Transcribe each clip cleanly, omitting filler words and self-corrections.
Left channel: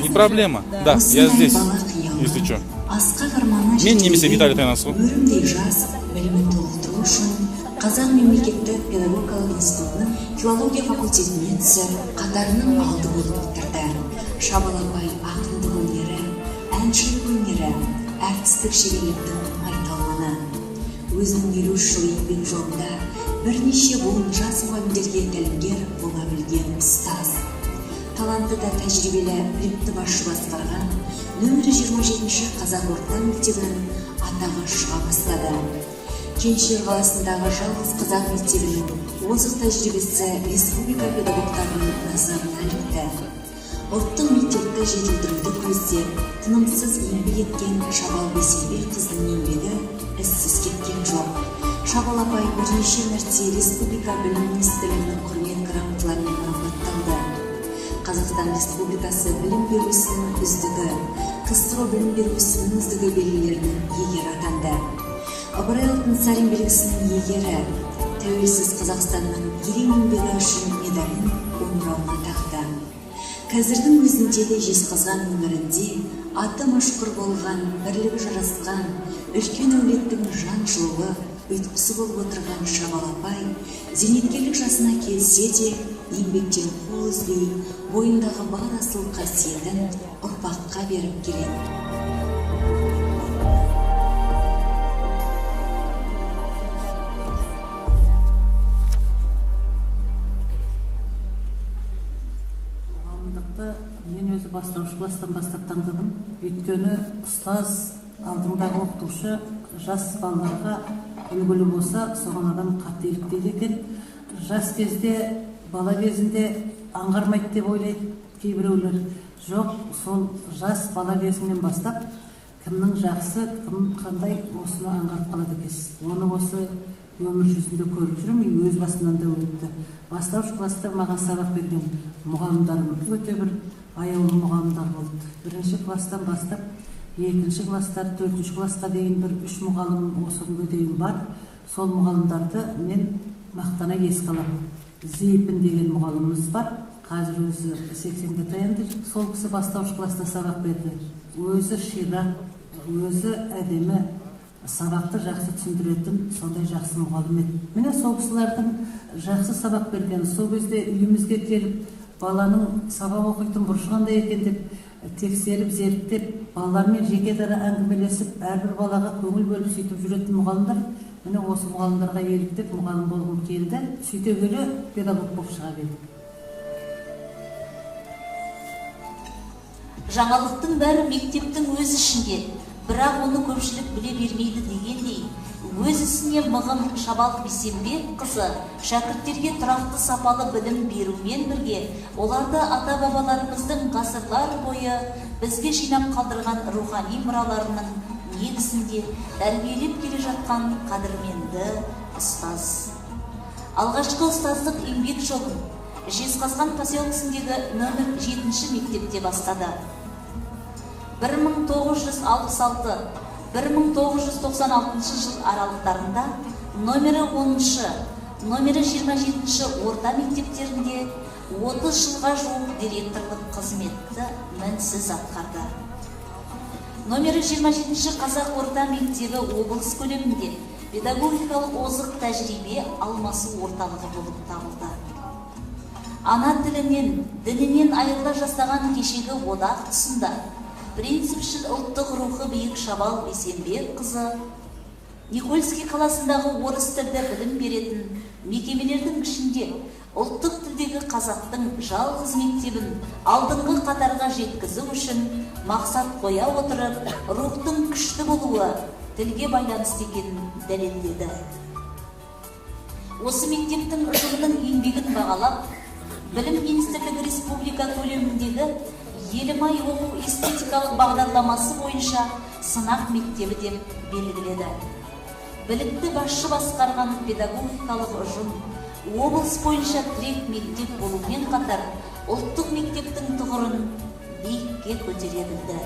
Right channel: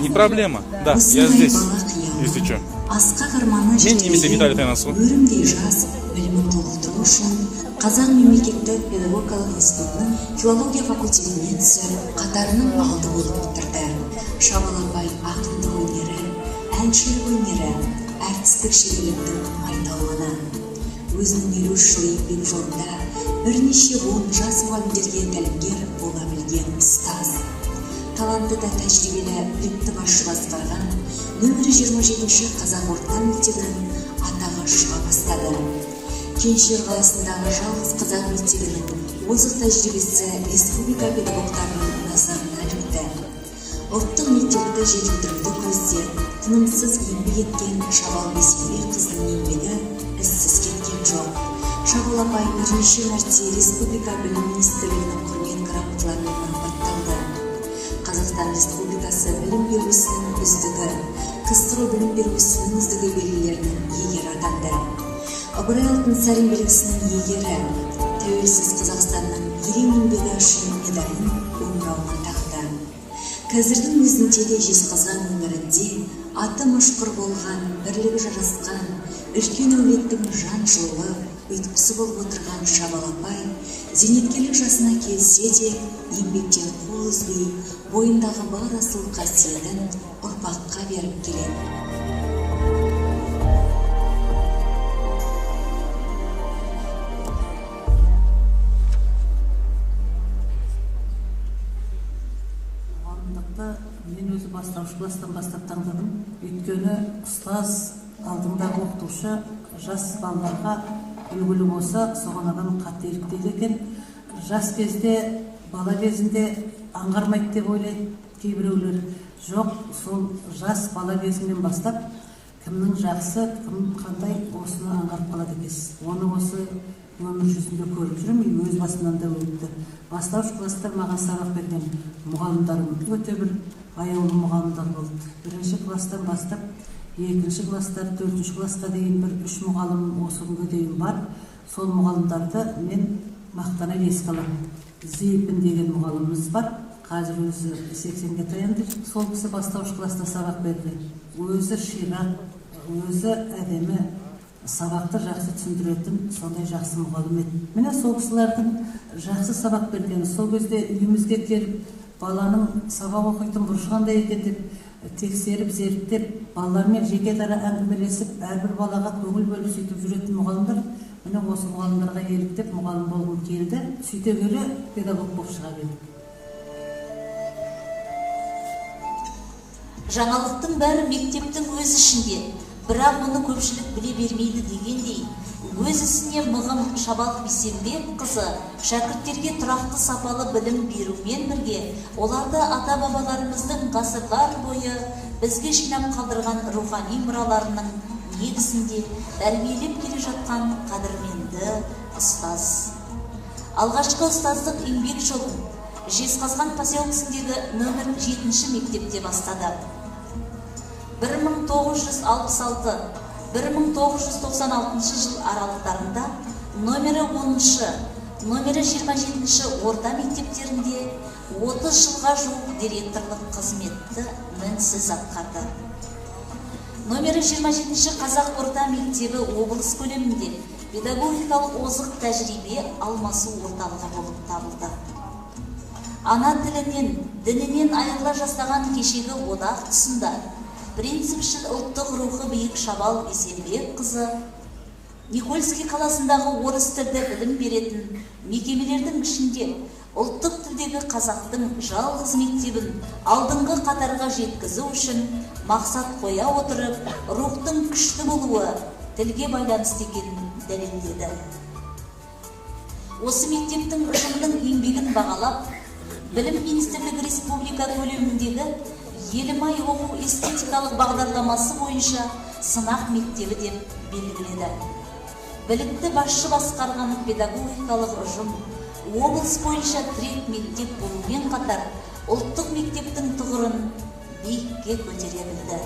Не проблема. Да, я здесь, если что. Мен немесе Виталий Тайнасов. Өрімдей жас білімін толықтыру үшін Қазақ мемлекеттік педагогикалық институтының филология факультетіне түсіп, қатарының алды болып отырды. Шабыл апай ақындық өнері, әншілік өнері, әртістік шеберліктің майталманы. Өзінің 53 жыл еңбек жолында бірнеше буын жас мұғалімдерге тәлімгер бола білген ұстаз. Талантты да тәжірибелі білікті басшы басқарған нөмірі 27 қазақ орта мектебінің атағы шыға бастады. Кеншілер қаласындағы жалғыз қазақ мектебінің озық тәжірибесі республика педагогтарының назарына ілікті. Ұлттық мектепті жетілдіруді көздеп, тынымсыз еңбек еткен Шабал Бейсенбекқызының еңбегі ізсіз кеткен жоқ. Шабал апай бірнеше мәрте республика білім министрлігінің құрмет грамоталарымен марапатталды. Қазақстан Республикасы білім беру ісінің үздігі, КСР білім беру ісінің үздігі белгілерінің иегері атанды. Ыбырай алтын сарин белгісінің иегері, тәуелсіз Қазақстанның ерен еңбегі үшін медалін омырауына тақты. Қазірдің өзінде де Жезқазған өңірінде аты мәшһүр болған, бірлігі жарасқан, үлкен әулеттің жан жолы, өткісі болып отырған Шабал апай зейнеткерлік жасына келсе де еңбектен қол үзбей, бойындағы бар асыл қасиетін ұрпаққа беріп келеді. Мен өзі бастауыш класстан бастап таңдадым. Өйткені ұстаз алдындағы оқытушы жас балаларға үлгілі болса, соған адам қатты еліктейді екен. Жас кезде, бала кезінде аңғармайды деп ойлайды кейбіреулер. Жоқ, сол жас бала кезінен бастап кімнің жақсы, кім қандай осыны аңғарып қалады екенсіз. Оны осы өмір жүзінде көріп жүрмін, өз басымнан да өтті. Бастауыш класста маған сабақ берген мұғалімдарым өте бір аяулы мұғалімдар болды. Бірінші класстан бастап, екінші класстар, төртінші классқа дейін бір 3 мұғалім осы күнге дейін бар. Сол мұғалімдарды мен мақтана еске аламын. Зейіпін деген мұғаліміміз бар. Қазір өзі 80-ге таянды. Сол кісі бастауыш класста сабақ берді. Өзі ширақ, өзі әдемі, сабақты жақсы түсіндіретін, сондай жақсы мұғалім еді. Міне сол кісілердің жақсы сабақ берген, сол кезде үйімізге келіп, баланың сабақ оқитын бұрышы қандай екен деп тексеріп, зерттеп, балалармен жеке дара әңгімелесіп, әрбір балаға көңіл бөліп сөйтіп жүретін мұғалімдер, міне осы мұғалімдарға еліктеп, мұғалім болғым келді, сөйте келе педагог болып шыға келдім. Жаңалықтың бәрі мектептің өз ішінде, бірақ оны көпшілік біле бермейді дегендей, өз ісіне мығым Шабал Бейсенбекқызы шәкірттерге тұрақты сапалы білім берумен бірге, оларды ата-бабаларымыздың ғасырлар бойы бізге жинап қалдырған рухани мұраларының негізінде тәрбиелеп келе жатқан қадірменді ұстаз. Алғашқы ұстаздық еңбек жолын Жезқазған поселкесіндегі нөмір 7 мектепте бастады. 1966-1996 жыл аралықтарында нөмірі 10-шы, нөмірі 27-ші орта мектептерінде 30 жылға жуық директорлық қызметті мінсіз атқарды. Нөмірі 27-ші қазақ орта мектебі облыс көлемінде педагогикалық озық тәжірибе алмасу орталығы болып табылды. Ана тілінен, дінінен айырыла жаздаған кешегі одақ тұсында принципшіл ұлттық рухы биік Шабал Бейсенбекқызы Никольский қаласындағы орыс тілді білім беретін мекемелердің ішінде ұлттық тілдегі қазақтың жалғыз мектебін алдыңғы қатарға жеткізу үшін мақсат қоя отырып, рухтың күшті болуы тілге байланысты екенін дәлелдеді. Осы мектептің жылдың еңбегін бағалап, Білім министрлігі республика көлеміндегі елімай оқу эстетикалық бағдарламасы бойынша сынақ мектебі деп белгіледі. Білікті басшы басқарған педагогикалық ұжым облыс бойынша тірек мектеп болумен қатар ұлттық мектептің тұғырын биікке көтере білді.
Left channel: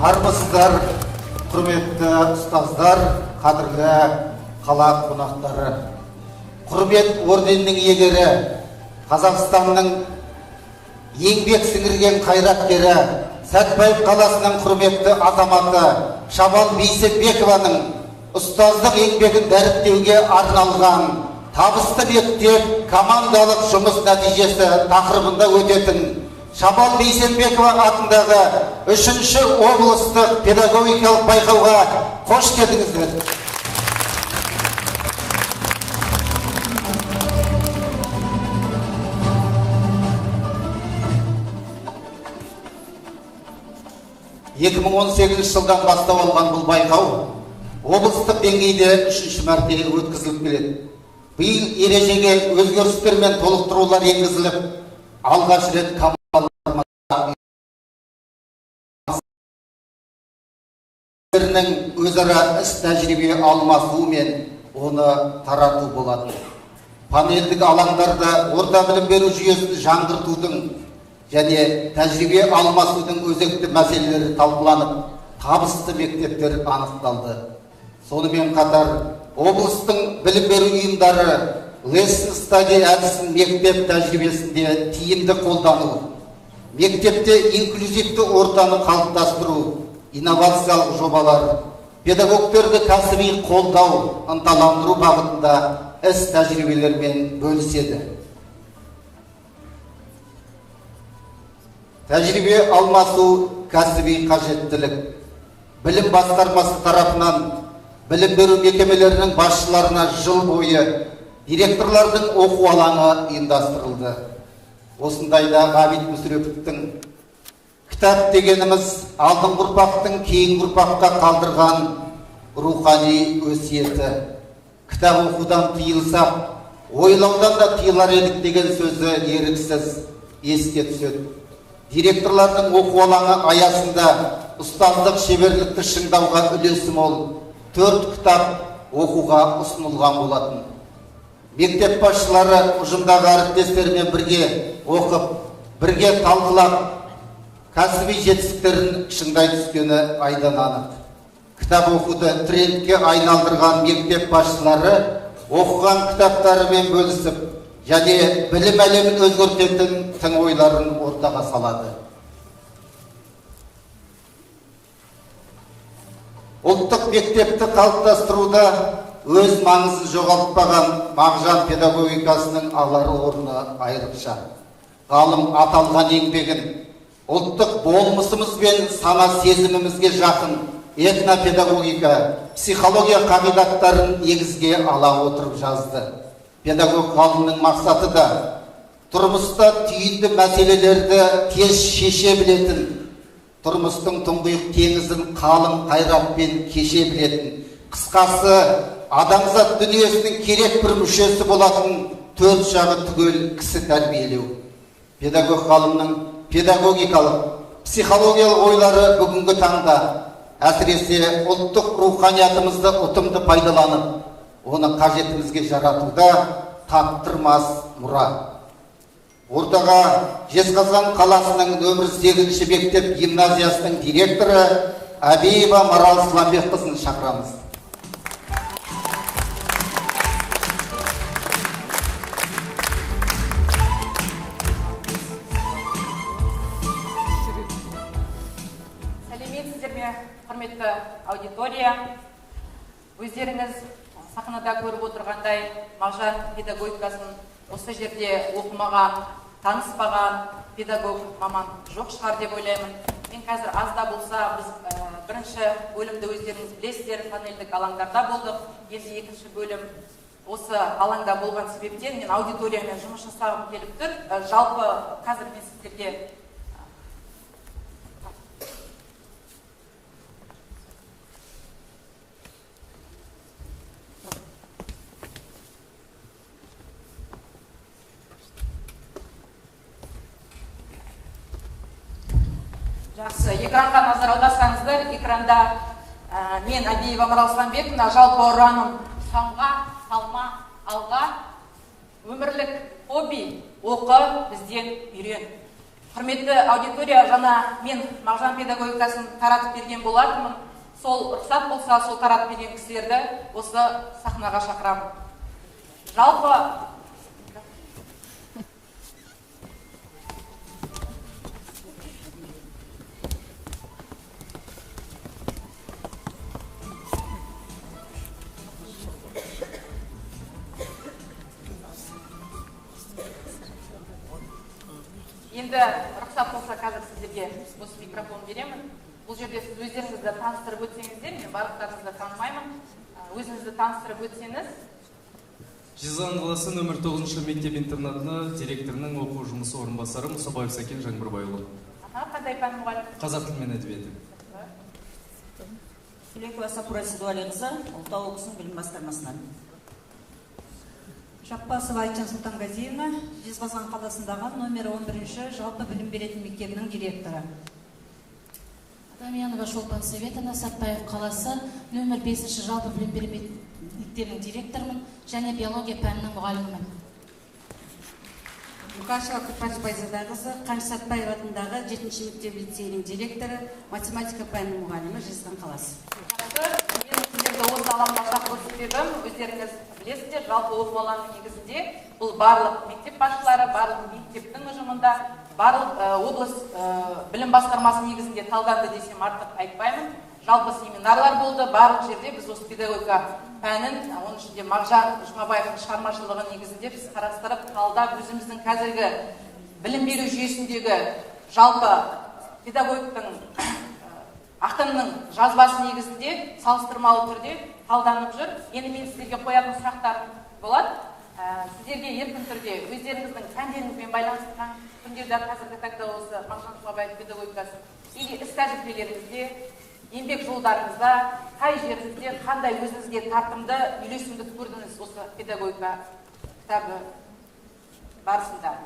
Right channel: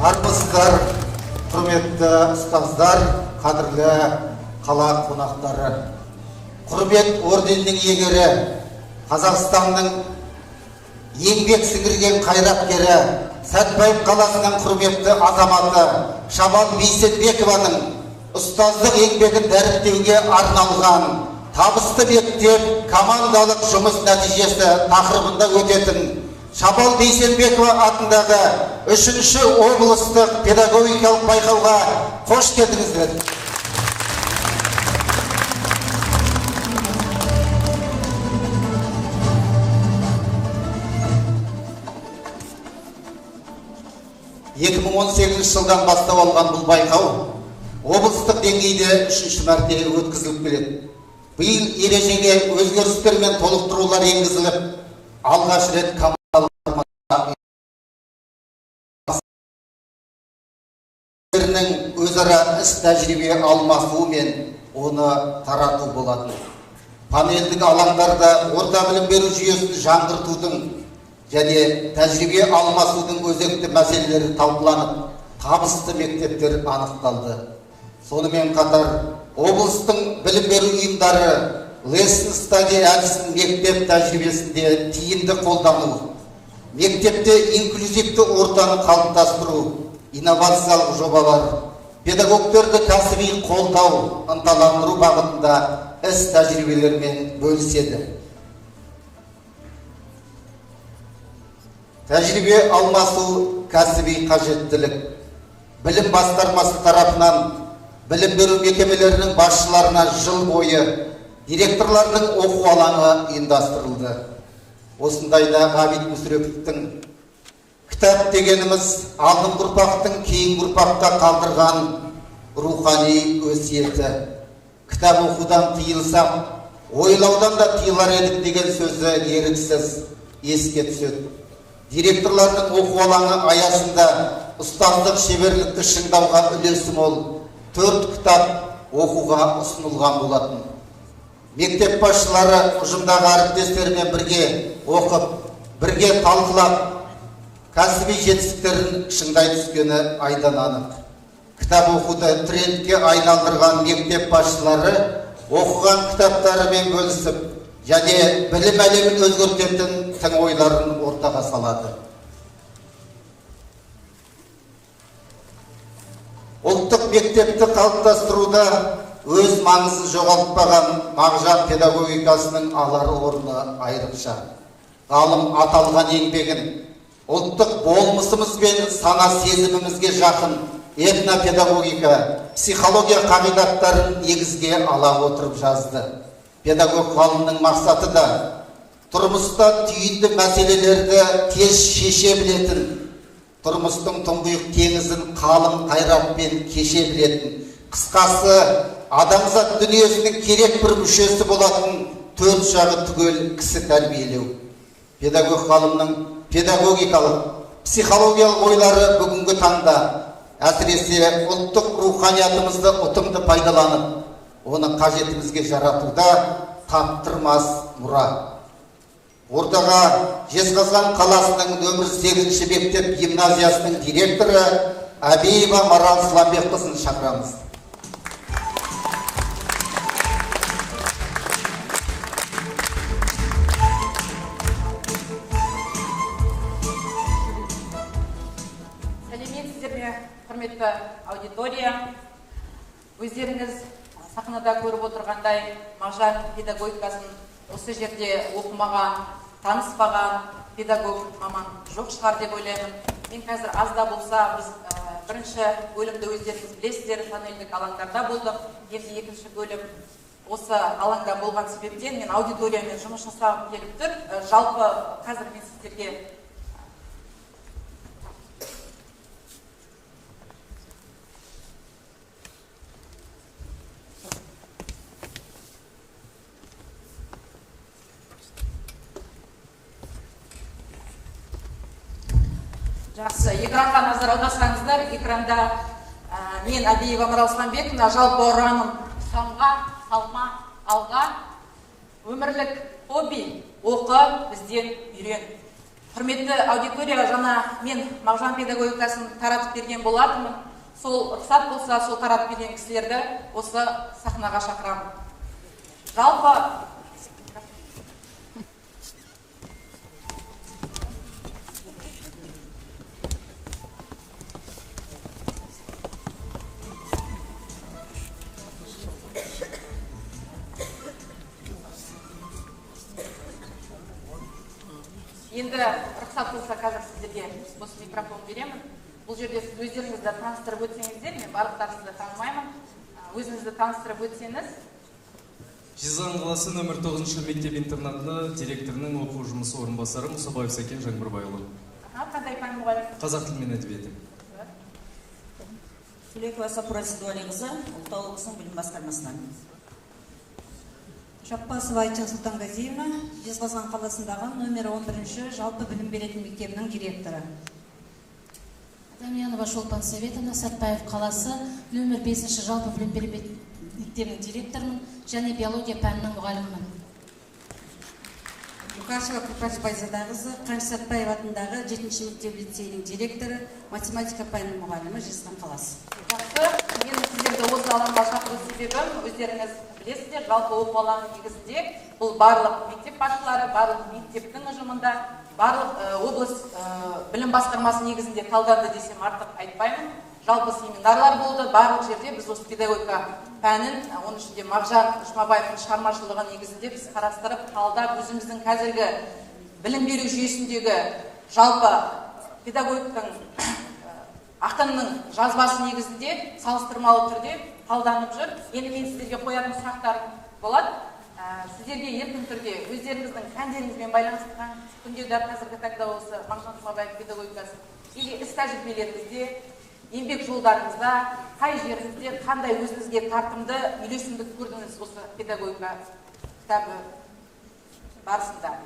армысыздар, құрметті ұстаздар, қадірлі қала қонақтары. Құрмет орденінің иелері, Қазақстанның еңбек сіңірген қайраткері, Сәтбаев қаласының құрметті азаматы Шабал Бейсенбекованың ұстаздық еңбегін дәріптеуге арналған табысты мектеп командалық жұмыс нәтижесі тақырыбында өтетін Шабал Бейсенбекова атындағы 3-ші облыстық педагогикалық байқауға қош келдіңіздер. жылдан бастап алған бұл байқау облыстық деңгейде 3-ші мәрте өткізіліп келеді. Биыл ережеге өзгерістер мен толықтырулар енгізіліп, алғаш рет өзара іс тәжірибе алмасу мен оны тарату болады. Панельдік алаңдарда орта білім беру жүйесін жаңғыртудың және тәжірибе алмасудың өзекті мәселелері талқыланып, табысты мектептер анықталды. Сонымен қатар облыстың білім беру ұйымдары lesson study әдісін мектеп тәжірибесінде тиімді қолдану, мектепте инклюзивті ортаны қалыптастыру, инновациялық жобалар, педагогтерді кәсіби қолдау, ынталандыру бағытында іс тәжірибелермен бөліседі. Тәжірибе алмасу кәсіби қажеттілік. Білім басқармасы тарапынан білім беру мекемелерінің басшыларына жыл бойы директорлардың оқу алаңы ұйымдастырылды. Осындайда Ғабит Мүсіреповтің кітап дегеніміз алдыңғы ұрпақтың кейінгі ұрпаққа қалдырған рухани өсиеті. Кітап оқудан тыйылсақ, ойлаудан да тыйылар едік деген сөзі еріксіз еске түседі. Директорлардың оқу алаңы аясында ұстаздық шеберлікті шыңдауға үлесі мол 4 кітап оқуға ұсынылған болатын. Мектеп басшылары ұжымдағы әріптестерімен бірге оқып, бірге талқылап, кәсіби жетістіктерін шыңдай түскені айдан анық. Кітап оқуды трендке айналдырған мектеп басшылары оқыған кітаптарымен бөлісіп, және білім әлемін өзгертетін тың ойларын ортаға салады. Ұлттық мектепті қалыптастыруда өз маңызын жоғалтпаған Мағжан педагогикасының алар орны айрықша. Ғалым аталған еңбегін ұлттық болмысымыз бен сана сезімімізге жақын этнопедагогика, психология қағидаттарын негізге ала отырып жазды. Педагог ғалымның мақсаты да тұрмыста түйінді мәселелерді тез шеше білетін, тұрмыстың тұңғиық теңізін қалың қайратпен кеше білетін, қысқасы адамзат дүниесінің керек бір мүшесі болатын 4 жағы түгел кісі тәрбиелеу. Педагог ғалымның педагогикалық, психологиялық ойлары бүгінгі таңда әсіресе ұлттық руханиятымызды ұтымды пайдаланып, оны қажетімізге жаратуда таптырмас мұра. Ортаға Жезқазған қаласының нөмір 8-ші мектеп гимназиясының директоры Әбиева Марал Сламбекқызын шақырамыз. Сәлеметсіздер ме, құрметті аудитория. Өздеріңіз сахнада көріп отырғандай, Мағжан педагогикасын осы жерде оқымаған, таныспаған педагог маман жоқ шығар деп ойлаймын. Мен қазір аз да болса, біз бірінші бөлімді өздеріңіз білесіздер, панельдік алаңдарда болдық. Енді екінші бөлім осы алаңда болған себептен мен аудиториямен жұмыс жасағым келіп тұр. Жалпы қазір мен сіздерге жақсы, экранға назар аударсаңыздар, экранда мен Әбиева Марал Сламбековна жалпы ұраным самға, салма, алға, өмірлік хобби, оқы, бізден үйрен. Құрметті аудитория, жаңа мен мағжан педагогикасын таратып берген болатынмын. Сол рұқсат болса, сол таратып берген кісілерді осы сахнаға шақырамын. Жалпы енді рұқсат болса қазір сіздерге осы микрофон беремін. Бұл жерде сіз өздеріңізді таныстырып өтсеңіздер, мен барлықтарыңызды танымаймын. Өзіңізді таныстырып өтсеңіз. Жезқазған қаласы нөмір 9 мектеп-интернатында директорының оқу жұмысы орынбасары Мұсабаев Сәкен Жаңбырбайұлы. Қандай пән мұғалімі? Қазақ тілі мен әдебиеті. Сүлекова Сапура Сидуалиқызы, ұлттық оқыту білім басқармасынан. Жаппасова Айтжан Сұлтанғазиевна, Жезқазған қаласындағы номер 11 жалпы білім беретін мектебінің директоры. Дамьянова Шолпан Советовна, Сәтбаев қаласы номер 5 жалпы білім беретін мектебінің директорымын және биология пәнінің мұғалімімін. Мұқашева Күлпаш Байзадағызы, Қаныш Сәтбаев атындағы 7-ші мектеп лицейінің директоры, математика пәнінің мұғалімі, Жезқазған қаласы. Менің сіздерді осы алаңға шақыру себебім, өздеріңіз білесіздер, жалпы оқу алаңы негізінде бұл барлық мектеп басшылары, барлық мектептің ұжымында, барлық облыс білім басқармасы негізінде талданды десем артық айтпаймын. Жалпы семинарлар болды, барлық жерде біз осы педагогика пәнін, оның ішінде Мағжан Жұмабаевтың шығармашылығы негізінде біз қарастырып, талдап, өзіміздің қазіргі білім беру жүйесіндегі жалпы педагогтың ақынның жазбасы негізінде салыстырмалы түрде талданып жүр. Енді мен сіздерге қоятын сұрақтарым болады. Сіздерге еркін түрде өздеріңіздің пәндеріңізбен байланысқан күндегі қазіргі таңда осы Мағжан Жұмабаев педагогикасы или іс тәжірибелеріңізде, еңбек жолдарыңызда, қай жеріңізде қандай өзіңізге тартымды үйлесімдік көрдіңіз осы педагогика кітабы барысында?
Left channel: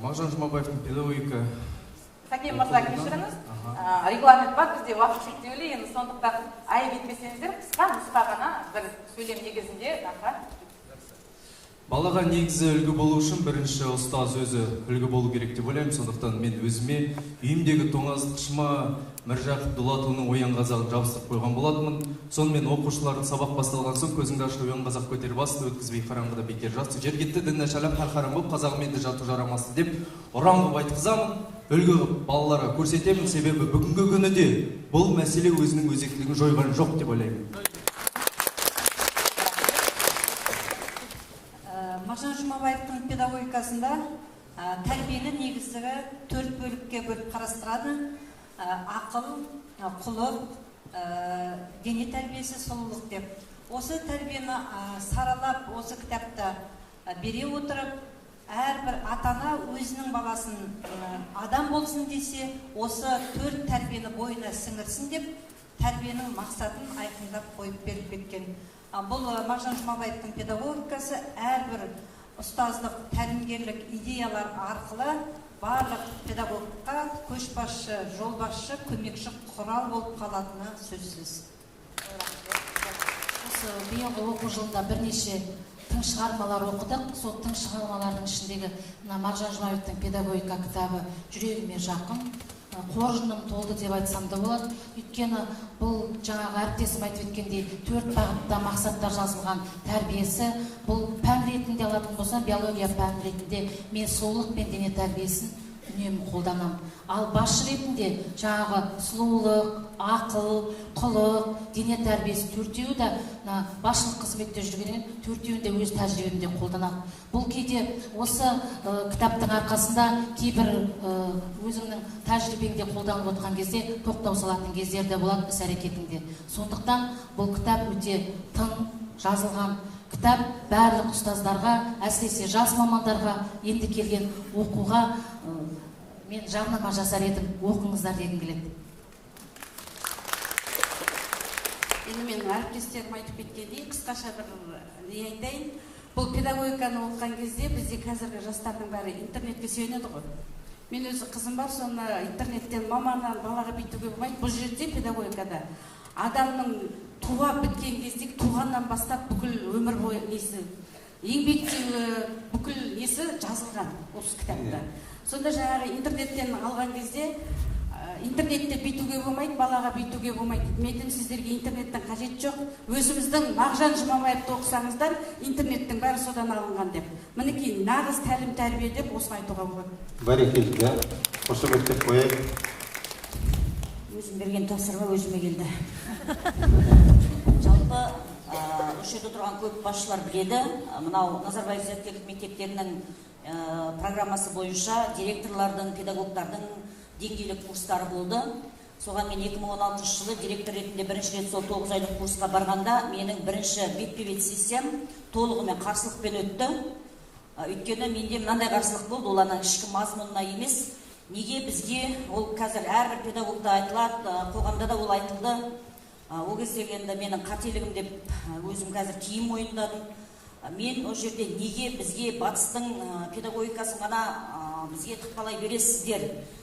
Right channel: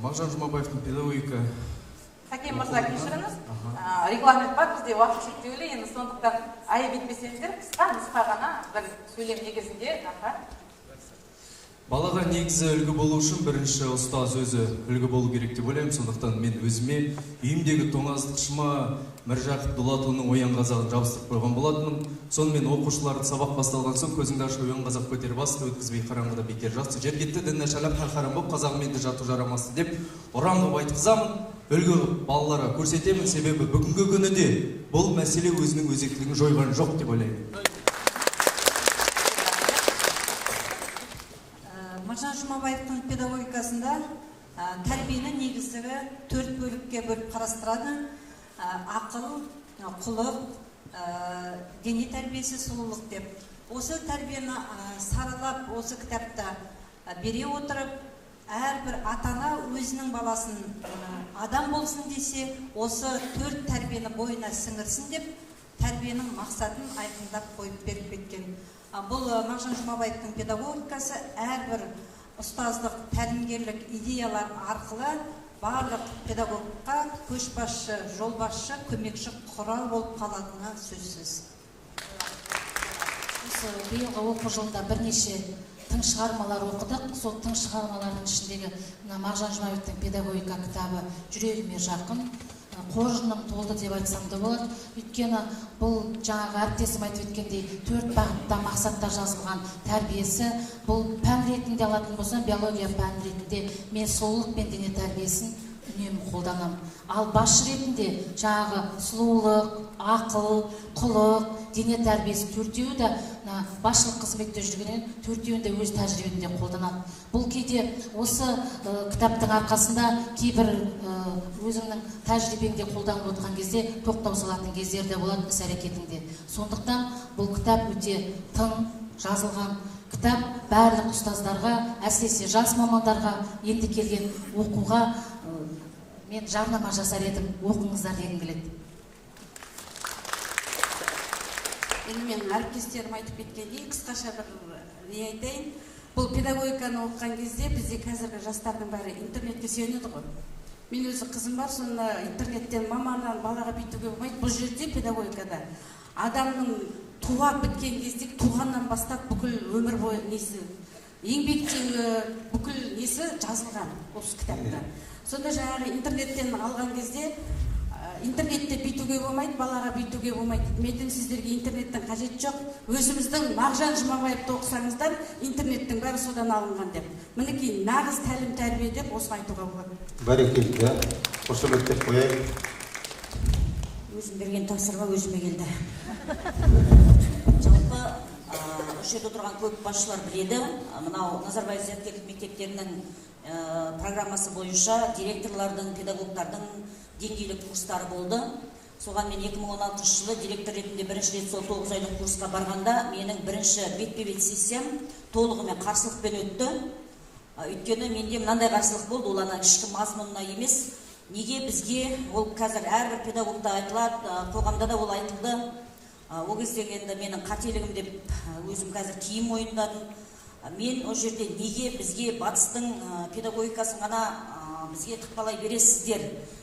Мағжан Жұмабаевтың педагогика. Сәкен мырза, кешіріңіз, регламент бар, бізде уақыт шектеулі, енді сондықтан айып етпесеңіздер, қысқа нұсқа ғана бір сөйлем негізінде. Балаға негізі үлгі болу үшін бірінші ұстаз өзі үлгі болу керек деп ойлаймын. Сондықтан мен өзіме үйімдегі тоңазытқышыма Міржақып Дулатұлының Оян қазағын жабыстырып қойған болатынмын. Сонымен оқушылардың сабақ басталған соң көзіңді ашып Оян қазақ көтер басын өткізбей қараңғыда бекер жатсы. Жер кетті дін шалап қарқарам болып қазағым енді жату жарамасын деп ұран қылып айтқызамын. Үлгі қылып балаларға көрсетемін, себебі бүгінгі күні де бұл мәселе өзінің өзектілігін жойған жоқ деп ойлаймын. Мағжан Жұмабаевтың педагогикасында тәрбиені негізгі 4 бөлікке бөліп қарастырады. Ақыл, құлық, дене тәрбиесі, сұлулық деп. Осы тәрбиені саралап, осы кітапта бере отырып, әрбір атана өзінің баласын адам болсын десе, осы 4 тәрбиені бойына сіңірсін деп, тәрбиенің мақсатын айқындап қойып беріп кеткен. Бұл Мағжан Жұмабаевтың педагогикасы әрбір ұстаздық, тәлімгерлік идеялар арқылы барлық педагогқа көшбасшы, жолбасшы, көмекші құрал болып қалатыны сөзсіз. Осы биылғы оқу жылында бірнеше тың шығармалар оқыдық. Сол тың шығармалардың ішіндегі Мағжан Жұмабаевтың педагогика кітабы жүрегіме жақын, қоржыным толды деп айтсам да болады. Өйткені бұл жаңағы әріптесім айтып өткендей 4 бағытта мақсаттар жазылған тәрбиесі. Бұл пән ретінде алатын болсам, биология пән ретінде мен сұлулық пен дене тәрбиесін үнемі қолданамын. Ал басшы ретінде жаңағы сұлулық, ақыл, құлық, дене тәрбиесі 4-еуі де басшылық қызметте жүргеннен 4-еуін де өз тәжірибемде қолданамын. Бұл кейде осы кітаптың арқасында кейбір өзіңнің тәжірибеңде қолданып отқан кезде тоқтау салатын кездерде болады іс әрекетіңде. Сондықтан бұл кітап өте тың жазылған кітап, барлық ұстаздарға, әсіресе жас мамандарға енді келген оқуға мен жарнама жасар едім, оқыңыздар дегім келеді. Енді мен әріптестерім айтып кеткендей, қысқаша бір не айтайын. Бұл педагогиканы оқыған кезде бізде қазіргі жастардың бәрі интернетке сүйенеді ғой. Мен өзі қызым бар, соны интернеттен маманы балаға бүйтуге болмайды. Бұл жерде педагогикада адамның туа біткен кезде туғаннан бастап бүкіл өмір бойы несі еңбектегі бүкіл несі жазылған осы кітапта. Сонда жаңағы интернеттен алған кезде интернетте бүйтуге болмайды, балаға бүйтуге болмайды. Мен айтамын, сіздерге интернеттен қажет жоқ. Өзіміздің Мағжан Жұмабаевты оқысаңыздар, интернеттің бәрі содан алынған деп. Мінекей нағыз тәлім тәрбие деп осыны айтуға болады. Бәрекелді. Қошеметтеп қояйық. Өзім берген тапсырма өзіме келді. Жалпы осы жерде тұрған көп басшылар біледі. Мынау Назарбаев зияткерлік мектептерінің программасы бойынша директорлардың, педагогтардың деңгейлік курстары болды. Соған мен 2016 жылы директор ретінде бірінші рет сол 9 айлық курсқа барғанда менің бірінші бетпе-бет сессиям толығымен қарсылықпен өтті. Өйткені менде мынандай қарсылық болды, ол ана ішкі мазмұнына емес. Неге бізге ол қазір әрбір педагогта айтылады, қоғамда да ол айтылды. Ол кездегі енді менің қателігім деп өзім қазір кейін мойындадым. Мен ол жерде неге бізге батыстың педагогикасын ғана бізге тықпалай бересіздер?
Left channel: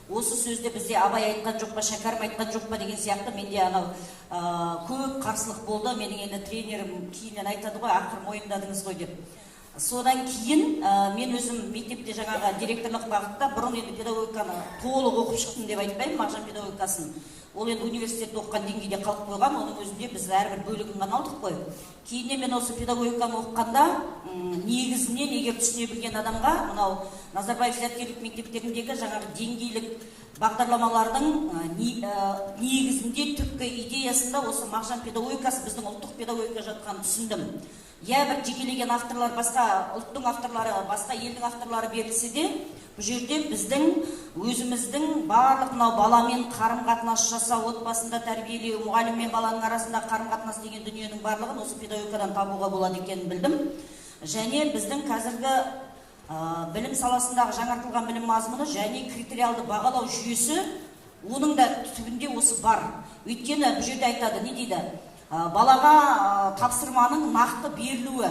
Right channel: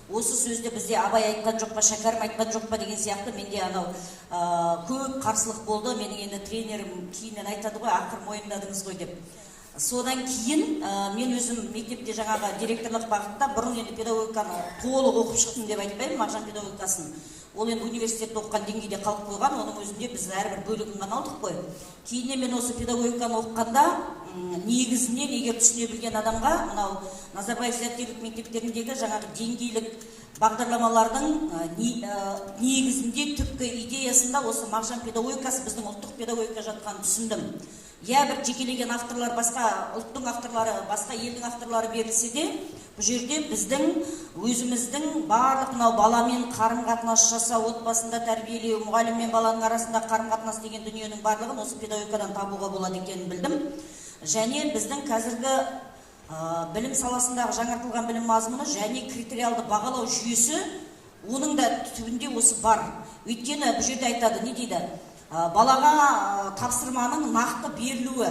Осы сөзде бізде Абай айтқан жоқ па, Шәкәрім айтқан жоқ па деген сияқты менде анау көп қарсылық болды. Менің енді тренерім кейіннен айтады ғой, ақыр мойындадыңыз ғой деп. Содан кейін мен өзім мектепте жаңағы директорлық бағытта бұрын енді педагогиканы толық оқып шықтым деп айтпаймын, Мағжан педагогикасын. Ол енді университетте оқыған деңгейде қалып қойған, оның өзінде біз әрбір бөлігін ғана алдық қой. Кейіннен мен осы педагогиканы оқығанда негізінен егер түсіне білген адамға мынау Назарбаев зияткерлік мектептеріндегі жаңағы деңгейлік бағдарламалардың негізінде түпкі идеясында осы Мағжан педагогикасы біздің ұлттық педагогика жатқанын түсіндім. Бір жекелеген авторлар, басқа ұлттың авторлары, басқа елдің авторлары берілсе де, бұл жерде біздің өзіміздің барлық мынау баламен қарым-қатынас жасау, отбасында тәрбиелеу, мұғалім мен баланың арасында қарым-қатынас деген дүниенің барлығын осы педагогикадан табуға болады екенін білдім. Және біздің қазіргі білім саласындағы жаңартылған білім мазмұны және критериалды бағалау жүйесі оның да түбінде осы бар. Өйткені бұл жерде айтады, не дейді? Балаға тапсырманың нақты берілуі.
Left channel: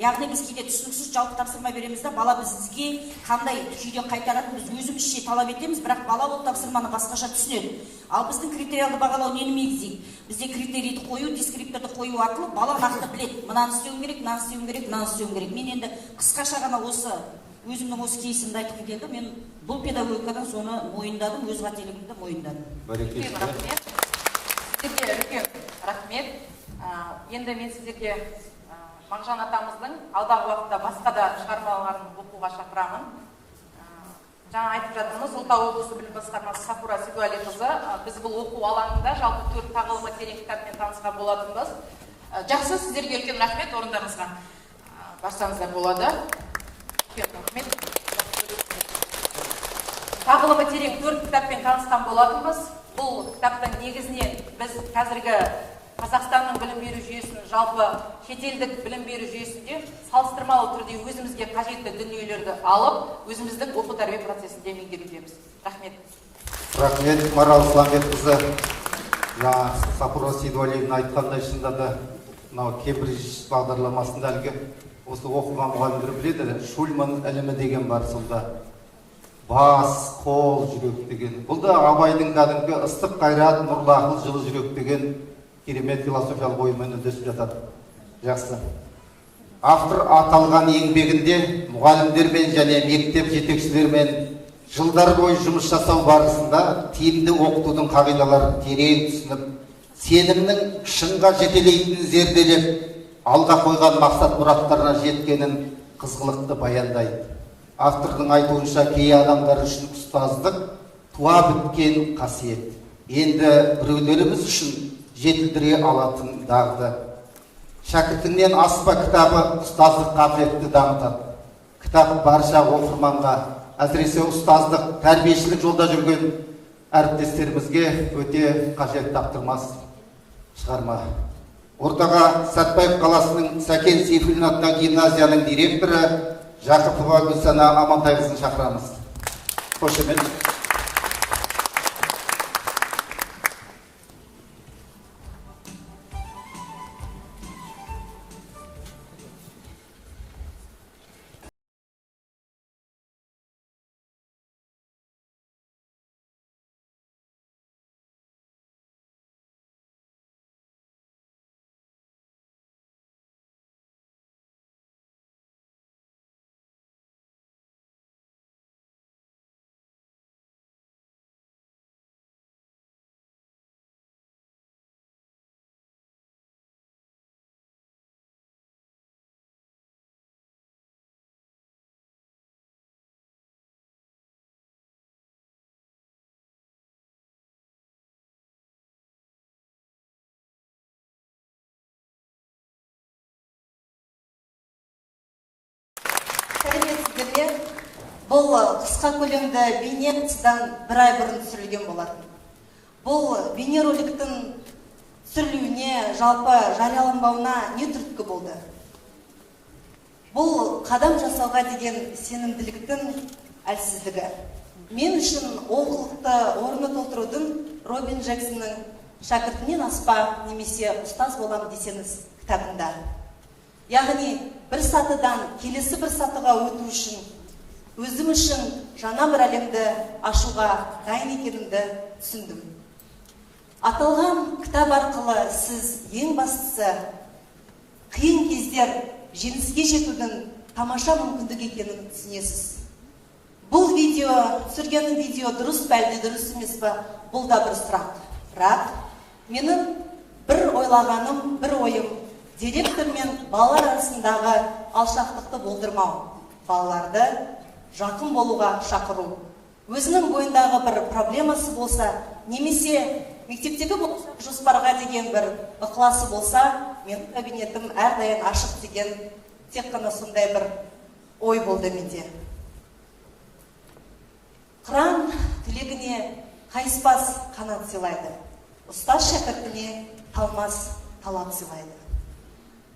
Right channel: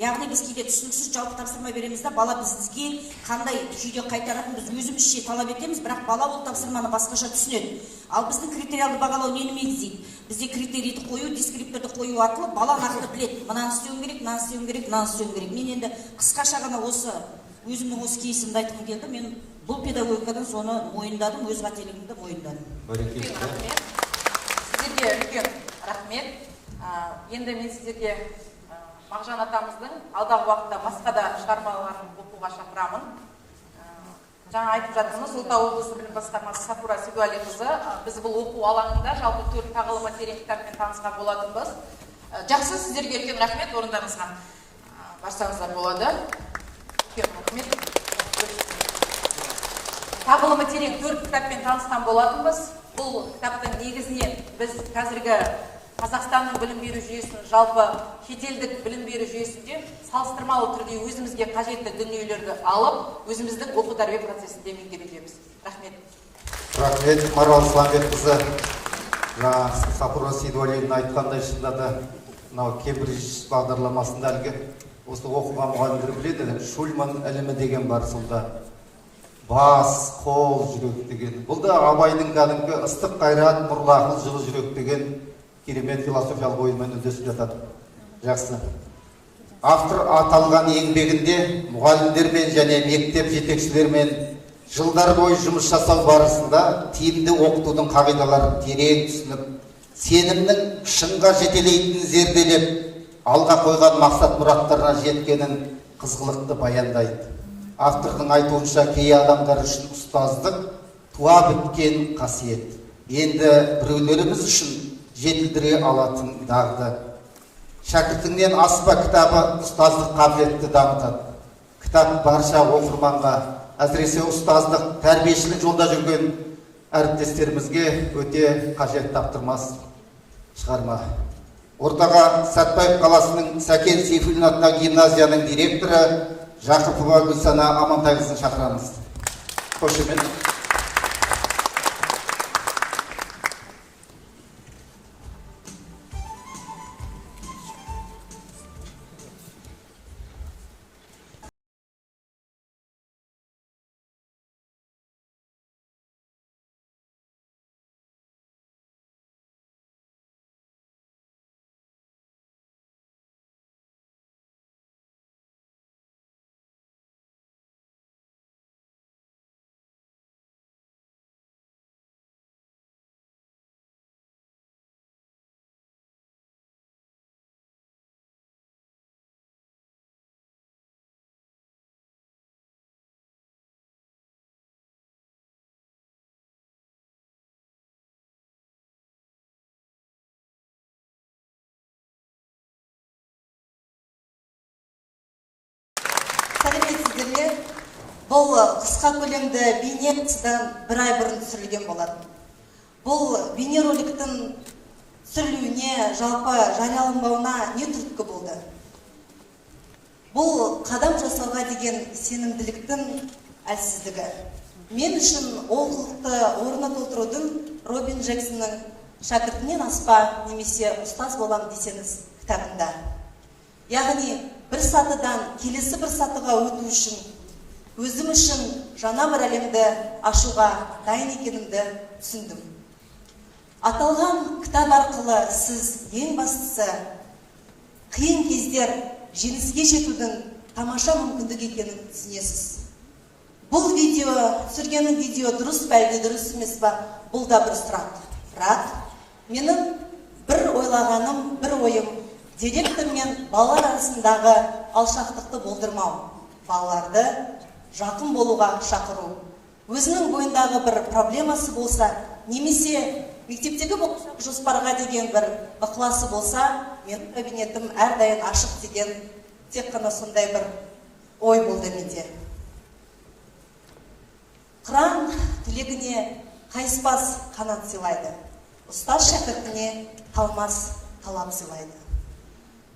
Яғни біз кейде түсініксіз жалпы тапсырма береміз да, бала бізге қандай күйде қайтаратын біз өзімізше талап етеміз, бірақ бала ол тапсырманы басқаша түсінеді. Ал біздің критериалды бағалау нені мегзейді? Бізде критерийді қою, дескрипторды қою арқылы бала нақты біледі. Мынаны істеуім керек, мынаны істеуім керек, мынаны істеуім керек. Мен енді қысқаша ғана осы өзімнің осы кейсімді айтқым келді. Мен бұл педагогикадан соны мойындадым, өз қателігімді мойындадым. Сіздерге үлкен рахмет. Енді мен сіздерге Мағжан атамыздың алдағы уақытта басқа да шығармаларын оқуға шақырамын. Жаңа айтып жатырмыз, Ұлытау облысы білім басқармасы Сакура Сейдуәлиқызы. Біз бұл оқу алаңында жалпы 4 тағылымы терең кітаппен танысқан болатынбыз. Жақсы, сіздерге үлкен рахмет, орындарыңызға барсаңыздар болады. Тағылымы терең 4 кітаппен танысқан болатынбыз. Бұл кітаптың негізіне біз қазіргі Қазақстанның білім беру жүйесінің жалпы шетелдік білім беру жүйесінде салыстырмалы түрде өзімізге қажетті дүниелерді алып, өзіміздің оқу тәрбие процесінде меңгерудеміз. Рахмет. Рахмет, Марал Сламбекқызы. Сакура Сейдуәлиевна айтқандай, шынында да мынау Кембридж бағдарламасында әлгі осы оқыған мұғалімдер біледі, Шульман ілімі деген бар сонда. Бас, қол, жүрек деген. Бұл да Абайдың кәдімгі ыстық қайрат, нұрлы ақыл, жылы жүрек деген керемет философиялық ойымен үндесіп жатады. Жақсы. Автор аталған еңбегінде мұғалімдермен және мектеп жетекшілермен жылдар бойы жұмыс жасау барысында тиімді оқытудың қағидаларын терең түсініп, сенімнің шынға жетелейтінін зерделеп, алға қойған мақсат мұраттарына жеткенін қызғылықты баяндайды. Автордың айтуынша кей адамдар үшін ұстаздық туа біткен қасиет. Енді біреулеріміз үшін жетілдіре алатын дағды. Шәкіртіңнен аспа кітабы ұстаздық қабілетті дамытады. Кітап барша оқырманға, әсіресе ұстаздық, тәрбиешілік жолда жүрген әріптестерімізге өте қажет таптырмас шығарма. Ортаға Сәтбаев қаласының Сәкен Сейфуллин атындағы гимназияның директоры Жақыпова Гүлсана Амантайқызын шақырамыз. Қошемет. Бұл қысқа көлемді бейне осыдан 1 ай бұрын түсірілген болатын. Бұл бейнероликтің түсірілуіне, жалпы жарияланбауына не түрткі болды? Бұл қадам жасауға деген сенімділіктің әлсіздігі. Мен үшін олқылықты орны толтырудың Робин Джексонның шәкіртінен аспа немесе ұстаз болам десеңіз кітабында. Яғни бір сатыдан келесі бір сатыға өту үшін, өзім үшін жаңа бір әлемді ашуға дайын екенімді түсіндім. Аталған кітап арқылы сіз ең бастысы қиын кездер жеңіске жетудің тамаша мүмкіндік екенін түсінесіз. Бұл видео, түсірген видео дұрыс па әлде дұрыс емес па, бұл да бір сұрақ. Бірақ менің бір ойлағаным, бір ойым, директор мен балалар арасындағы алшақтықты болдырмау, балаларды жақын болуға шақыру. Өзінің бойындағы бір проблемасы болса, немесе мектептегі болашақ жоспарға деген бір ықыласы болса, менің кабинетім әрдайым ашық деген тек қана сондай бір ой болды менде. Қыран түлегіне қайыспас қанат сыйлайды. Ұстаз шәкіртіне талмас талап сыйлайды.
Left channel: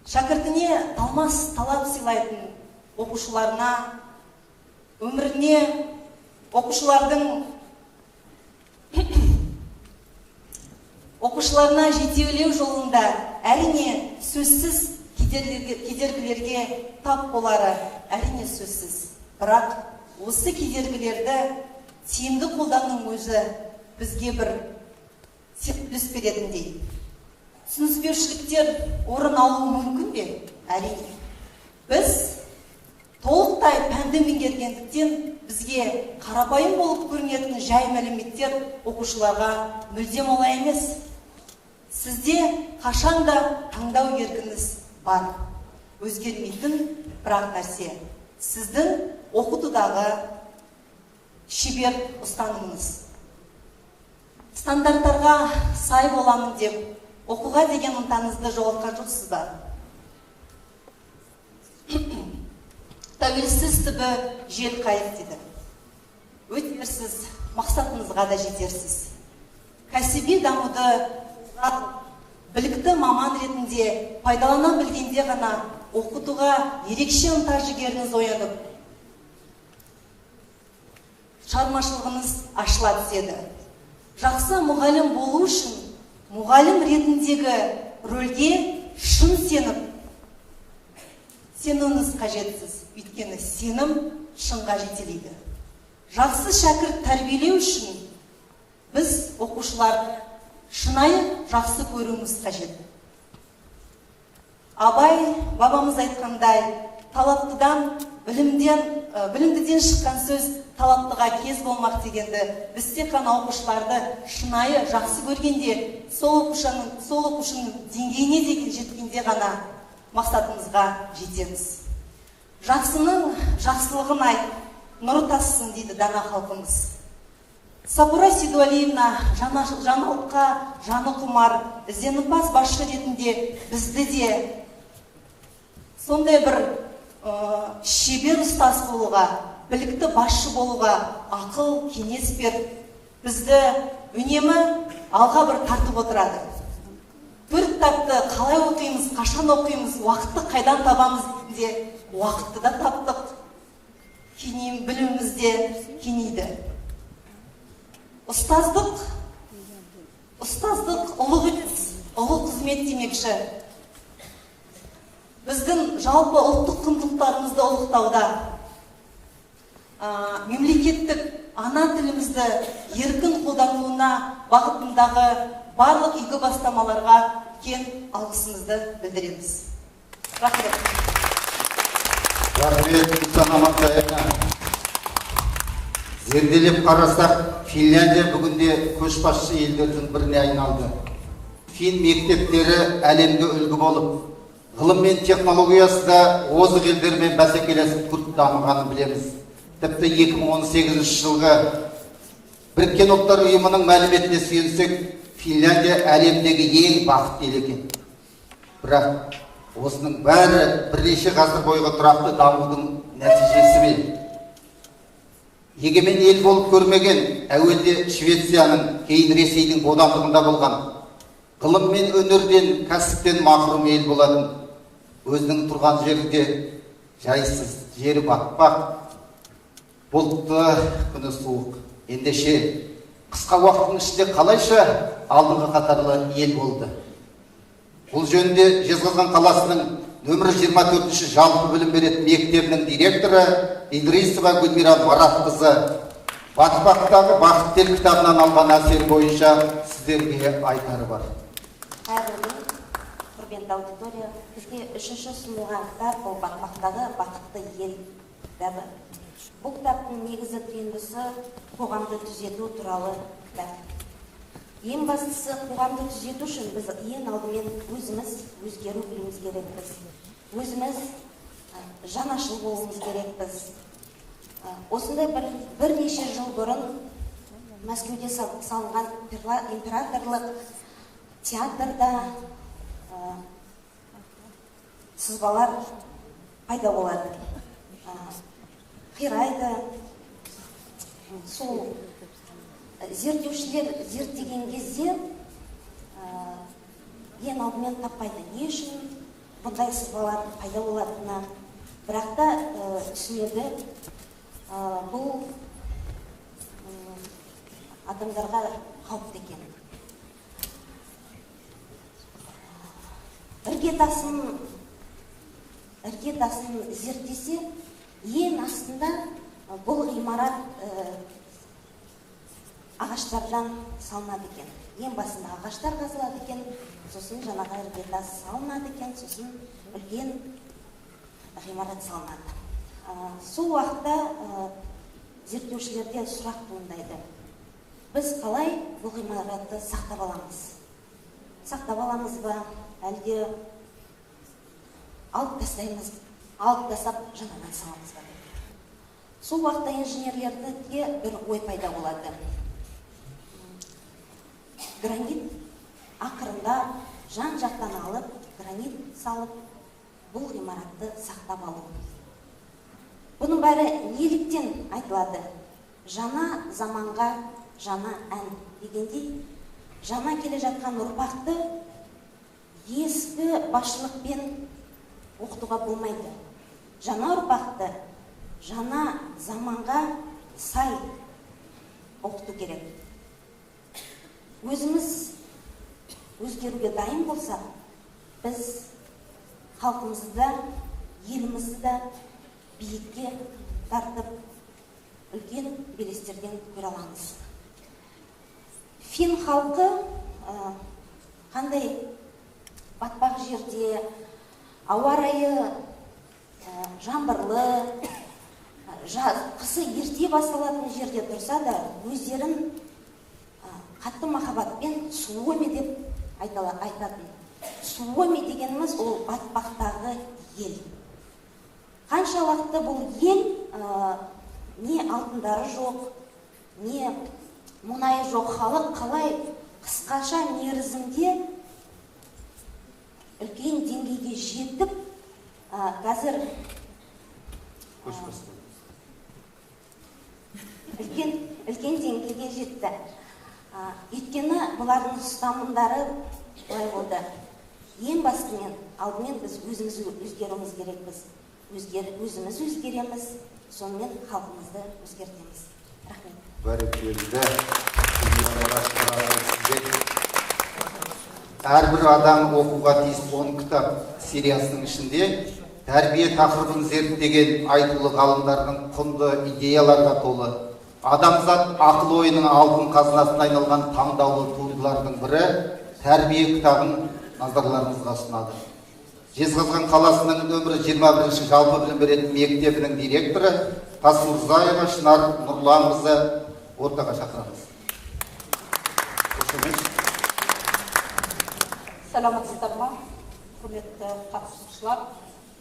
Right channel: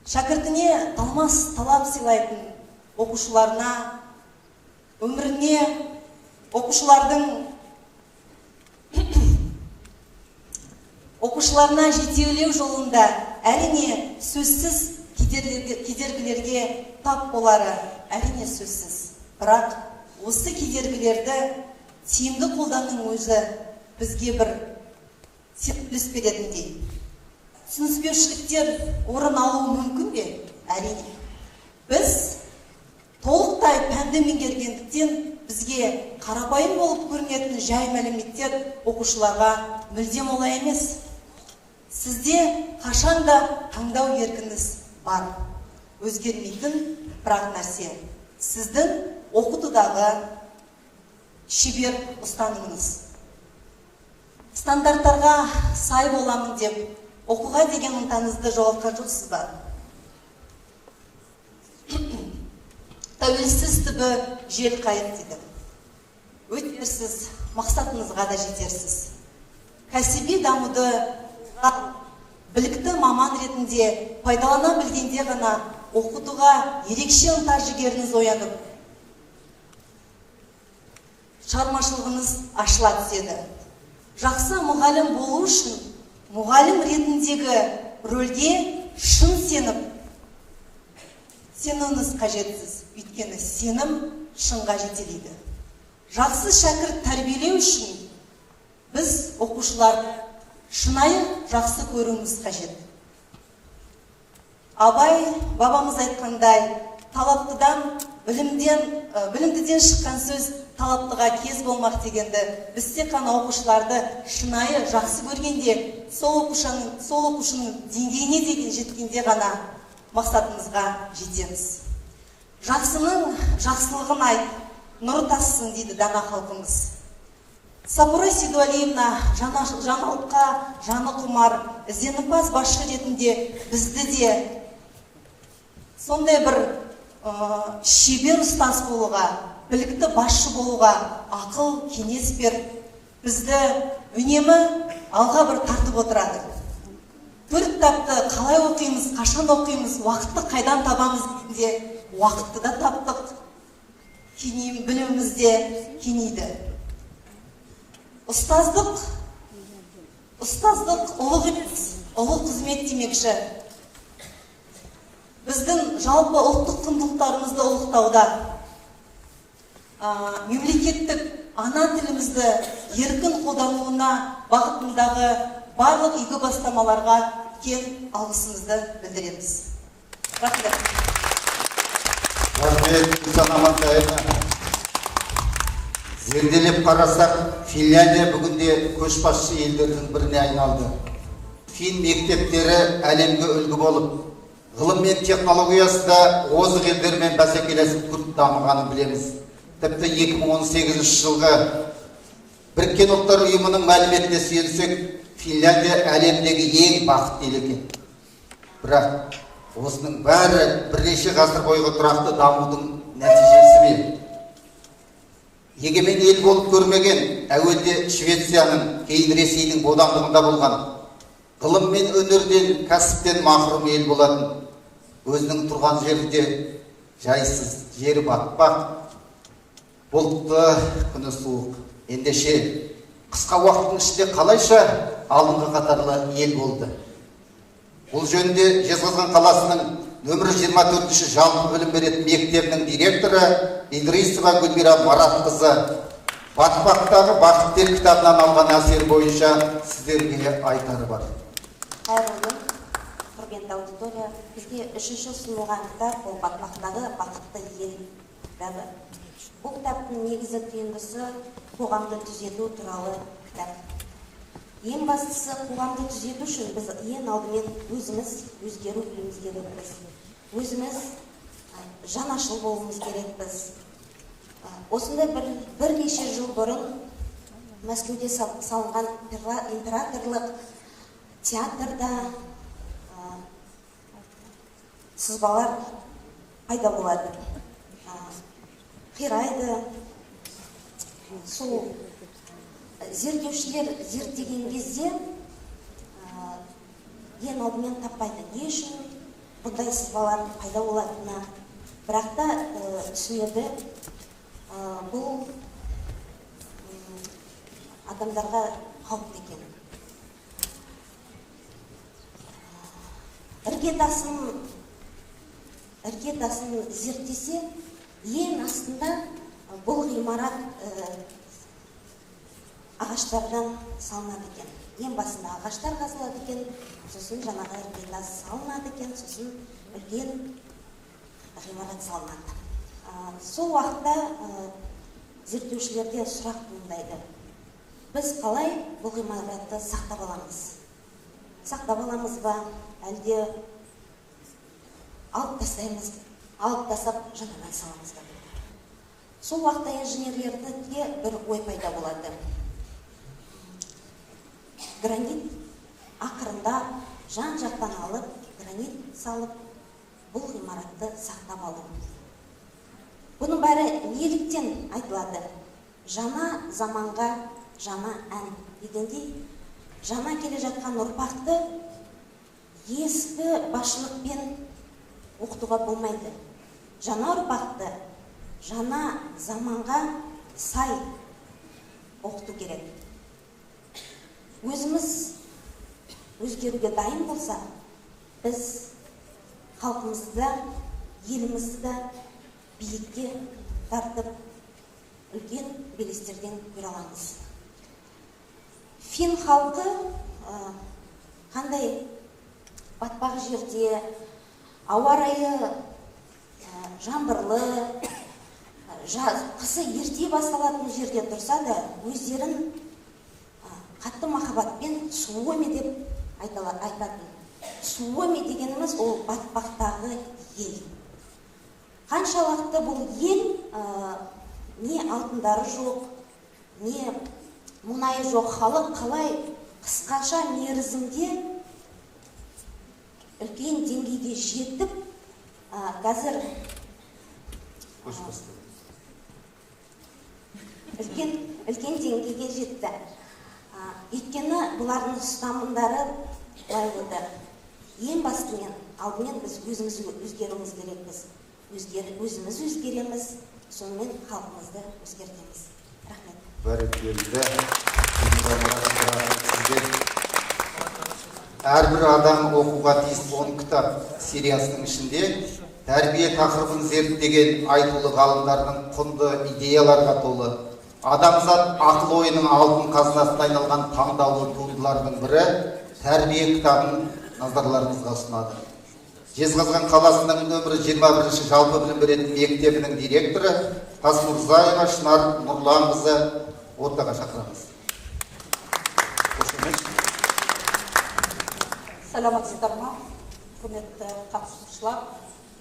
Шәкіртіне талмас талап сыйлайтын оқушыларына, өміріне, оқушыларына жетеулеу жолында әрине сөзсіз кедергілерге тап болары әрине сөзсіз. Бірақ осы кедергілерді тиімді қолдану өзі бізге бір серпіліс беретіндей. Түсініспеушіліктер орын алуы мүмкін бе? Әрине. Біз толықтай пәнді меңгергендіктен бізге қарапайым болып көрінетін жай мәліметтер оқушыларға мүлдем олай емес. Сізде қашанда таңдау еркіңіз бар. Өзгермейтін бірақ нәрсе. Сіздің оқытудағы шебер ұстанымыңыз. Стандарттарға сай боламын деп, оқуға деген ынтаңызды жоғалтқан жоқсыз ба? Тәуелсіз түбі жел қайық дейді. Өтерсіз, мақсатыңызға да жетерсіз. Кәсіби дамуды білікті маман ретінде пайдалана білгенде ғана оқытуға ерекше ынта жігеріңіз оянып, шығармашылығыңыз ашыла түседі. Жақсы мұғалім болу үшін, мұғалім ретіндегі рөлге шын сеніміңіз қажетсіз. Өйткені сенім шынға жетелейді. Жақсы шәкірт тәрбиелеу үшін біз оқушыларды шынайы жақсы көруіміз қажет. Абай бабамыз айтқандай, талаптыдан, білімдіден шыққан сөз талаптыға кез болмақ дегенді, біз тек қана оқушыларды шынайы жақсы көргенде, сол оқушының деңгейіне деген жеткенде ғана мақсатымызға жетеміз. Жақсының жақсылығын айт, нұр тассын дейді дана халқымыз. Сапура Сейдуалиевна жаңалыққа жаны құмар, ізденімпаз басшы ретінде бізді де сондай бір шебер ұстаз болуға, білікті басшы болуға ақыл, кеңес беріп, бізді үнемі алға бір тартып отырады. Бір кітапты қалай оқимыз, қашан оқимыз, уақытты қайдан табамыз дегенде, уақытты да таптық, біліміміз де кеңейді. Ұстаздық ұлық емес, ұлық қызмет демекші. Біздің жалпы ұлттық құндылықтарымызды ұлықтауда, мемлекеттік ана тілімізді еркін қолдануына бағытындағы барлық игі бастамаларға үлкен алғысымызды білдіреміз. Рахмет. Зерделеп қарасақ, Финляндия бүгінде көшбасшы елдердің біріне айналды. Фин мектептері әлемге үлгі болып, ғылым мен технологиясы да озық елдермен бәсекелесіп күрт дамығанын білеміз. Тіпті 2018 жылғы Біріккен ұлттар ұйымының мәліметіне сүйенсек, Финляндия әлемдегі ең бақытты ел екен. Бірақ осының бәрі бірнеше ғасыр бойғы тұрақты дамудың нәтижесі ме? егемен ел болып көрмеген, әуелде Швецияның, кейін Ресейдің бодандығында болған, ғылым мен өнерден, кәсіптен махрұм ел болатын, өзінің тұрған жерінде жайсыз, жері батпақ, бұлтты, күні суық. Ендеше қысқа уақыттың ішінде қалайша алдыңғы қатарлы ел болды. Бұл жөнінде Жезқазған қаласының нөмірі 24-ші жалпы білім беретін мектебінің директоры Идрисова Гүлмира Маратқызы Батпақтағы бақыттер кітабынан алған әсер бойынша сіздерге айтары бар. Қайырлы, құрметті аудитория, бізге 3-ші ұсынылған кітап бұл Батпақтағы бақытты ел кітабы. Бұл кітаптың негізі түйіндісі қоғамды түзету туралы кітап. Ең бастысы, қоғамды түзету үшін біз ең алдымен өзіміз өзгеру білуіміз керекпіз. Өзіміз жаңашыл болуымыз керекпіз. Осындай бірнеше жыл бұрын Мәскеуде салынған императорлық театрда сызбалар пайда болады. Қирайды. Сол зерттеушілер зерттеген кезде ең алдымен таппайды. Не үшін бұндай сызбалар пайда болатыны, бірақ та түсінеді, бұл адамдарға қауіпті екен. Іргетасын зерттесе, ең астында бұл ғимарат ағаштардан салынады екен. Ең басында ағаштар қазылады екен, сосын жаңағы іргетас салынады екен, сосын үлкен ғимарат салынады. Сол уақытта зерттеушілерде сұрақ туындайды. Біз қалай бұл ғимаратты сақтап аламыз? Сақтап аламыз ба, әлде алып тастап жаңадан саламыз ба? Сол уақытта инженерлерде бір ой пайда болады. Гранит ақырында жан-жақтан алып, гранит салып, бұл ғимаратты сақтап алу. Бұның бәрі неліктен айтылады? Жаңа заманға жаңа ән дегендей, жаңа келе жатқан ұрпақты ескі басшылықпен оқытуға болмайды. Жаңа ұрпақты жаңа заманға сай оқыту керек. Өзіміз өзгеруге дайын болса, біз халқымызды, елімізді биікке тартып, үлкен белестерден көре аламыз. Фин халқы қандай батпақ жерде, ауа райы жаңбырлы, қысы ерте басталатын жерде тұрса да, өздерін қатты махаббатпен суоми деп айтатын. Суоми дегеніміз ол батпақтағы ел. Қаншалықты бұл ел не алтындары жоқ, не мұнайы жоқ, халық қалай қысқаша мерзімде үлкен деңгейге жетіп, қазір үлкен деңгейге жетті. Өйткені бұлардың ұстанымдары былай болды. Ең бастымен, алдымен біз өзіміз өзгеруіміз керекпіз. Өзіміз өзгереміз, сонымен халқымызды өзгертеміз. Рахмет. Бәрекелді. Әрбір адам оқуға тиіс 10 кітап сериясының ішінде тәрбие тақырыбын зерттеген айтулы ғалымдардың құнды идеяларға толы, адамзат ақыл ойының алтын қазынасына айналған таңдаулы туындылардың бірі тәрбие кітабын назарларыңызға ұсынады. Жезқазған қаласының нөмірі 21-ші жалпы білім беретін мектебінің директоры Тасмұрзаева Шынар Нұрланқызы ортаға шақырамыз. Саламатсыздар ма, құрметті қатысушылар,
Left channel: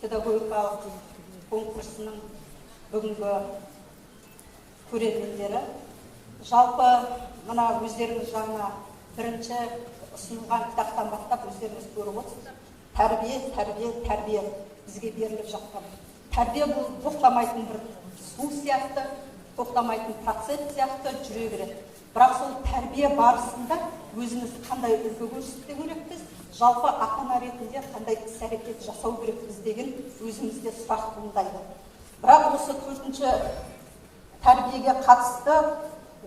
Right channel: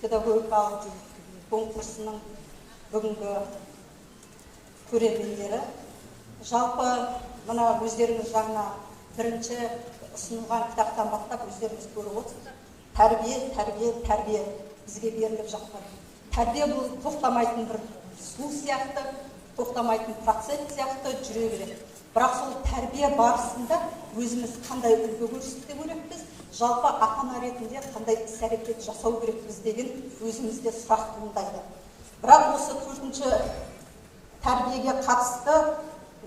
педагогикалық конкурсының бүгінгі көрермендері. Жалпы мына өздеріңіз жаңа бірінші ұсынылған кітаптан бастап өздеріңіз көріп отырсыздар. Тәрбие бізге беріліп жатқан. Тәрбие бұл тоқтамайтын бір су сияқты, тоқтамайтын процесс сияқты жүре береді. Бірақ сол тәрбие барысында өзіміз қандай үлгі көрсете керекпіз, жалпы ата-ана ретінде қандай іс-әрекет жасау керекпіз деген өзімізде сұрақ туындайды. Бірақ осы 4-ші тәрбиеге қатысты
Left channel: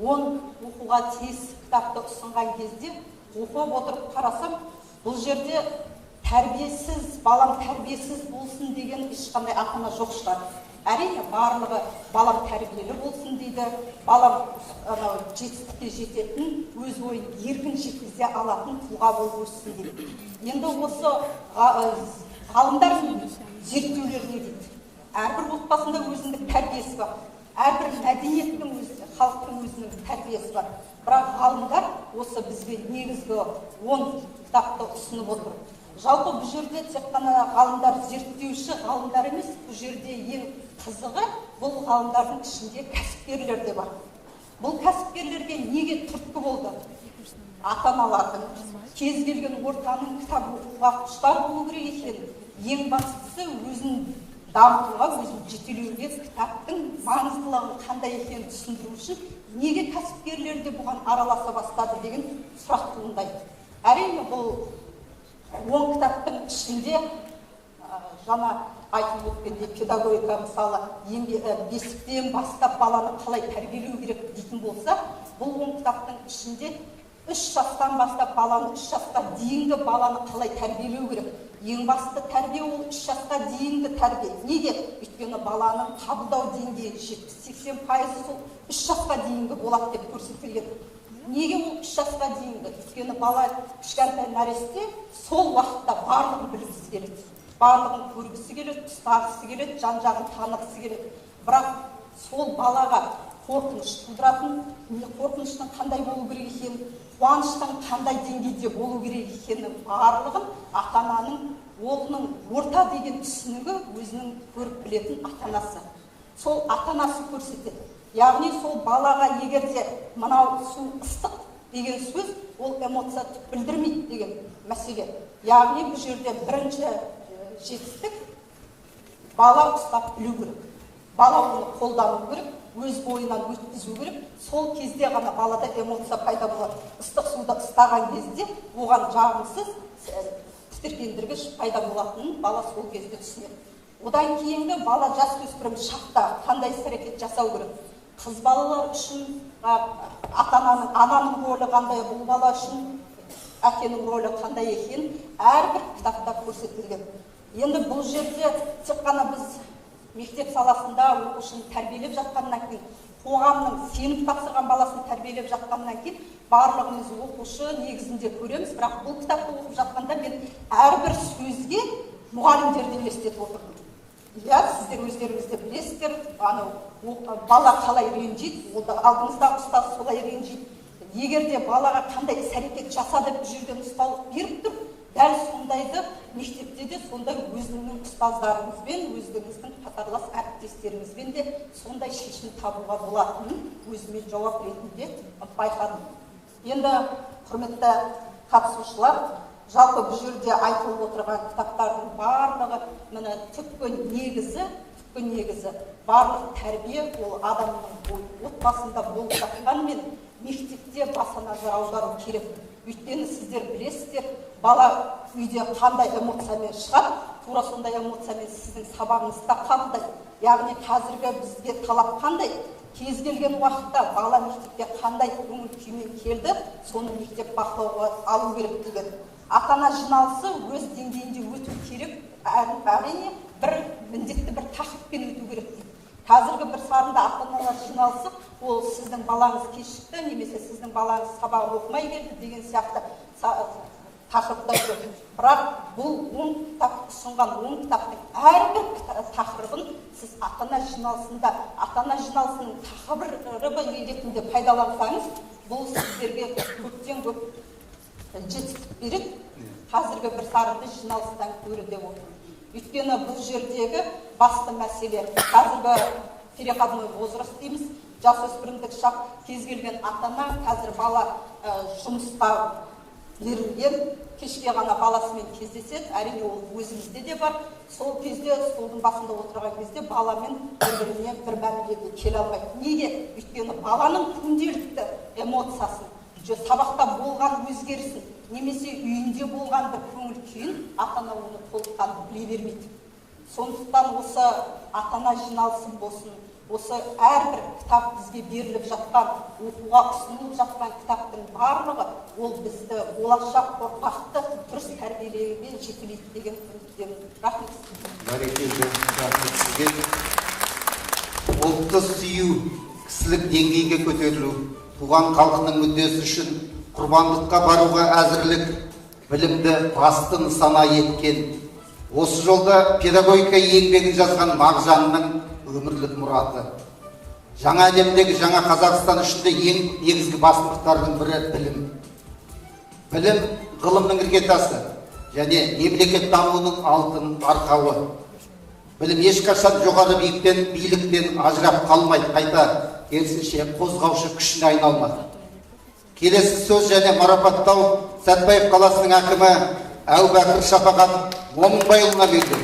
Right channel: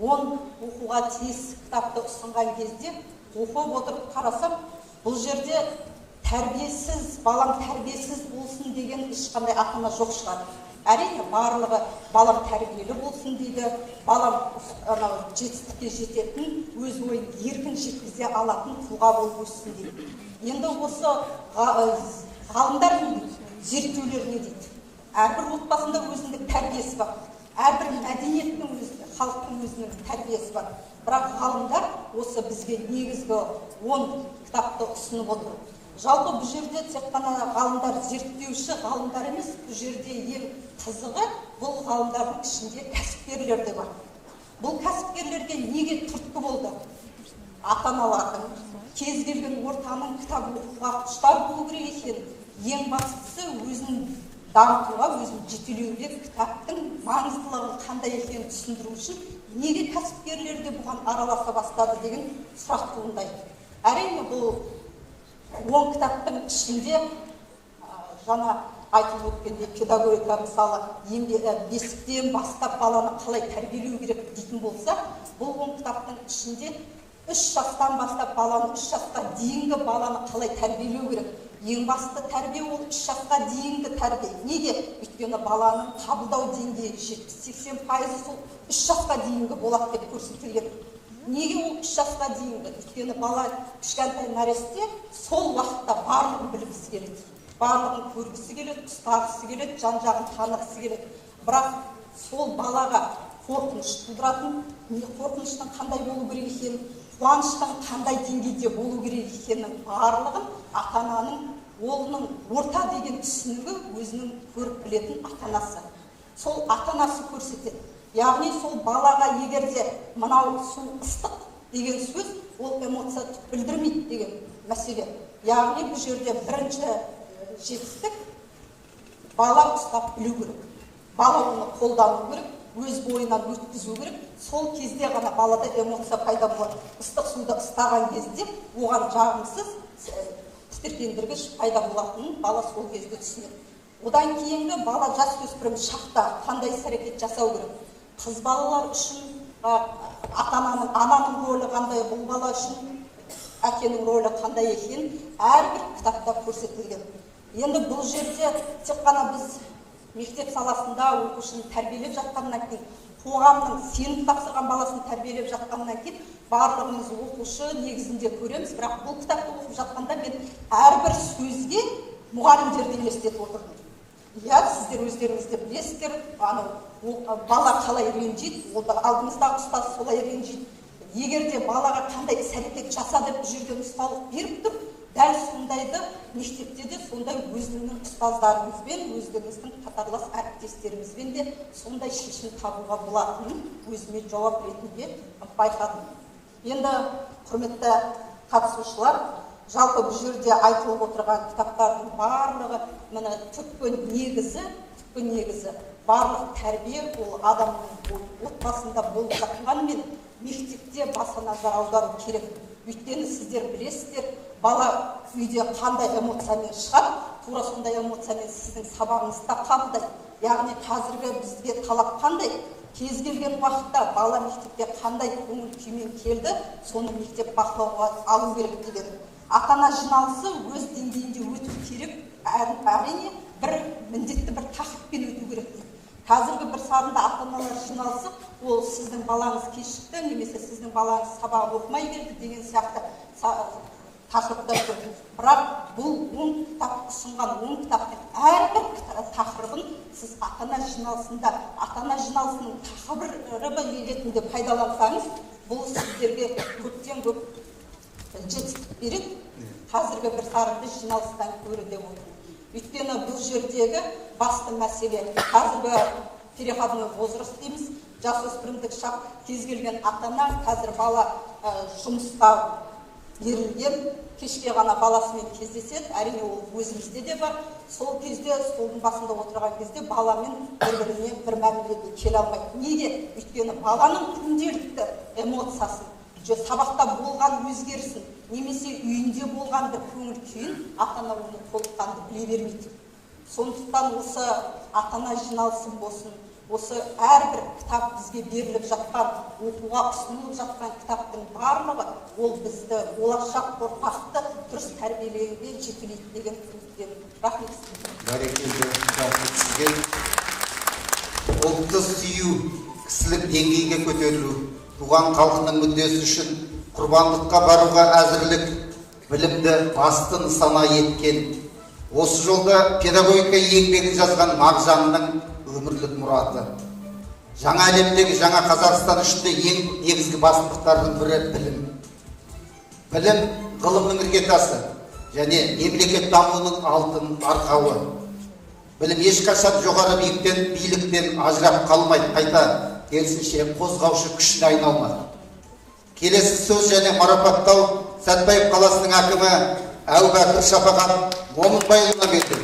10 оқуға тиіс кітапты ұсынған кезде оқып отырып қарасам, бұл жерде тәрбиесіз, балам тәрбиесіз болсын деген ешқандай ата-ана жоқ шығар. Әрине, барлығы балам тәрбиелі болсын дейді, балам жетістікке жететін, өз ойын еркін жеткізе алатын тұлға болып өссін дейді. Енді осы ғалымдар зерттеулер не дейді? Әрбір отбасында өзіндік тәрбиесі бар. Әрбір мәдениеттің өзі, халықтың өзінің тәрбиесі бар. Бірақ ғалымдар осы бізге негізгі 10 кітапты ұсынып отыр. Жалпы бұл жерде тек қана ғалымдар, зерттеуші ғалымдар емес, бұл жерде ең қызығы бұл ғалымдардың ішінде кәсіпкерлер де бар. Бұл кәсіпкерлерге неге түрткі болды? Ата-аналардың кез келген ортаның кітап оқуға құштар болу керек екен. Ең бастысы өзін дамытуға, өзін жетелеуге кітаптың маңыздылығын қандай екенін түсіндіру үшін неге кәсіпкерлер де бұған араласа бастады деген сұрақ туындайды. Әрине, бұл 10 кітаптың ішінде жаңа айтып өткенде педагогика мысалы бесіктен бастап баланы қалай тәрбиелеу керек дейтін болса, бұл 10 кітаптың ішінде 3 жастан бастап баланы 3 жасқа дейінгі баланы қалай тәрбиелеу керек. Ең басты тәрбие ол 3 жасқа дейінгі тәрбие. Неге? Өйткені баланың қабылдау деңгейі 70-80% сол 3 жасқа дейінгі болады деп көрсетілген. Неге ол 3 жасқа дейінгі? Өйткені бала кішкентай нәресте сол уақытта барлығын білгісі келеді. Барлығын көргісі келеді, ұстағысы келеді, жан-жағын танығысы келеді. Бірақ сол балаға қорқыныш тудыратын, қорқыныштың қандай болу керек екенін, қуаныштың қандай деңгейде болу керек екенін барлығын ата-ананың олының орта деген түсінігі өзінің көріп білетін ата-анасы. Сол ата-анасы көрсетеді. Яғни сол балаға егерде мынау су ыстық деген сөз, ол эмоция білдірмейді деген мәселе. Яғни бұл жерде бірінші жетістік бала ұстап білу керек. Бала оны қолдану керек, өз бойынан өткізу керек. Сол кезде ғана балада эмоция пайда болады. Ыстық суда ұстаған кезде оған жағымсыз тітіркендіргіш пайда болатынын бала сол кезде түсінеді. Одан кейінгі бала жасөспірім шақта қандай іс-әрекет жасау керек? Қыз балалар үшін ананың рөлі қандай, бұл бала үшін әкенің рөлі қандай екенін әрбір кітапта көрсетілген. Енді бұл жерде тек қана біз мектеп саласында оқушыны тәрбиелеп жатқаннан кейін, қоғамның сеніп тапсырған баласын тәрбиелеп жатқаннан кейін барлығымыз оқушы негізінде көреміз. Бірақ бұл кітапты оқып жатқанда мен әрбір сөзге мұғалімдерді елестетіп отырдым. Иә, сіздер өздеріңізде білесіздер, бала қалай ренжиді, алдымыздағы ұстаз солай ренжиді. Егерде балаға қандай іс-әрекет жаса деп бұл жерде нұсқаулық беріп тұр, дәл сондайды мектепте де сондай өзінің ұстаздарымызбен, өздеріңіздің қатарлас әріптестерімізбен де сондай шешім табуға болатынын өзіме жауап ретінде байқадым. Енді құрметті қатысушылар, жалпы бұл жерде айтылып отырған кітаптардың барлығы міне түпкі негізі барлық тәрбие ол адамның отбасында болып жатқанымен мектепте баса назар аудару керек. Өйткені сіздер білесіздер, бала үйде қандай эмоциямен шығады, тура сондай эмоциямен сіздің сабағыңызда қабылдайды. Яғни қазіргі бізге талап қандай? Кез келген уақытта бала мектепте қандай көңіл күймен келді, соны мектеп бақылауға алу керек деген. Ата-ана жиналысы өз деңгейінде өту керек, әрине бір міндетті бір тақырыппен өту керек. Қазіргі бір сарында ата-аналар жиналысы, ол сіздің балаңыз кешікті, немесе сіздің балаңыз сабағын оқымай келді деген сияқты тақырыпта жоқ. Бірақ бұл 10 кітап ұсынған 10 кітаптың әрбір тақырыбын сіз ата-ана жиналысында, ата-ана жиналысының тақырыбы ретінде пайдалансаңыз, бұл сіздерге көптен көп жетістік береді. Қазіргі бір сарынды жиналыстан көрі деп отыр. Өйткені бұл жердегі басты мәселе қазіргі переходной возраст дейміз, жасөспірімдік шақ, кез келген ата-ана қазір бала жұмысқа берілген, кешке ғана баласымен кездеседі. Әрине ол өзімізде де бар. сол кезде столдың басында отырған кезде баламен бір-біріне бір мәмілеге келе алмайды. Неге? Өйткені баланың күнделікті эмоциясын, сабақта болған өзгерісін, немесе үйінде болған бір көңіл күйін ата-ана оны толыққанды біле бермейді. Сондықтан осы ата-ана жиналысын болсын, осы әрбір кітап бізге беріліп жатқан, оқуға ұсынылып жатқан кітаптың барлығы ол бізді болашақ ұрпақты дұрыс тәрбиелеуге жетелейді деген үміттемін. Рахмет сізге. Бәрекелді, рахмет сізге. Ұлтты сүю, кісілік деңгейге көтерілу, туған халқының мүддесі үшін құрбандыққа баруға әзірлік, білімді басты нысана еткен. Осы жолда педагогика еңбегін жазған Мағжанның өмірлік мұраты. Жаңа әлемдегі жаңа Қазақстан үшінде ең негізгі басымдықтардың бірі білім. Білім ғылымның іргетасы және мемлекет дамуының алтын арқауы. Білім ешқашан жоғары биліктен ажырап қалмайды, қайта керісінше қозғаушы күшіне айналмады. Келесі сөз және марапаттау Сәтбаев қаласының әкімі Әубәкір Шапағат Момынбайұлына берілді.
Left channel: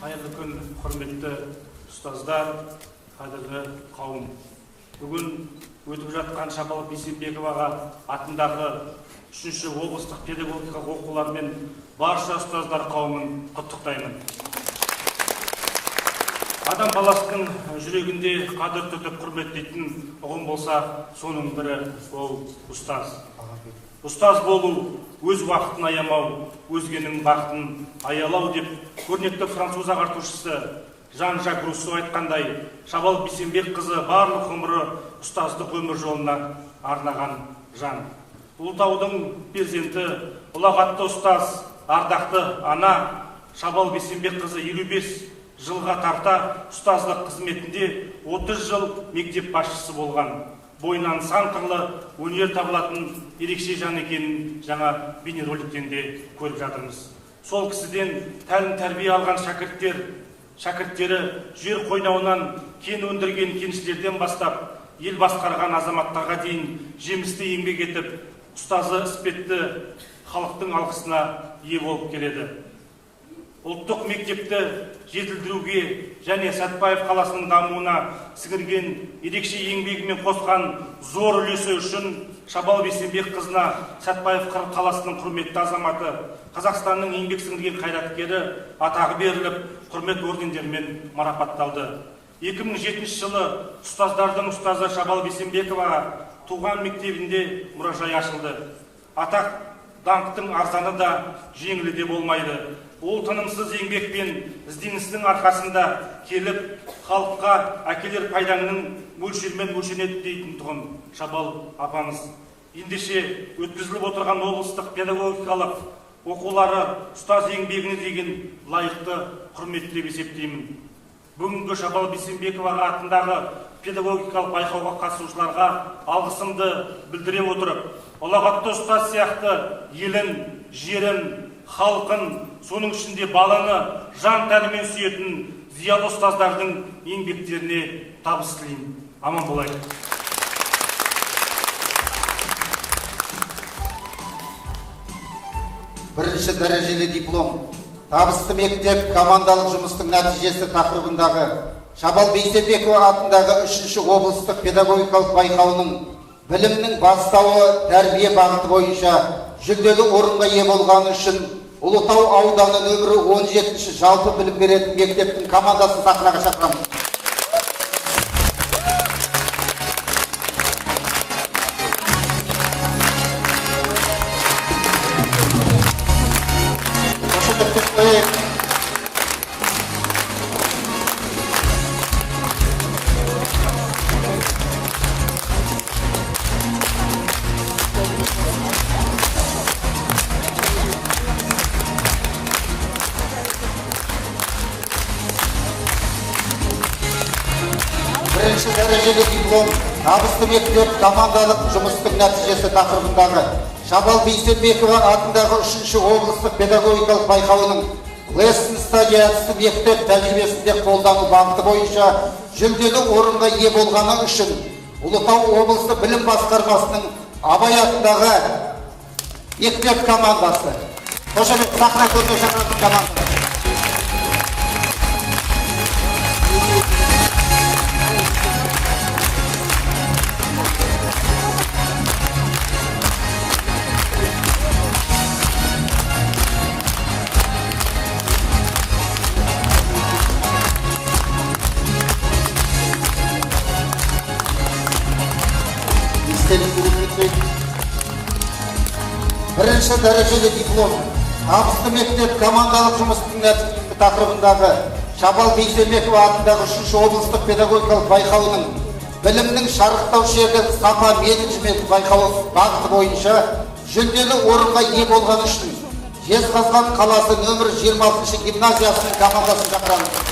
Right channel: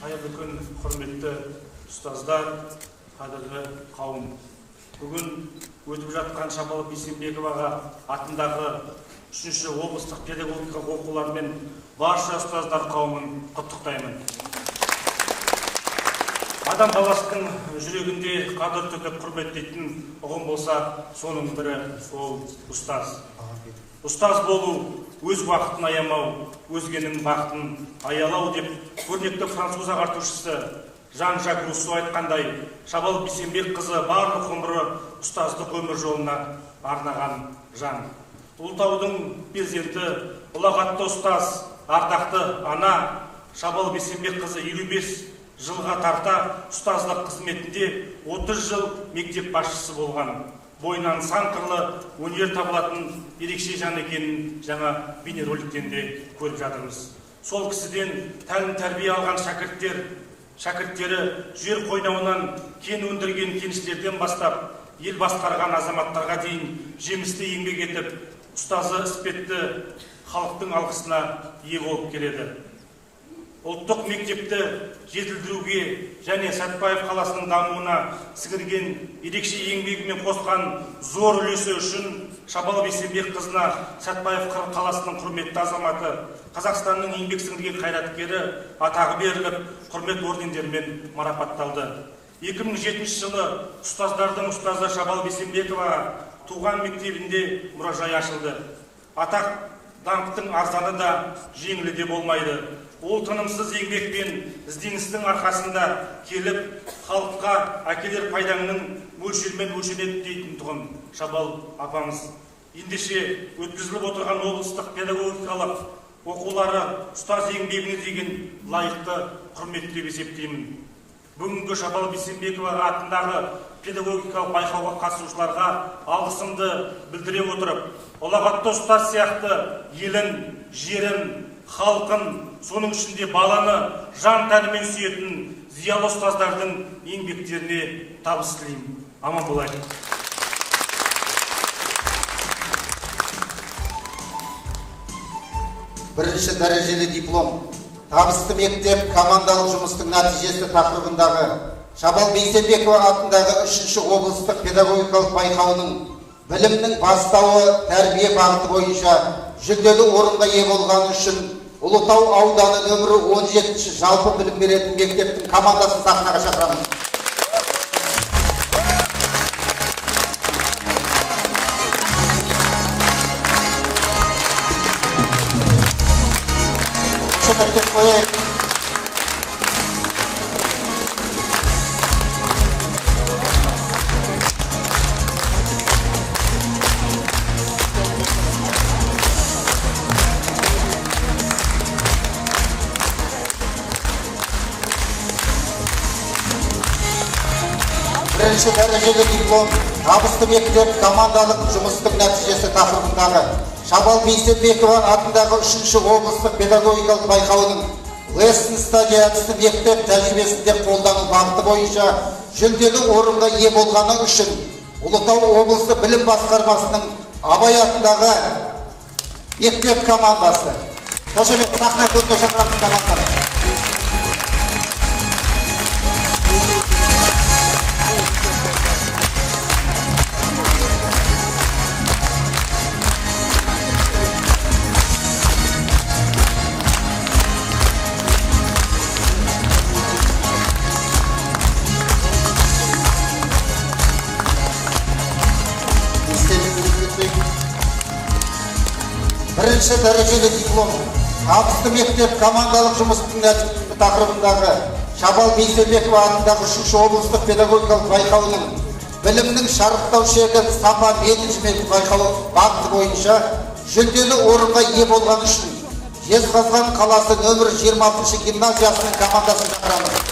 Қайырлы күн, құрметті ұстаздар, қадірлі қауым. Бүгін өтіп жатқан Шабал Бейсенбековаға атындағы 3-ші облыстық педагогикалық оқулармен барша ұстаздар қауымын құттықтаймын. Адам баласының жүрегінде қадір тұтып құрметтейтін ұғым болса, соның бірі ол ұстаз. Ұстаз болу, өз уақытын аямау, өзгенің бақытын аялау деп көрнекті француз ағартушысы Жан-Жак Руссо айтқандай, Шабал Бейсенбекқызы барлық ғұмыры ұстаздық өмір жолына арнаған жан. Ұлытаудың перзенті, ұлағатты ұстаз, ардақты ана Шабал Бейсенбекқызы 55 жылға тарта ұстаздық қызметінде 30 жыл мектеп басшысы болған. Бойынан сан түрлі өнер табылатын ерекше жан екенін жаңа бейнероликтен де көріп жатырмыз. Сол кісіден тәлім тәрбие алған шәкірттері жер қойнауынан кен өндірген кеншілерден бастап, ел басқарған азаматтарға дейін жемісті еңбек етіп, ұстазы іспетті халықтың алғысына ие болып келеді. Ұлттық мектепті жетілдіруге және Сәтбаев қаласының дамуына сіңірген ерекше еңбегімен қосқан зор үлесі үшін Шабал Бейсенбекқызына Сәтбаев қаласының құрметті азаматы, Қазақстанның еңбек сіңірген қайраткері атағы беріліп, құрмет ордендерімен марапатталды. 2007 жылы ұстаздардың ұстазы Шабал Бейсенбековаға туған мектебінде мұражай ашылды. Атақ даңқтың арзаны да жеңілі де болмайды. Ол тынымсыз еңбекпен ізденістің арқасында келіп, халыққа әкелер пайдаңның мөлшермен өлшенеді дейтін тұғын Шабал апамыз. Ендеше өткізіліп отырған облыстық педагогикалық оқулары ұстаз еңбегіне деген лайықты құрмет деп есептеймін. Бүгінгі Шабал Бейсенбековаға атындағы педагогикалық байқауға қатысушыларға алғысымды білдіре отырып, ұлағатты ұстаз сияқты елін, жерін, халқын, соның ішінде баланы жан тәнімен сүйетін зиялы ұстаздардың еңбектеріне табыс тілеймін. Аман болайық. Бірінші дәрежелі диплом, табысты мектеп командалық жұмыстың нәтижесі тақырыбындағы Шабал Бейсенбекова атындағы 3-ші облыстық педагогикалық байқауының білімнің бастауы тәрбие бағыты бойынша жүлделі орынға ие болғаны үшін Ұлытау ауданы нөмірі 17-ші жалпы білім беретін мектептің командасын сахнаға шақырамыз. Бірінші дәрежелі диплом, табысты мектеп командалық жұмыстың нәтижесі тақырыбындағы Шабал Бейсенбекова атындағы 3-ші облыстық педагогикалық байқауының Лессон стадиясы мектеп тәжірибесінде қолдану бағыты бойынша жүлделі орынға ие болғаны үшін Ұлытау облысы білім басқармасының Абай атындағы мектеп командасы. Қошемет сахна төріне шақыратын командалар. Бірінші дәрежелі диплом, табысты мектеп командалық жұмыстың нәтижесі тақырыбындағы Шабал Бейсенбеков атындағы 3-ші облыстық педагогикалық байқауының білімнің шарықтау шегі сапа менеджмент байқауы бағыты бойынша жүлделі орынға ие болған үшін Жезқазған қаласы нөмір 26 гимназиясының командасын шақырамыз.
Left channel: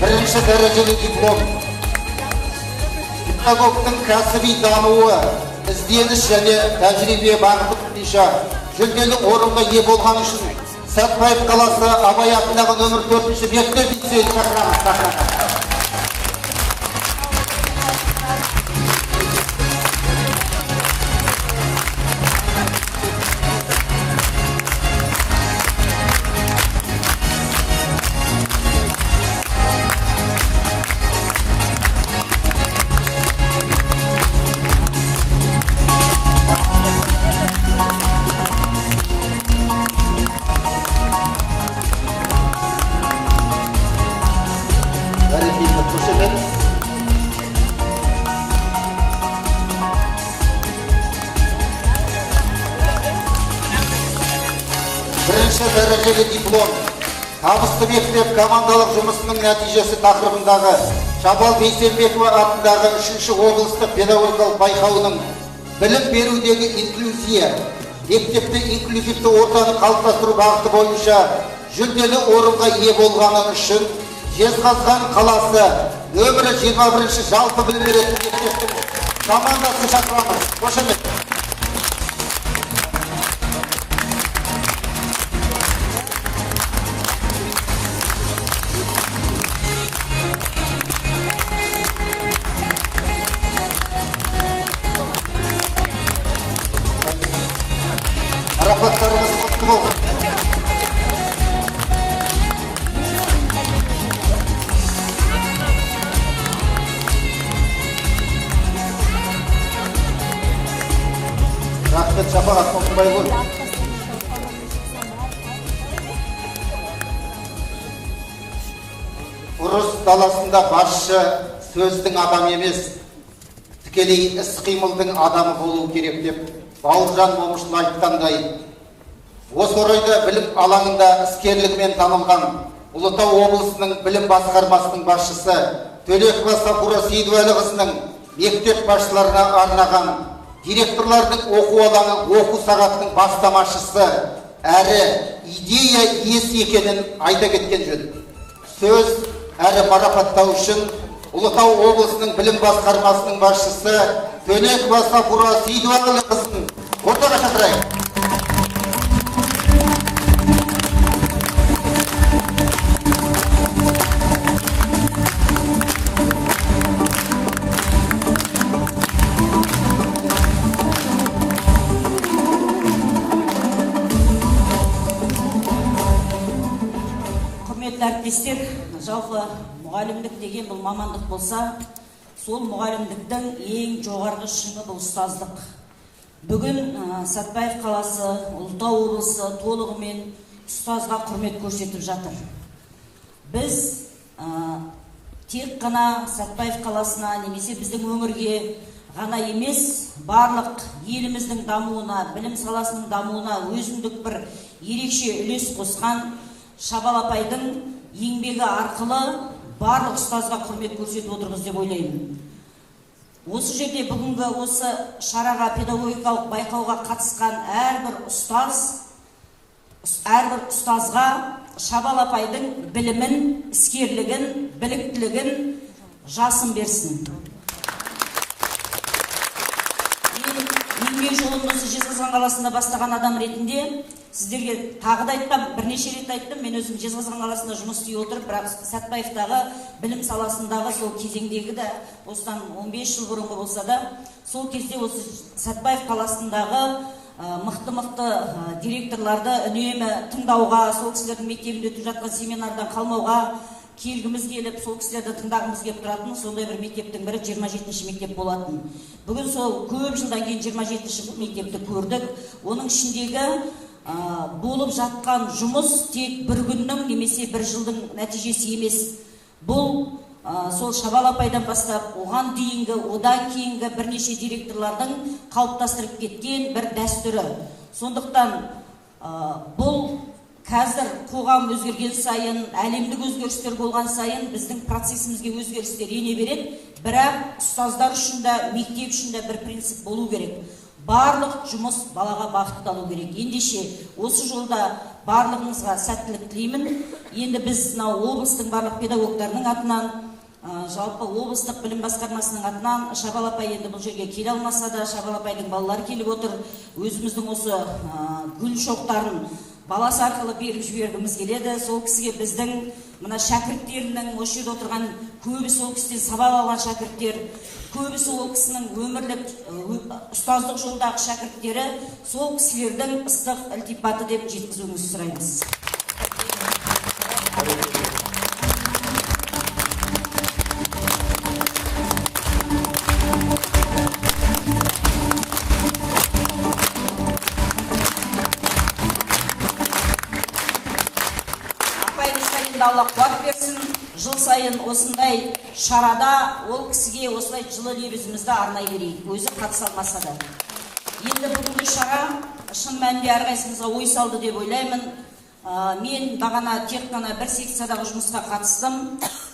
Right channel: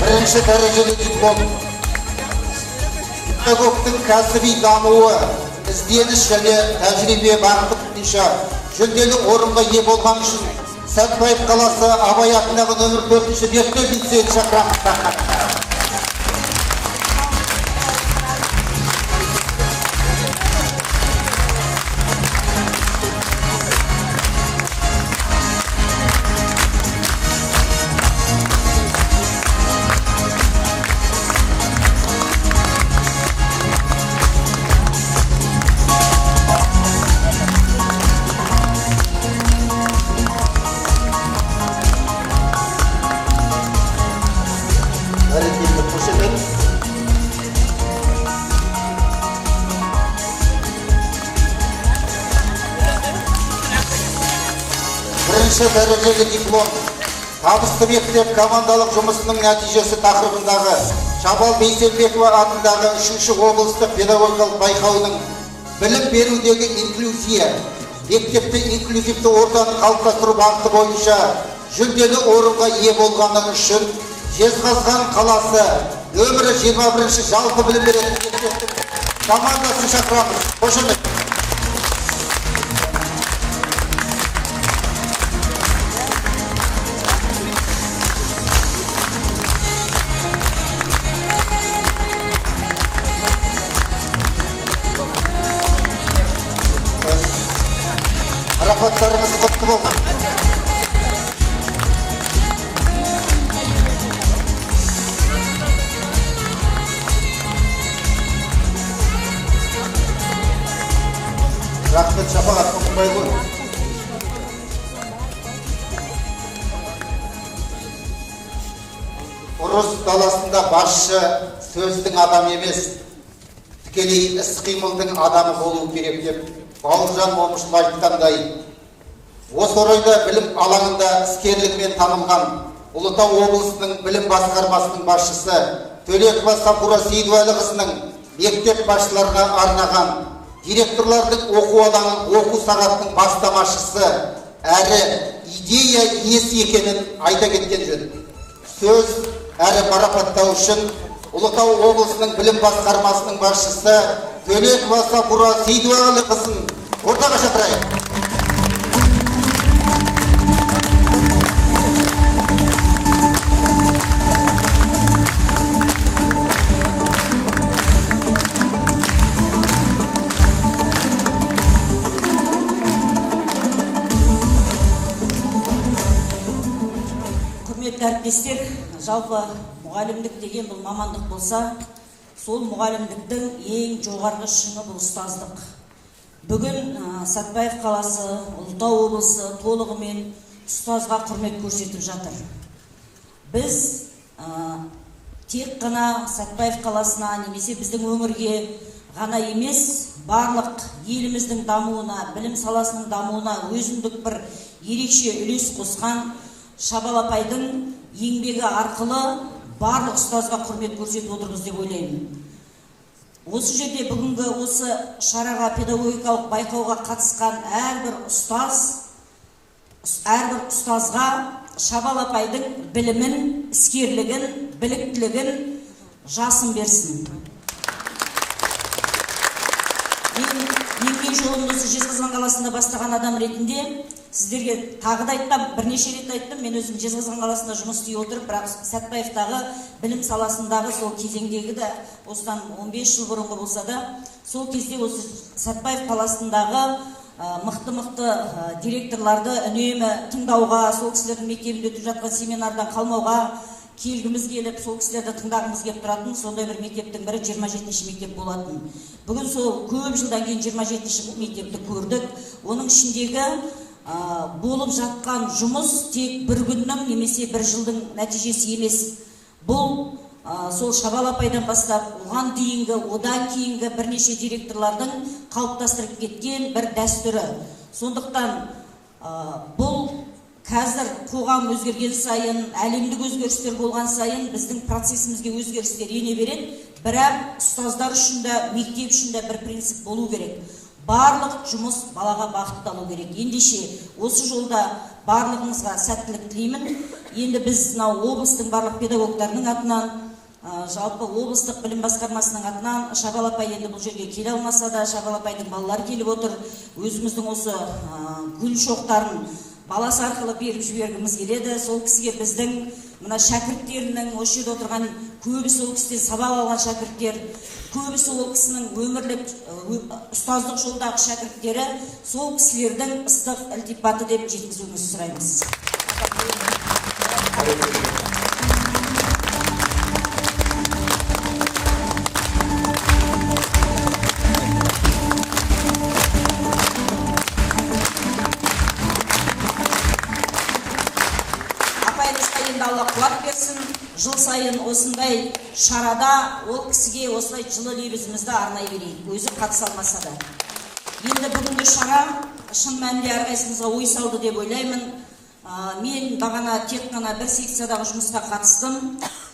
Бірінші дәрежелі диплом, педагогтың кәсіби дамуы, ізденіс және тәжірибе бағыты бойынша жүлделі орынға ие болған үшін Сәтбаев қаласы Абай атындағы нөмір 4-ші мектеп лицейін шақырамыз. Бірінші дәрежелі диплом, табысты мектеп командалық жұмысының нәтижесі тақырыбындағы Шабал Бейсенбеков атындағы 3-ші облыстық педагогикалық байқауының білім берудегі инклюзия, мектепте инклюзивті ортаны қалыптастыру бағыты бойынша жүлделі орынға ие болғаны үшін Жезқазған қаласы нөмірі 21-ші жалпы білім беретін мектептің командасын шақырамыз. Қошемет. Рахматтарыңыз құтты болсын. Рахмет Шапағат Құлбайұлы. Ұрыс даласында басшы сөздің адамы емес, тікелей іс-қимылдың адамы болу керек деп Бауыржан Момышұлы айтқандай, осы орайда білім алаңында іскерлігімен танылған Ұлытау облысының білім басқармасының басшысы Төлекова Сапура Сейдуәліқызының мектеп басшыларына арнаған директорлардың оқу алаңын оқу сағатының бастамашысы әрі идея иесі екенін айта кеткен жөн. Сөз әрі марапаттау үшін Ұлытау облысының білім басқармасының басшысы Төлекова Сапура Сейдуәліқызын ортаға шақырайық. Құрметті әріптестер, жалпы мұғалімдік деген бұл мамандық болса, сол мұғалімдіктің ең жоғарғы шыңы бұл ұстаздық. Бүгін Сәтбаев қаласы, Ұлытау облысы толығымен ұстазға құрмет көрсетіп жатыр. Біз тек қана Сәтбаев қаласына немесе біздің өңірге ғана емес, барлық еліміздің дамуына, білім саласының дамуына өзіндік бір ерекше үлес қосқан Шабал апайдың еңбегі арқылы барлық ұстазға құрмет көрсетіп отырмыз деп ойлаймын. Осы жерде бүгінгі осы шараға, педагогикалық байқауға қатысқан әрбір ұстазға Шабал апайдың білімін, іскерлігін, біліктілігін, жасын берсін. Еңбек жолын осы Жезқазған қаласында бастаған адам ретінде сіздерге тағы да айттым, бірнеше рет айттым, мен өзім Жезқазған қаласында жұмыс істей отырып, бірақ Сәтбаевтағы білім саласындағы сол кезеңдегі де осыдан 15 жыл бұрынғы болса да, сол кезде осы Сәтбаев қаласындағы мықты директорларды үнемі тыңдауға, сол кісілердің мектебінде өтіп жатқан семинардан қалмауға келгіміз келіп, сол кісілерді тыңдағымыз келіп тұратын, сондай бір мектептің бірі 27-ші мектеп болатын. Бүгін сол көп жылдан кейін 27-ші мектепті көрдік. Оның ішіндегі болып жатқан жұмыс тек бір күннің немесе бір жылдың нәтижесі емес. Бұл сол Шабал апайдан бастап, оған дейінгі, одан кейінгі бірнеше директорлардың қалыптастырып кеткен бір дәстүрі. Сондықтан бұл қазір қоғам өзгерген сайын, әлемдік өзгерістер болған сайын біздің процесімізге өзгерістер ене береді, бірақ ұстаздар үшін де, мектеп үшін де бір принцип болу керек. Барлық жұмыс балаға бағытталу керек. Ендеше осы жолда барлығыңызға сәттілік тілеймін. Енді біз облыстың барлық педагогтарының атынан, жалпы облыстық білім басқармасының атынан Шабал апай енді бұл жерге келе алмаса да, Шабал апайдың балалары келіп отыр. Өзіміздің осы гүл шоқтарын баласы арқылы беріп жібергіміз келеді. Сол кісіге біздің мына шәкірттерінің, осы жерде отырған көбісі ол кісіден сабақ алған шәкірттер, көбісі ол кісінің өмірлік ұстаздық жолдағы шәкірттері, сол кісілердің ыстық ілтипаты деп жеткізуіңізді сұраймыз. Алла қуат берсін, жыл сайын осындай шарада ол кісіге осылай жылы лебізімізді арнай берейік, өзі қатыса алмаса да. Енді бүгінгі шара шын мәнінде әрқайсымызға ой салды деп ойлаймын. Мен бағана тек қана бір секциядағы жұмысқа қатыстым.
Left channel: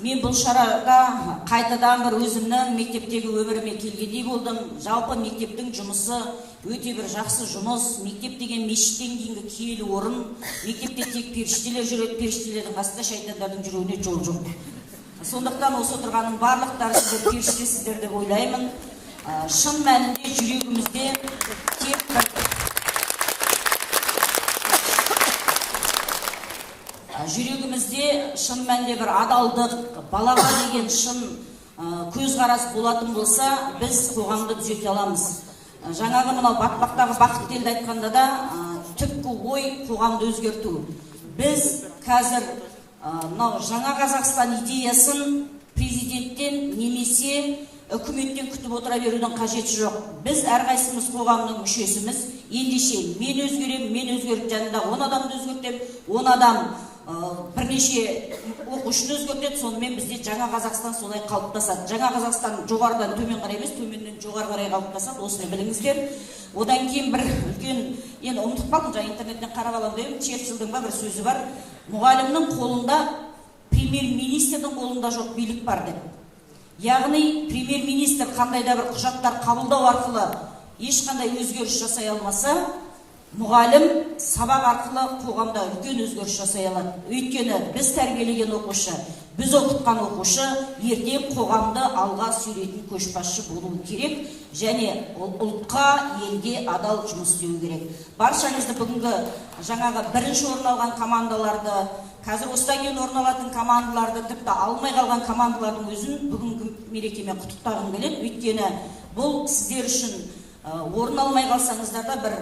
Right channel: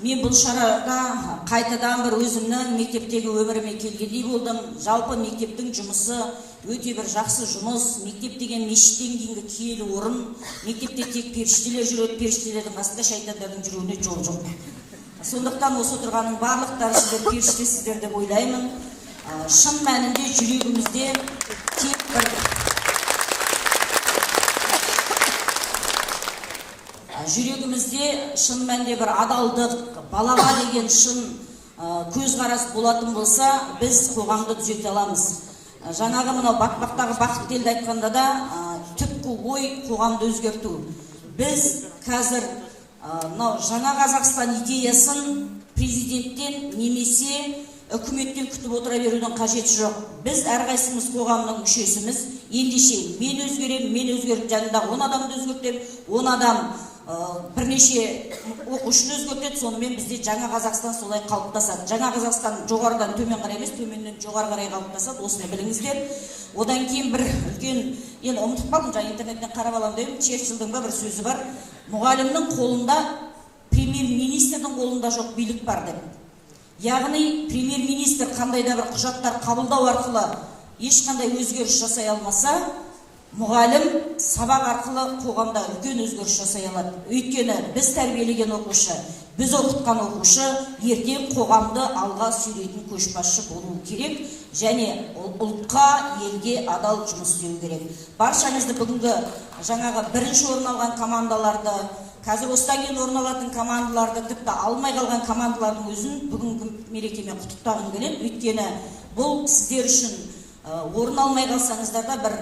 Мен бұл шарада қайтадан бір өзімнің мектептегі өміріме келгендей болдым. Жалпы мектептің жұмысы өте бір жақсы жұмыс. Мектеп деген мешіттен кейінгі киелі орын. Мектепте тек періштелер жүреді, періштелердің қасында шайтандардың жүруіне жол жоқ. Сондықтан осы отырғанның барлықтары сіздер періштесіздер деп ойлаймын. Шын мәнінде жүрегімізде тек бір жүрегімізде шын мәнінде бір адалдық, балаға деген шын көзқарас болатын болса, біз қоғамды түзете аламыз. Жаңағы мынау батпақтағы бақыт елді айтқанда да түпкі ой қоғамды өзгерту. Біз қазір жаңа Қазақстан идеясын президенттен немесе үкіметтен күтіп отыра берудің қажеті жоқ. Біз әрқайсымыз қоғамның мүшесіміз. Ендеше мен өзгерем, мен өзгеріп жанында 10 адамды өзгертем, 10 адам бірнеше оқушыны өзгертеді, сонымен бізде жаңа Қазақстан солай қалыптасады. Жаңа Қазақстан жоғарыдан төмен қарай емес, төменнен жоғары қарай қалыптасады, осыны біліңіздер. Одан кейін бір үлкен, енді ұмытып қалдым, жаңа интернеттен қарап аламын деп, Черчилльдің бір сөзі бар. Мұғалімнің қолында, премьер-министрдің қолында жоқ билік бар деп. Яғни премьер-министр қандай да бір құжаттар қабылдау арқылы ешқандай өзгеріс жасай алмаса, мұғалім сабақ арқылы қоғамда үлкен өзгеріс жасай алады. Өйткені біз тәрбиелеген оқушы, біз оқытқан оқушы ертең қоғамды алға сүйрейтін көшбасшы болуы керек және ұлтқа, елге адал жұмыс істеу керек. Баршаңызды бүгінгі жаңағы бірінші орын алған командаларды, қазір осыдан кейін орын алатын командаларды, тіпті алмай қалған командалардың өзін бүгінгі мерекемен құттықтағым келеді. Өйткені бұл сіздер үшін орын алмай қалсаңыздар да бір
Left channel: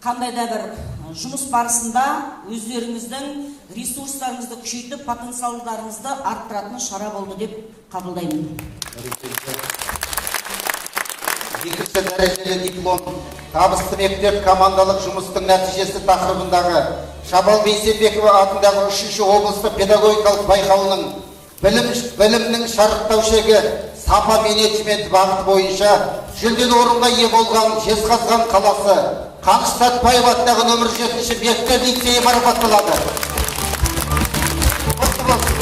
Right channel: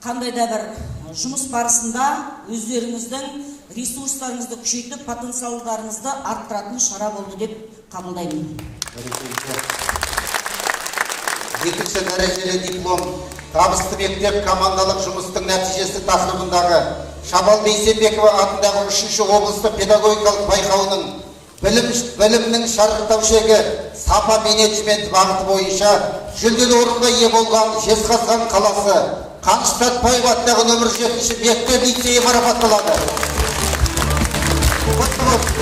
қандай да бір жұмыс барысында өздеріңіздің ресурстарыңызды күшейтіп, потенциалдарыңызды арттыратын шара болды деп қабылдаймын. Екінші дәрежелі диплом табысты мектеп командалық жұмыстың нәтижесі тақырыбындағы Шабал Бейсенбекова атындағы 3-ші облыстық педагогикалық байқауының білімнің шарықтау шегі сапа менеджмент бағыты бойынша жүлделі орынға ие болған Жезқазған қаласы Қаныш Сәтбаев атындағы нөмір 7-ші мектеп лицейі марапатталады. Құтты болсын.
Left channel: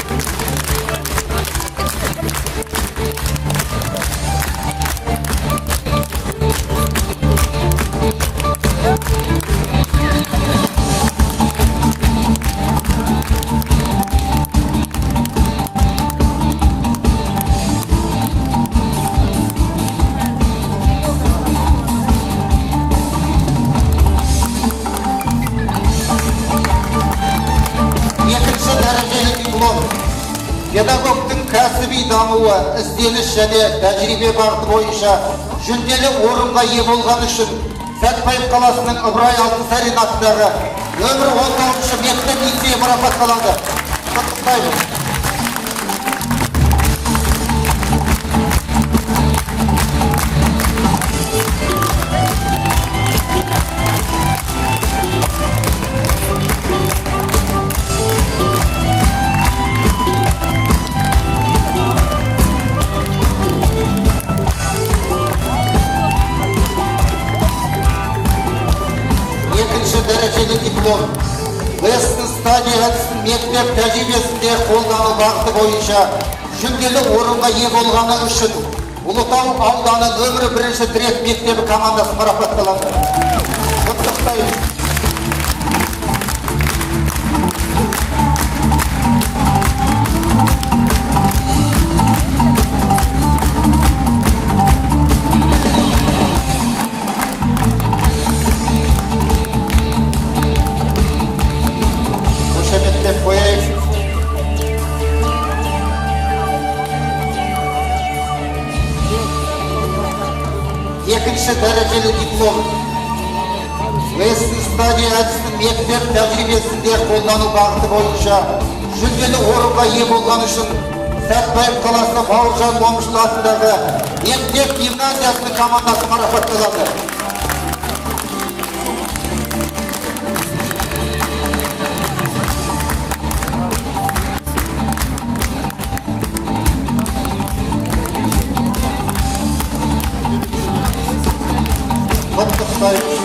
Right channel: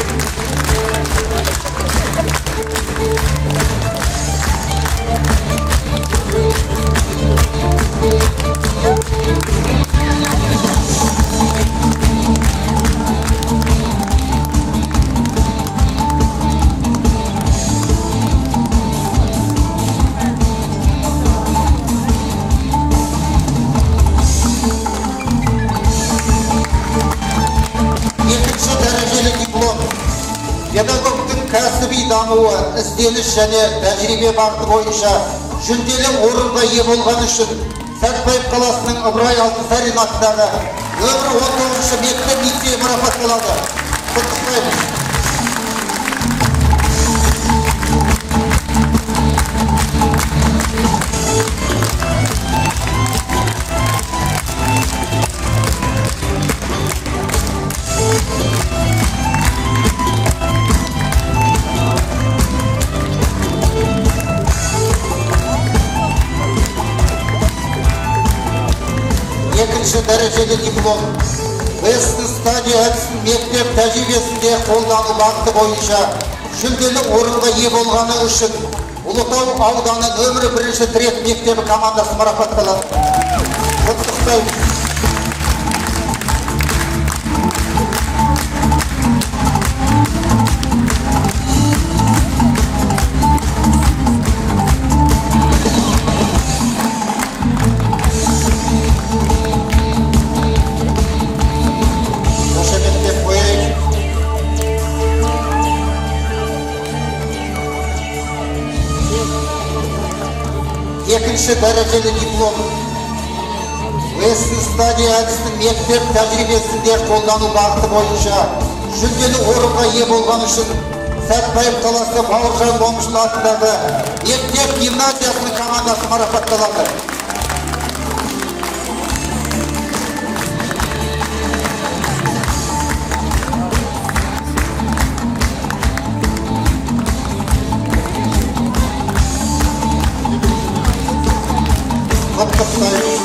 Екінші дәрежелі диплом. Педагогтың кәсіби дамуы, ізденіс және тәжірибе бағыты бойынша жүлделі орынға ие болғаны үшін Сәтбаев қаласының Ыбырай Алтынсарин атындағы нөмір 19 мектеп-лицейі марапатталады. Құттықтаймыз. Екінші дәрежелі диплом. Western Study әдісін мектеп тәжірибесінде қолдану бағыты бойынша жүлделі орынға ие болғаны үшін Ұлытау ауданы нөмірі 1 тірек мектебі командасы марапатталады. Құттықтаймыз. Екінші дәрежелі диплом. Western Study әдісін мектеп тәжірибесінде қолдану бағыты бойынша жүлделі орынға ие болғаны үшін Сәтбаев қаласы Бауыржан Момышұлы атындағы мектеп гимназиясының командасы марапатталады. Құттықтаймыз.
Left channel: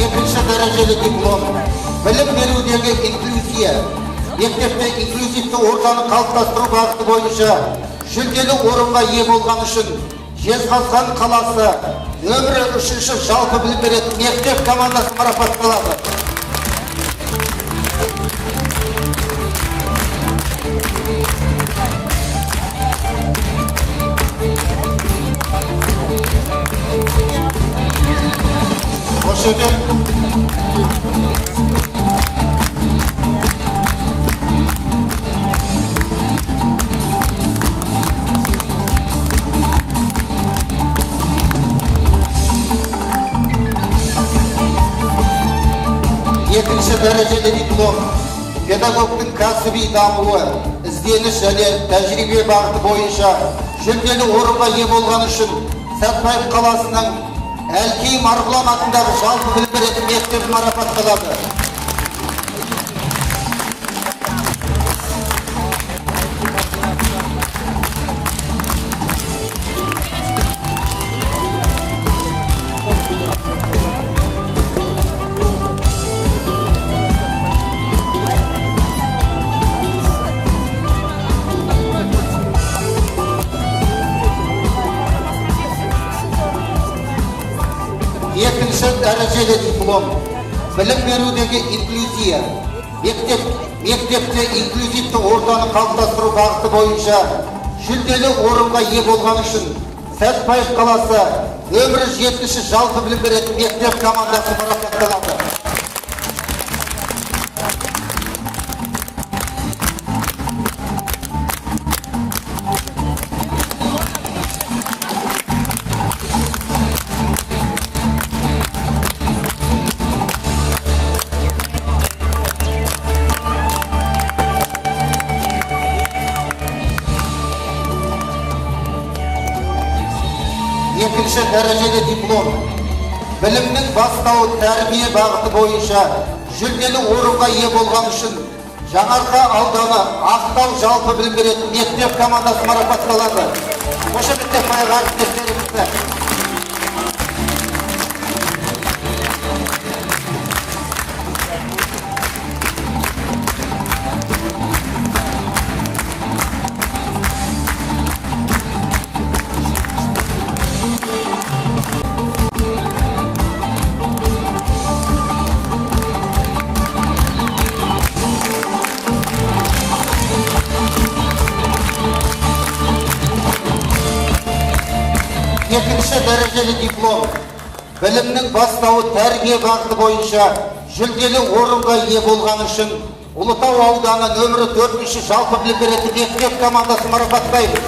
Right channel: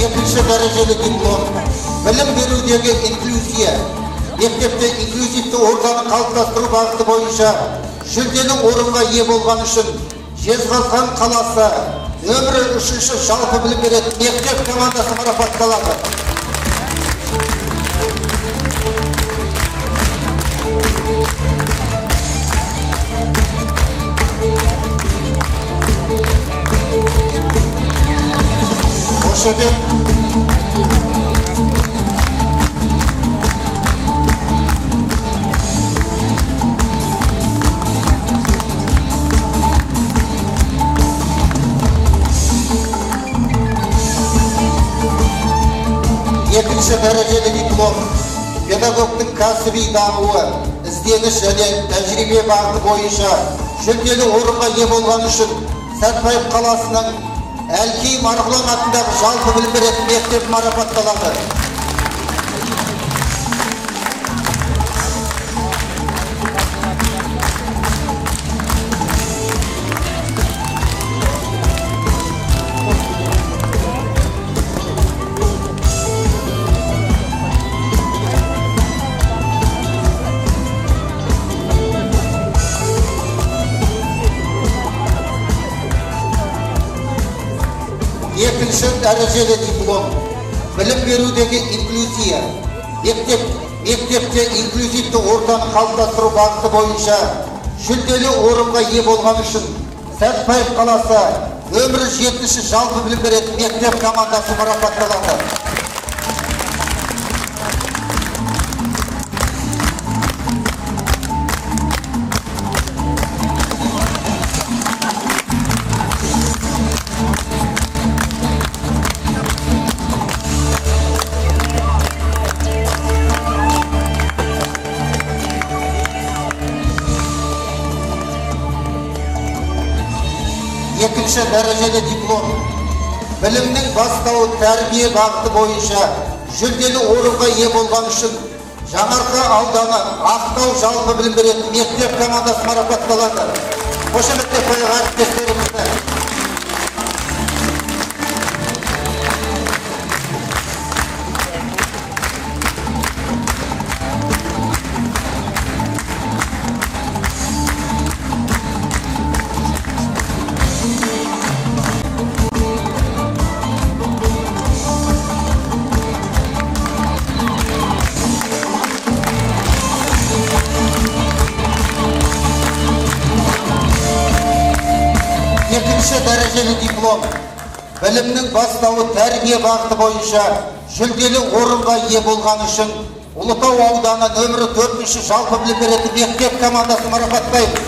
Екінші дәрежелі диплом. Білім берудегі инклюзия. Мектепте инклюзивті ортаны қалыптастыру бағыты бойынша жүлделі орынға ие болған үшін Жезқазған қаласы нөмірі 3 жалпы білім беретін мектеп командасы марапатталады. Hoşçakalın. Екінші дәрежелі диплом. Педагогтың кәсіби дамуы, ізденіс және тәжірибе бағыты бойынша жүлделі орынға ие болған үшін Сәтбаев қаласының Әлкей Марғұлан атындағы жалпы білім беретін мектеп марапатталады. Екінші дәрежелі диплом. Білім берудегі инклюзия. Мектепте инклюзивті ортаны қалыптастыру бағыты бойынша жүлделі орынға ие болған үшін Сәтбаев қаласы нөмірі 7 жалпы білім беретін мектеп командасы марапатталады. Екінші дәрежелі диплом. Білімнің бастауы тәрбие бағыты бойынша жүлделі орынға ие болған үшін Жаңарқа ауданы Ақтау жалпы білім беретін мектеп командасы марапатталады. Қошеметтер әріптестерімізді екінші дәрежелі диплом, білімнің бастауы тәрбие бағыты бойынша жүлделі орынға ие болған үшін Ұлытау ауданы нөмірі 4-ші жалпы білім беретін мектеп командасы марапаттаймыз.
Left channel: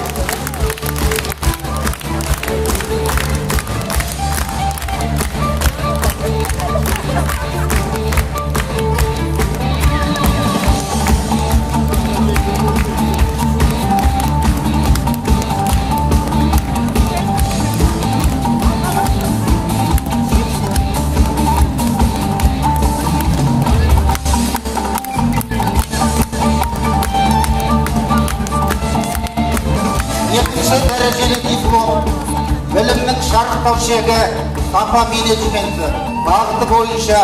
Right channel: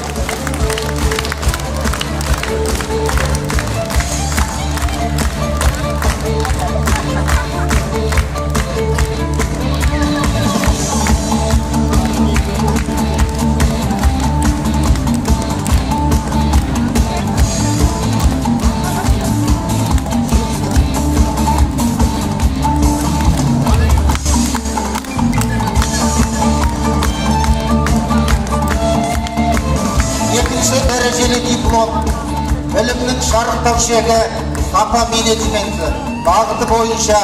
Екінші дәрежелі диплом, білімнің шарықтау шегі сапа менеджменті бағыты бойынша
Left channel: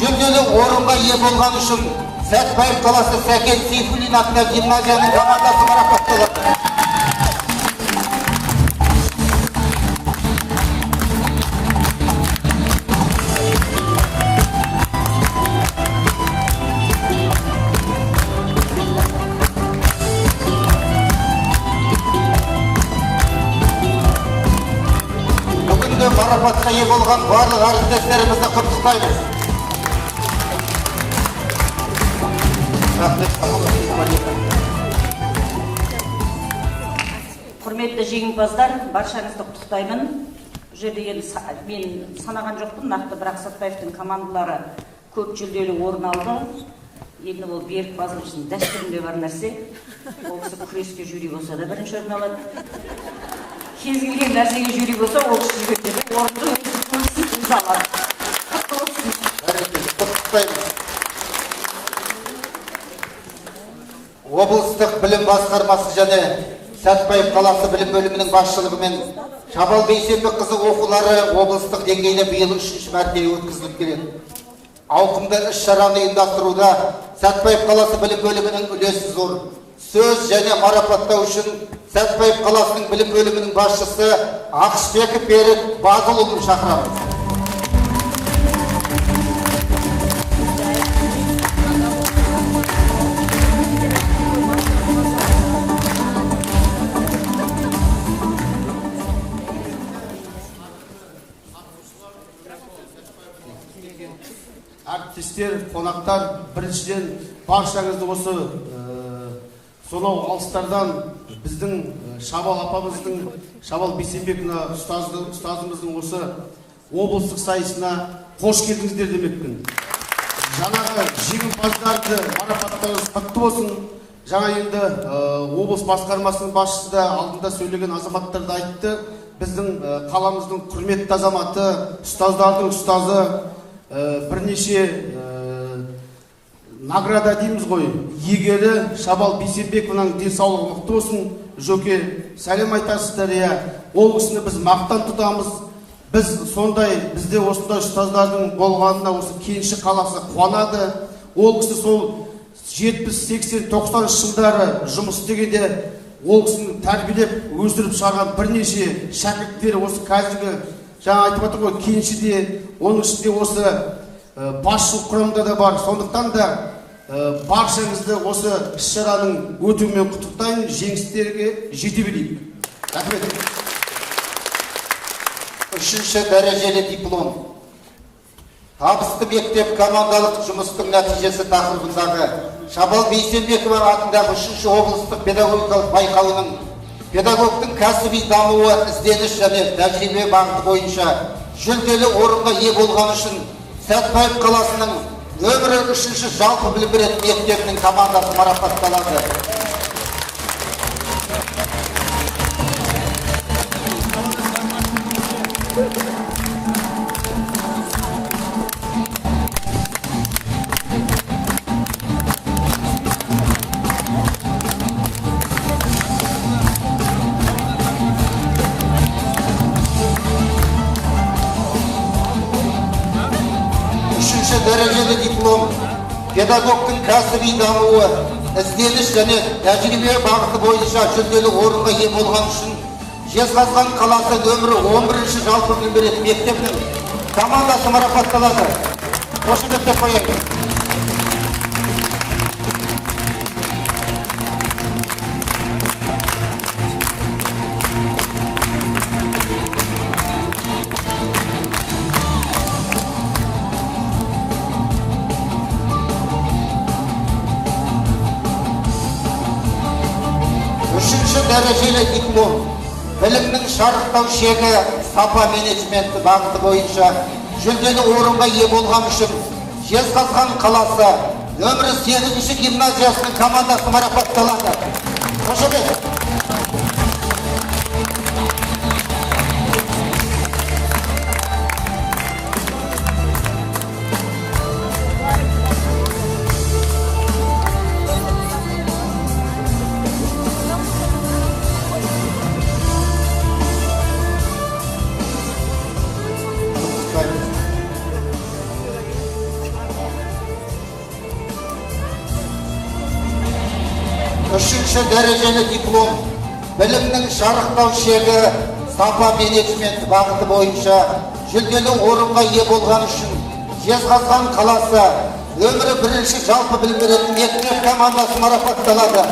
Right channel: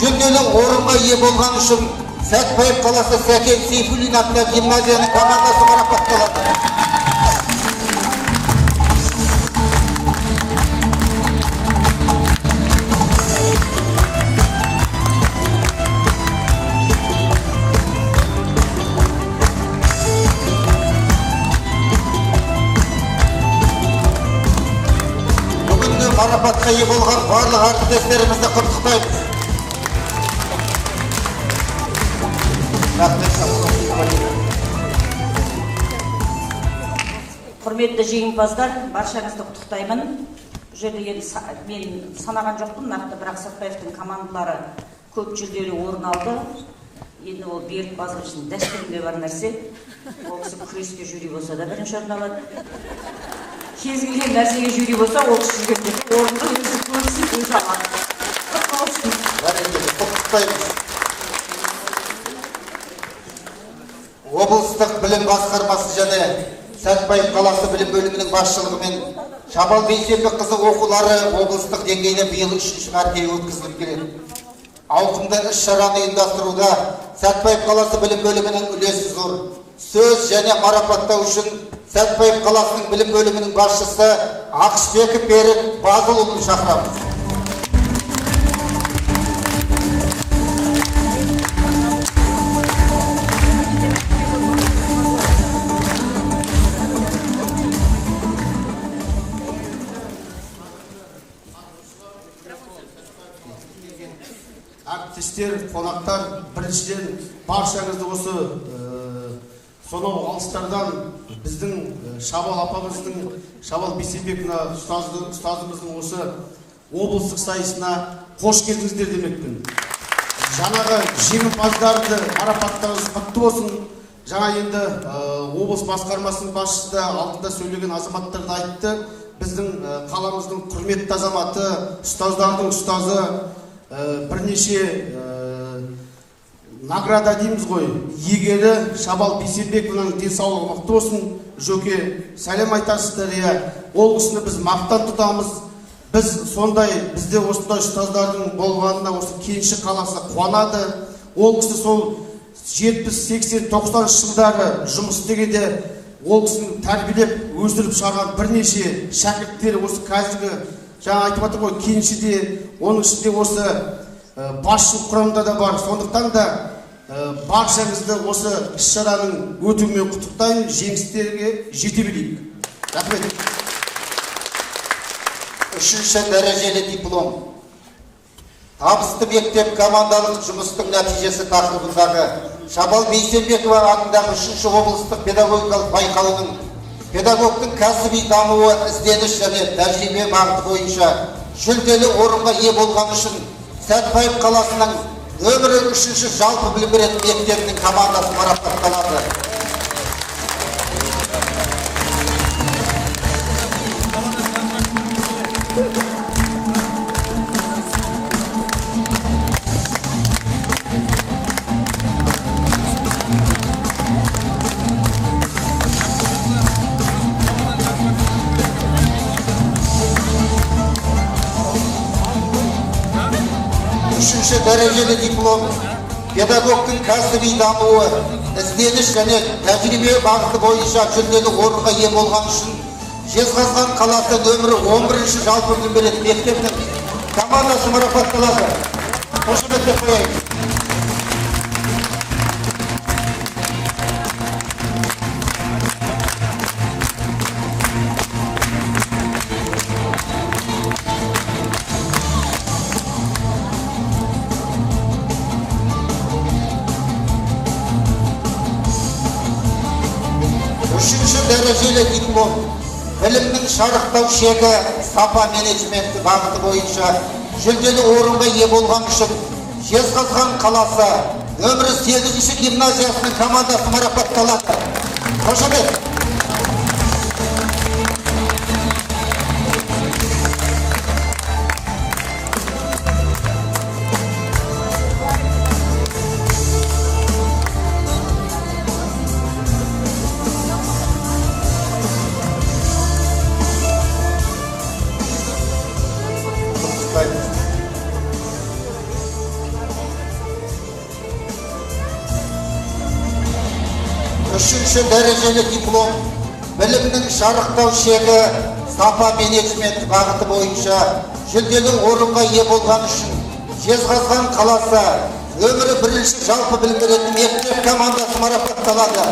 жүлделі орынға ие болған үшін Сәтбаев қаласы Сәкен Сейфуллин атты гимназияның командасы марапатталады. Марапатқа ие болған барлық әріптестерімізді құттықтаймыз. Құрметті жеңімпаздар, баршаңызды құттықтаймын. Бұл жерде мен санаған жоқпын, нақты бірақ Сәтбаевтың командалары көп жүлделі орын алды. Енді ол берік базылышының дәстүрінде бар нәрсе. Ол кісі күреске жюри болса да бірінші орын алады. Кез келген нәрсеге жюри болса, ол кісі жүргендегі орынды өзі алады. Облыстық білім басқармасы және Сәтбаев қаласы білім бөлімінің басшылығымен Шабал Бейсенбекқызы оқулары облыстық деңгейде биыл 3-ші мәрте өткізіліп келеді. Ауқымды іс-шараны ұйымдастыруда Сәтбаев қаласы білім бөлімінің үлесі зор. Сөз және марапаттау үшін Сәтбаев қаласының білім бөлімінің басшысы Ақышбеков Берік Базылұлын шақырамыз. Әріптестер, қонақтар, біріншіден баршаңызды осы сонау алыстардан біздің Шабал апамыздың, Шабал Бейсенбекова ұстазымыздың осы облыстық сайысына қош келдіңіздер демекпін. Жаңағы жеңімпаздарды марапаттарыңыз құтты болсын. Жаңа енді облыс басқармасының басшысы да алдында сөйлеген азаматтарды айтты. Біздің қаламыздың құрметті азаматы, ұстаздардың ұстазы, бірнеше награда дейміз ғой, егері Шабал Бейсенбекованың денсаулығы мықты болсын. Жөке, сәлем айтасыздар. Ол кісіні біз мақтан тұтамыз. Біз сондай, бізде осындай ұстаздардың болғанына осы Келешек қаласы қуанады. Ол кісі сол 70-80-90 жылдары жұмыс істегенде ол кісінің тәрбиелеп өсіріп шығарған бірнеше шәкірттері осы қазіргі жаңа айтып отыр ғой, кеншіде, оның ішінде осы басшылық құрамында да бар. Сондықтан да баршаңызды осы іс-шараның өтуімен құттықтаймын, жеңістерге жете білейік. Рахмет. 3-ші дәрежелі диплом. Табысты мектеп командалық жұмыстың нәтижесі тақырыбындағы Шабал Бейсенбекова атындағы 3-ші облыстық педагогикалық байқауының педагогтың кәсіби дамуы, ізденіс және тәжірибе бағыты бойынша жүлделі орынға ие болған үшін Сәтбаев қаласының нөмірі 3-ші жалпы білім беретін мектебінің командасы марапатталады. Дәрежелі диплом, педагогтың кәсіби дамуы, ізденіс және тәжірибе бағыты бойынша жүлделі орынға ие болған үшін Жезқазған қаласы нөмірі 11-ші жалпы білім беретін мектебінің командасы марапатталады. Қошеметтеп қояйық. шарықтау шегі сапа менеджменті бағыты бойынша жүлделі орынға ие болған үшін Жезқазған қаласы нөмірі 8-ші гимназиясының командасы марапатталады. Қош келдіңіз. Үшінші дәрежелі диплом білімнің шарықтау шегі сапа менеджменті бағыты бойынша жүлделі орынға ие болған үшін Жезқазған қаласы нөмірі 1-ші жалпы білім беретін мектеп командасы марапатталады.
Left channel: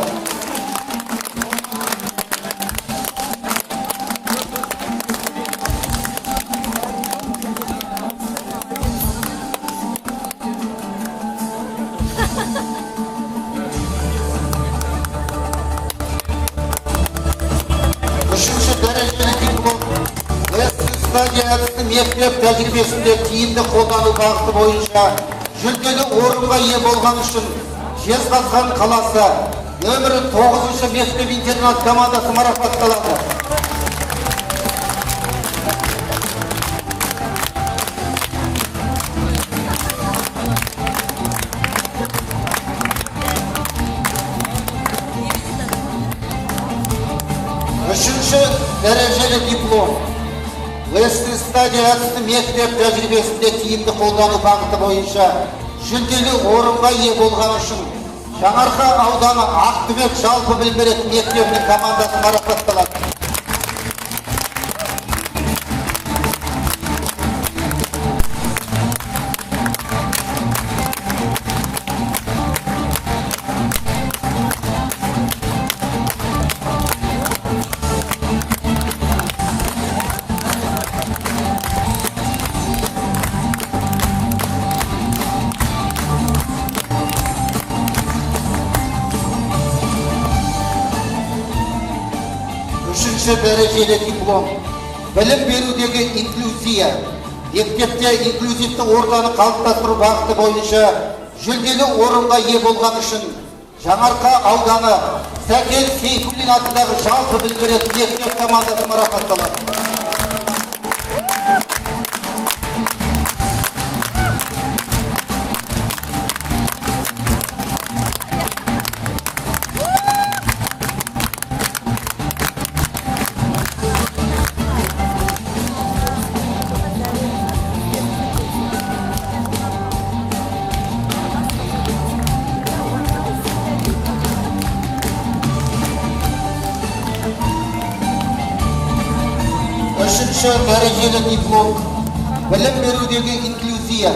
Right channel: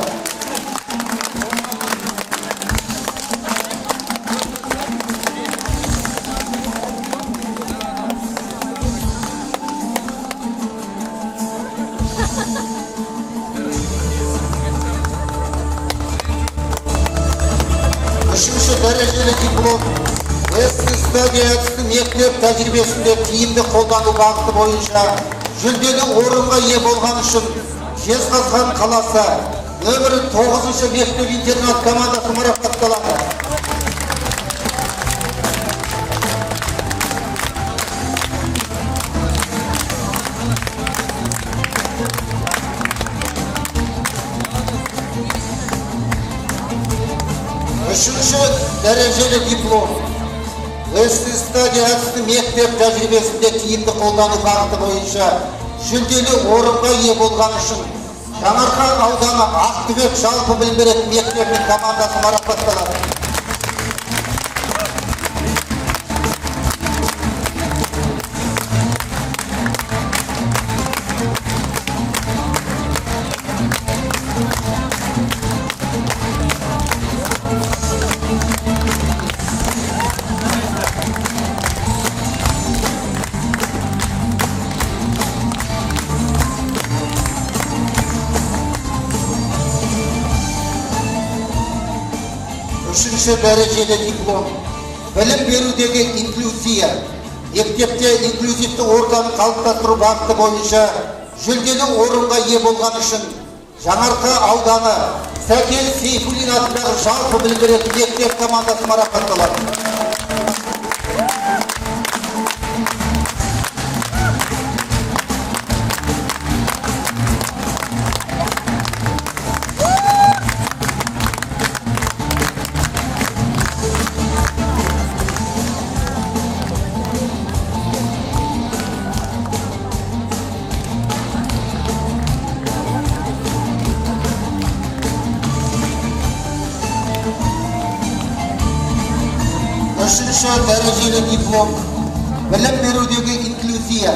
Дәрежелі диплом студиясы мектеп тәжірибесінде тиімді қолдану бағыты бойынша жүлделі орынға ие болған үшін Жезқазған қаласы нөмірі 9-ші мектеп интернат командасы марапатталады. Үшінші дәрежелі диплом студиясы мектеп тәжірибесінде тиімді қолдану бағыты бойынша жүлделі орынға ие болған үшін Жаңарқа ауданы Ақтүбек жалпы білім беретін мектебінің командасы марапатталады. Үшінші дәрежелі диплом білім берудегі инклюзия мектепте инклюзивті ортаны қалыптастыру бағыты бойынша жүлделі орынға ие болған үшін Жаңарқа ауданы Сәкен Сейфуллин атындағы жалпы білім беретін мектеп командасы марапатталады. Үшінші дәрежелі диплом білім берудегі инклюзия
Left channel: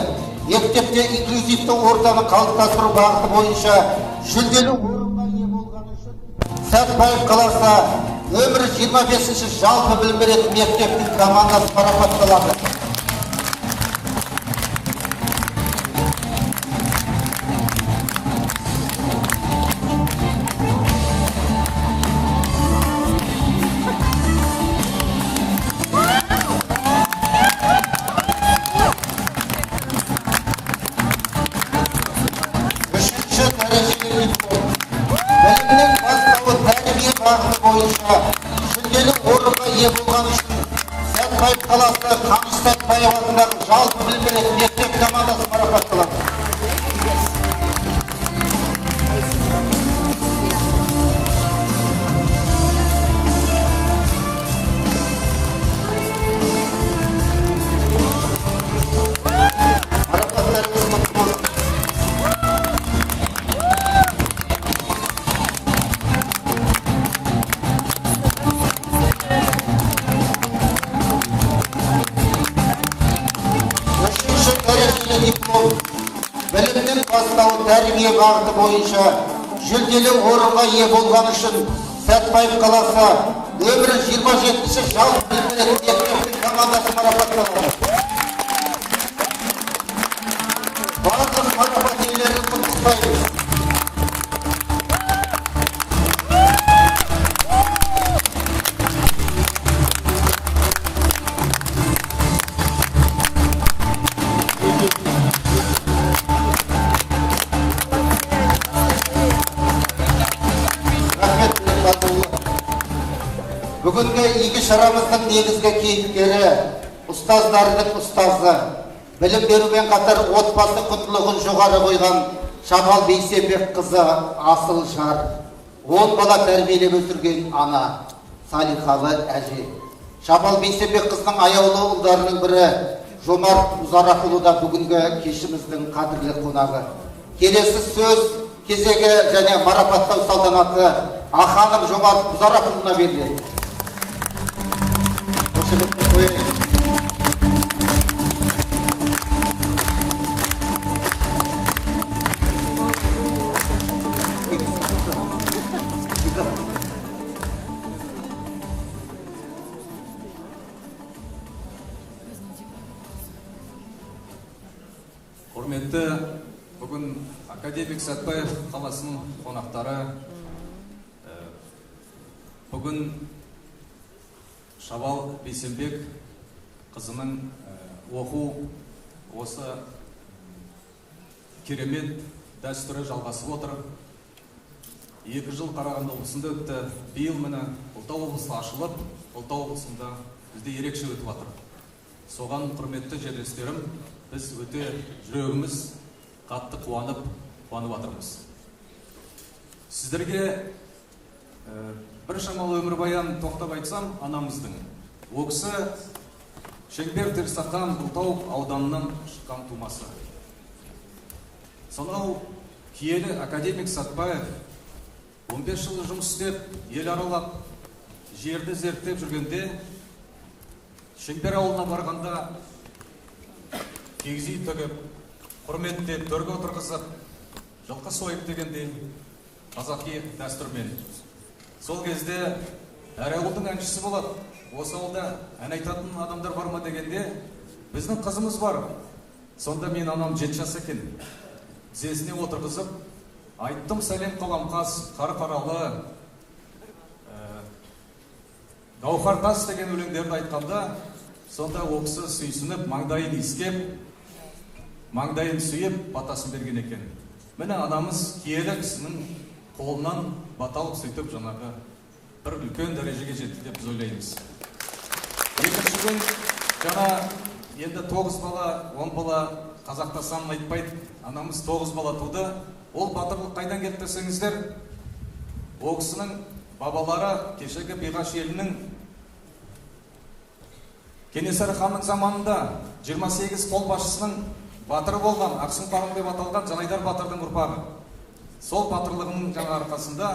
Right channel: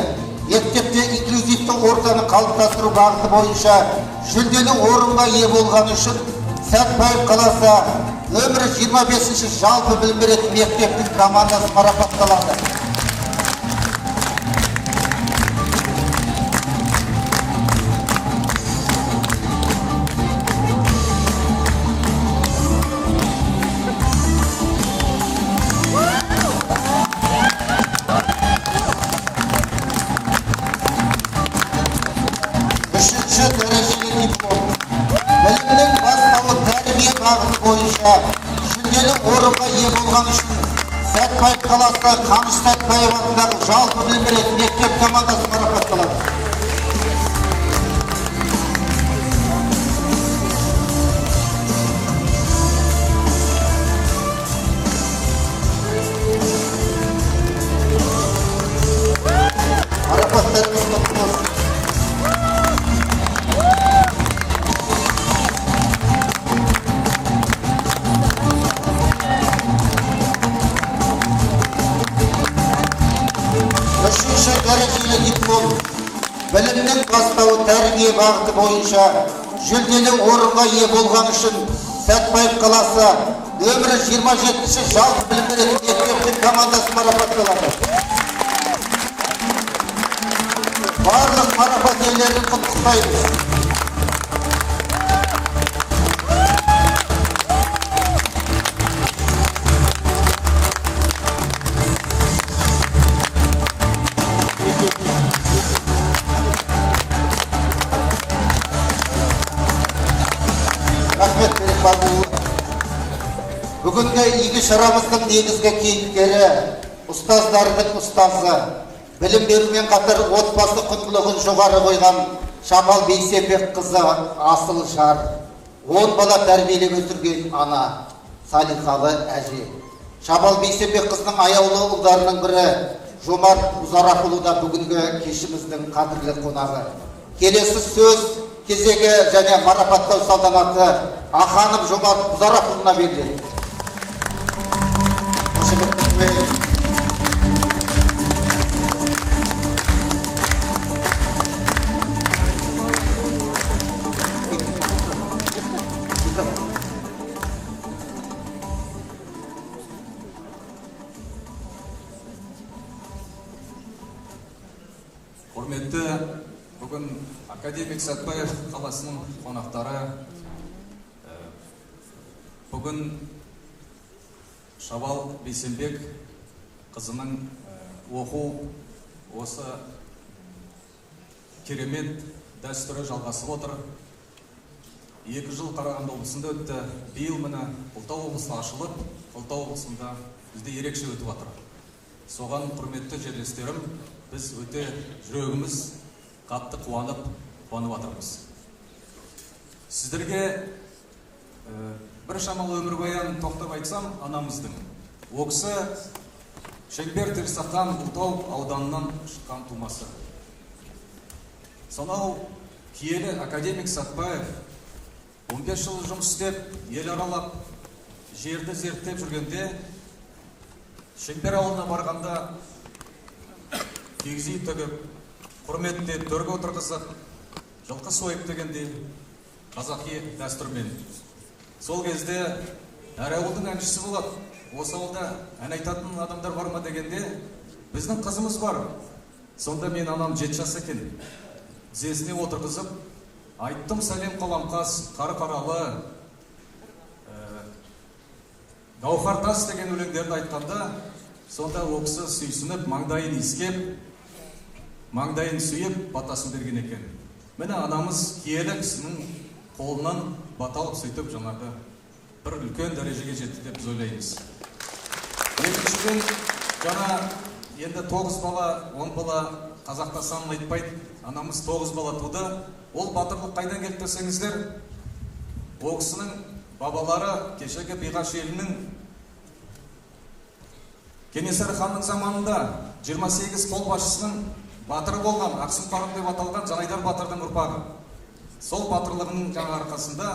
мектепте инклюзивті ортаны қалыптастыру бағыты бойынша жүлделі орынға ие болған үшін Сәтбаев қаласы нөмірі 25-ші жалпы білім беретін мектептің командасы марапатталады. Білімнің бастауы тәрбие бағыты бойынша жүлделі орынға ие болған үшін Сәтбаев қаласында Қаныш Сәтбаев атындағы жалпы білім беретін мектеп командасы марапатталады. Үшінші дәрежелі диплом білімнің бастауы тәрбие бағыты бойынша жүлделі орынға ие болған үшін Сәтбаев қаласы нөмірі 27-ші жалпы білім беретін мектептің командасы марапатталады. Барлық марапат иелерін құттықтаймыз. Бүгінгі игі шарамыздың негізгі кейіпкері, ұстаздардың ұстазы, білім берумен қатар отбасы құндылығын жоғары қойған Шабал Бейсенбек қызы асыл жар. 10 бала тәрбиелеп өсірген ана, салиқалы әже. Шабал Бейсенбек қыздың аяулы ұлдарының бірі Жомарт Ұзарақұлы да бүгінгі кешіміздің қадірлі қонағы. Келесі сөз кезегі және марапаттау салтанаты Аханым Жомарт Ұзарақұлына беріледі. Құрметті бүгін академик Сәтбаев қаласының қонақтары, бүгін Шабал Бейсенбек қызының оқу осы керемет дәстүрі жалғасып отыр. 2 жыл Қарағанды облысында өтті. Биыл міне Ұлытау облысы ашылып, Ұлытау облысында бізде ерекше өтіп жатыр. Соған құрметті жерлестерім, біз өте жүрегіміз қатты қуанып жатырмыз. Сіздерге бір шамалы өмірбаян тоқтап айтсам, анамыздың. Ол кісі Шеңбер Терсақан Ұлытау ауданынан шыққан тумасы. Сонау киелі академик Сәтбаев 15 жыл жұмыс істеп, ел аралап, жерді зерттеп жүргенде, Шеңбер ауылына барғанда кигіз үй тігіп, құрметте төрге отырғызып, жылқы сойып дегендей қазақи дәстүрмен. Сол кезде әр ауылдың әншісі болады. Осы ауылда ән айтатын адамдар бар ма дегенде, біздің қызымыз бар. Сонда мен анам 7 жас екен. Тізесіне отырғызып, айттым сәлем қаламқас, қар-қаралы, гауһартас деген өлеңдерді айтқанда, сонда ол кісі сүйсініп, маңдайын иіскеп, маңдайын сүйіп, батасын берген екен. Міне анамыз киелі кісінің қолынан баталық сөйтіп жаңағы бір үлкен дәрежеге жетті деп біз ойлаймыз. Екіншіден, жаңа енді 9 бала, 10 бала қазақта санын айтпайды. Анамыз 9 бала туды. Ол батырлық қайдан келді десеңіздер, ол кісінің бабалары кешегі Биғаш елінің Кенесары ханның заманында 28 қолбасшысының батыры болған, Ақсұңқарың деп аталған Жанайдар батырдың ұрпағы. Сол батырлығының жаңа арқасында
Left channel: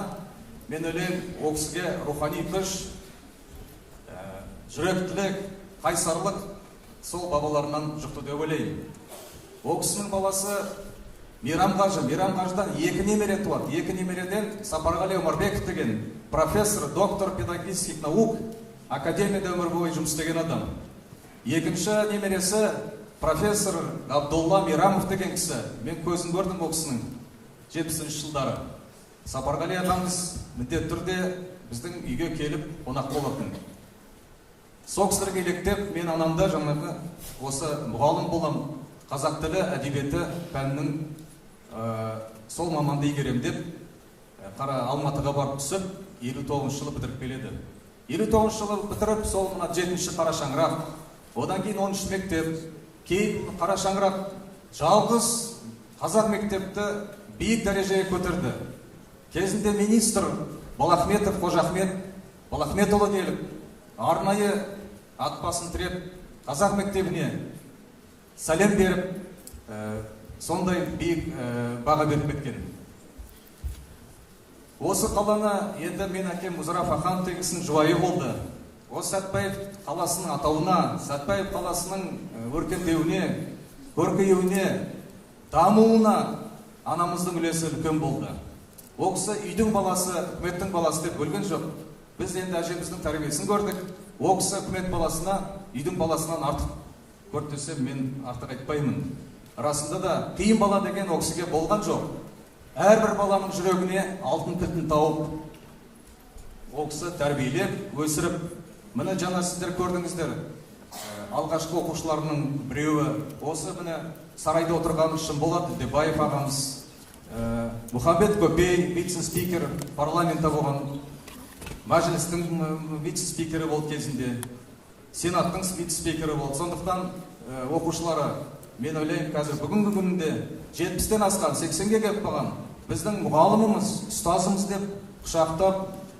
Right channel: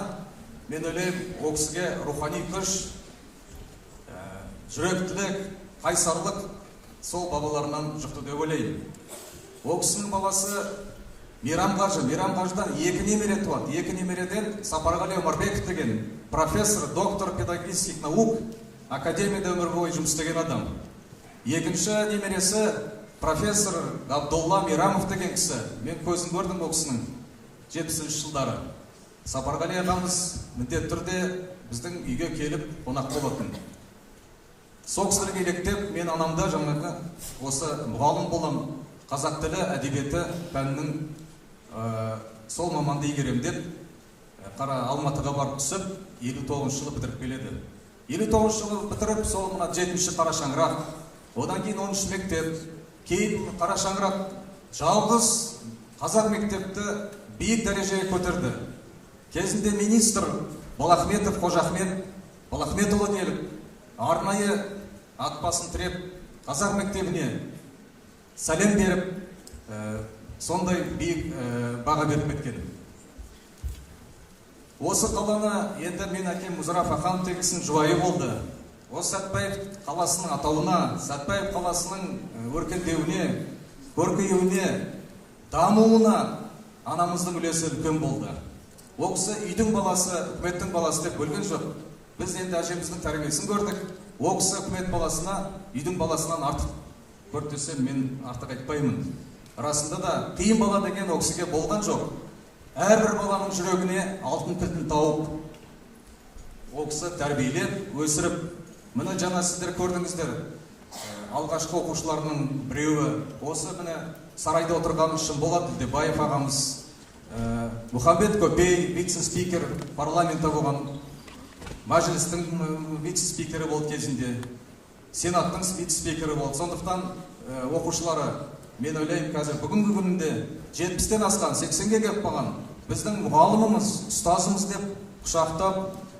мен ойлаймын, ол кісіге рухани күш, жүректілік, қайсарлық сол бабаларынан жұқты деп ойлаймын. Ол кісінің баласы Мейрам Қажы. Мейрам Қажыдан 2 немере туады. 2 немереден Сапарғали Омарбеков деген профессор, доктор педагогических наук, академияда өмір бойы жұмыс істеген адам. Екінші немересі профессор Абдолла Мейрамов деген кісі. Мен көзін көрдім ол кісінің 70-ші жылдары. Сапарғали ағамыз міндетті түрде біздің үйге келіп қонақ болатын. Сол кісілерге еліктеп, мен анамда жаңағы осы мұғалім болам, қазақ тілі әдебиеті пәнінің сол маманды игерем деп Алматыға барып түсіп, 59 жылы бітіріп келеді. 59 жылы бітіріп, сол 7-ші қара шаңырақ, одан кейін 10-ші мектеп, кейін қара шаңырақ жалғыз қазақ мектепті биік дәрежеге көтерді. Кезінде министр Балахметов Қожахмет Балахметұлы келіп, арнайы ат басын тіреп, қазақ мектебіне сәлем беріп, сондай биік баға беріп кеткен. Осы қаланы енді мен әкем Мұзарафа хан тегісінің жұбайы болды. Осы Сәтбаев қаласының атауына, Сәтбаев қаласының өркендеуіне, көркеюіне, дамуына анамыздың үлесі үлкен болды. Ол кісі үйдің баласы, үкіметтің баласы деп бөлген жоқ. Біз енді әжеміздің тәрбиесін көрдік. Ол кісі үкімет баласына, үйдің баласынан артық көрдесе, мен артық айтпаймын. Расында да қиын бала деген ол кісіге болған жоқ. Әрбір баланың жүрегіне алтын кілтін тауып, ол кісі тәрбиелеп, өсіріп, міне жаңа сіздер көрдіңіздер, алғашқы оқушыларының біреуі осы міне сарайда отырған үшін болады, Дебаев ағамыз, Мұхамбет Көпей, вице-спикер парламентта болған. мәжілістің вице-спикері болды кезінде, сенаттың вице-спикері болды. Сондықтан оқушылары, мен ойлаймын, қазір бүгінгі күнінде 70-тен асқан, 80-ге келіп қалған біздің мұғаліміміз, ұстазымыз деп құшақтап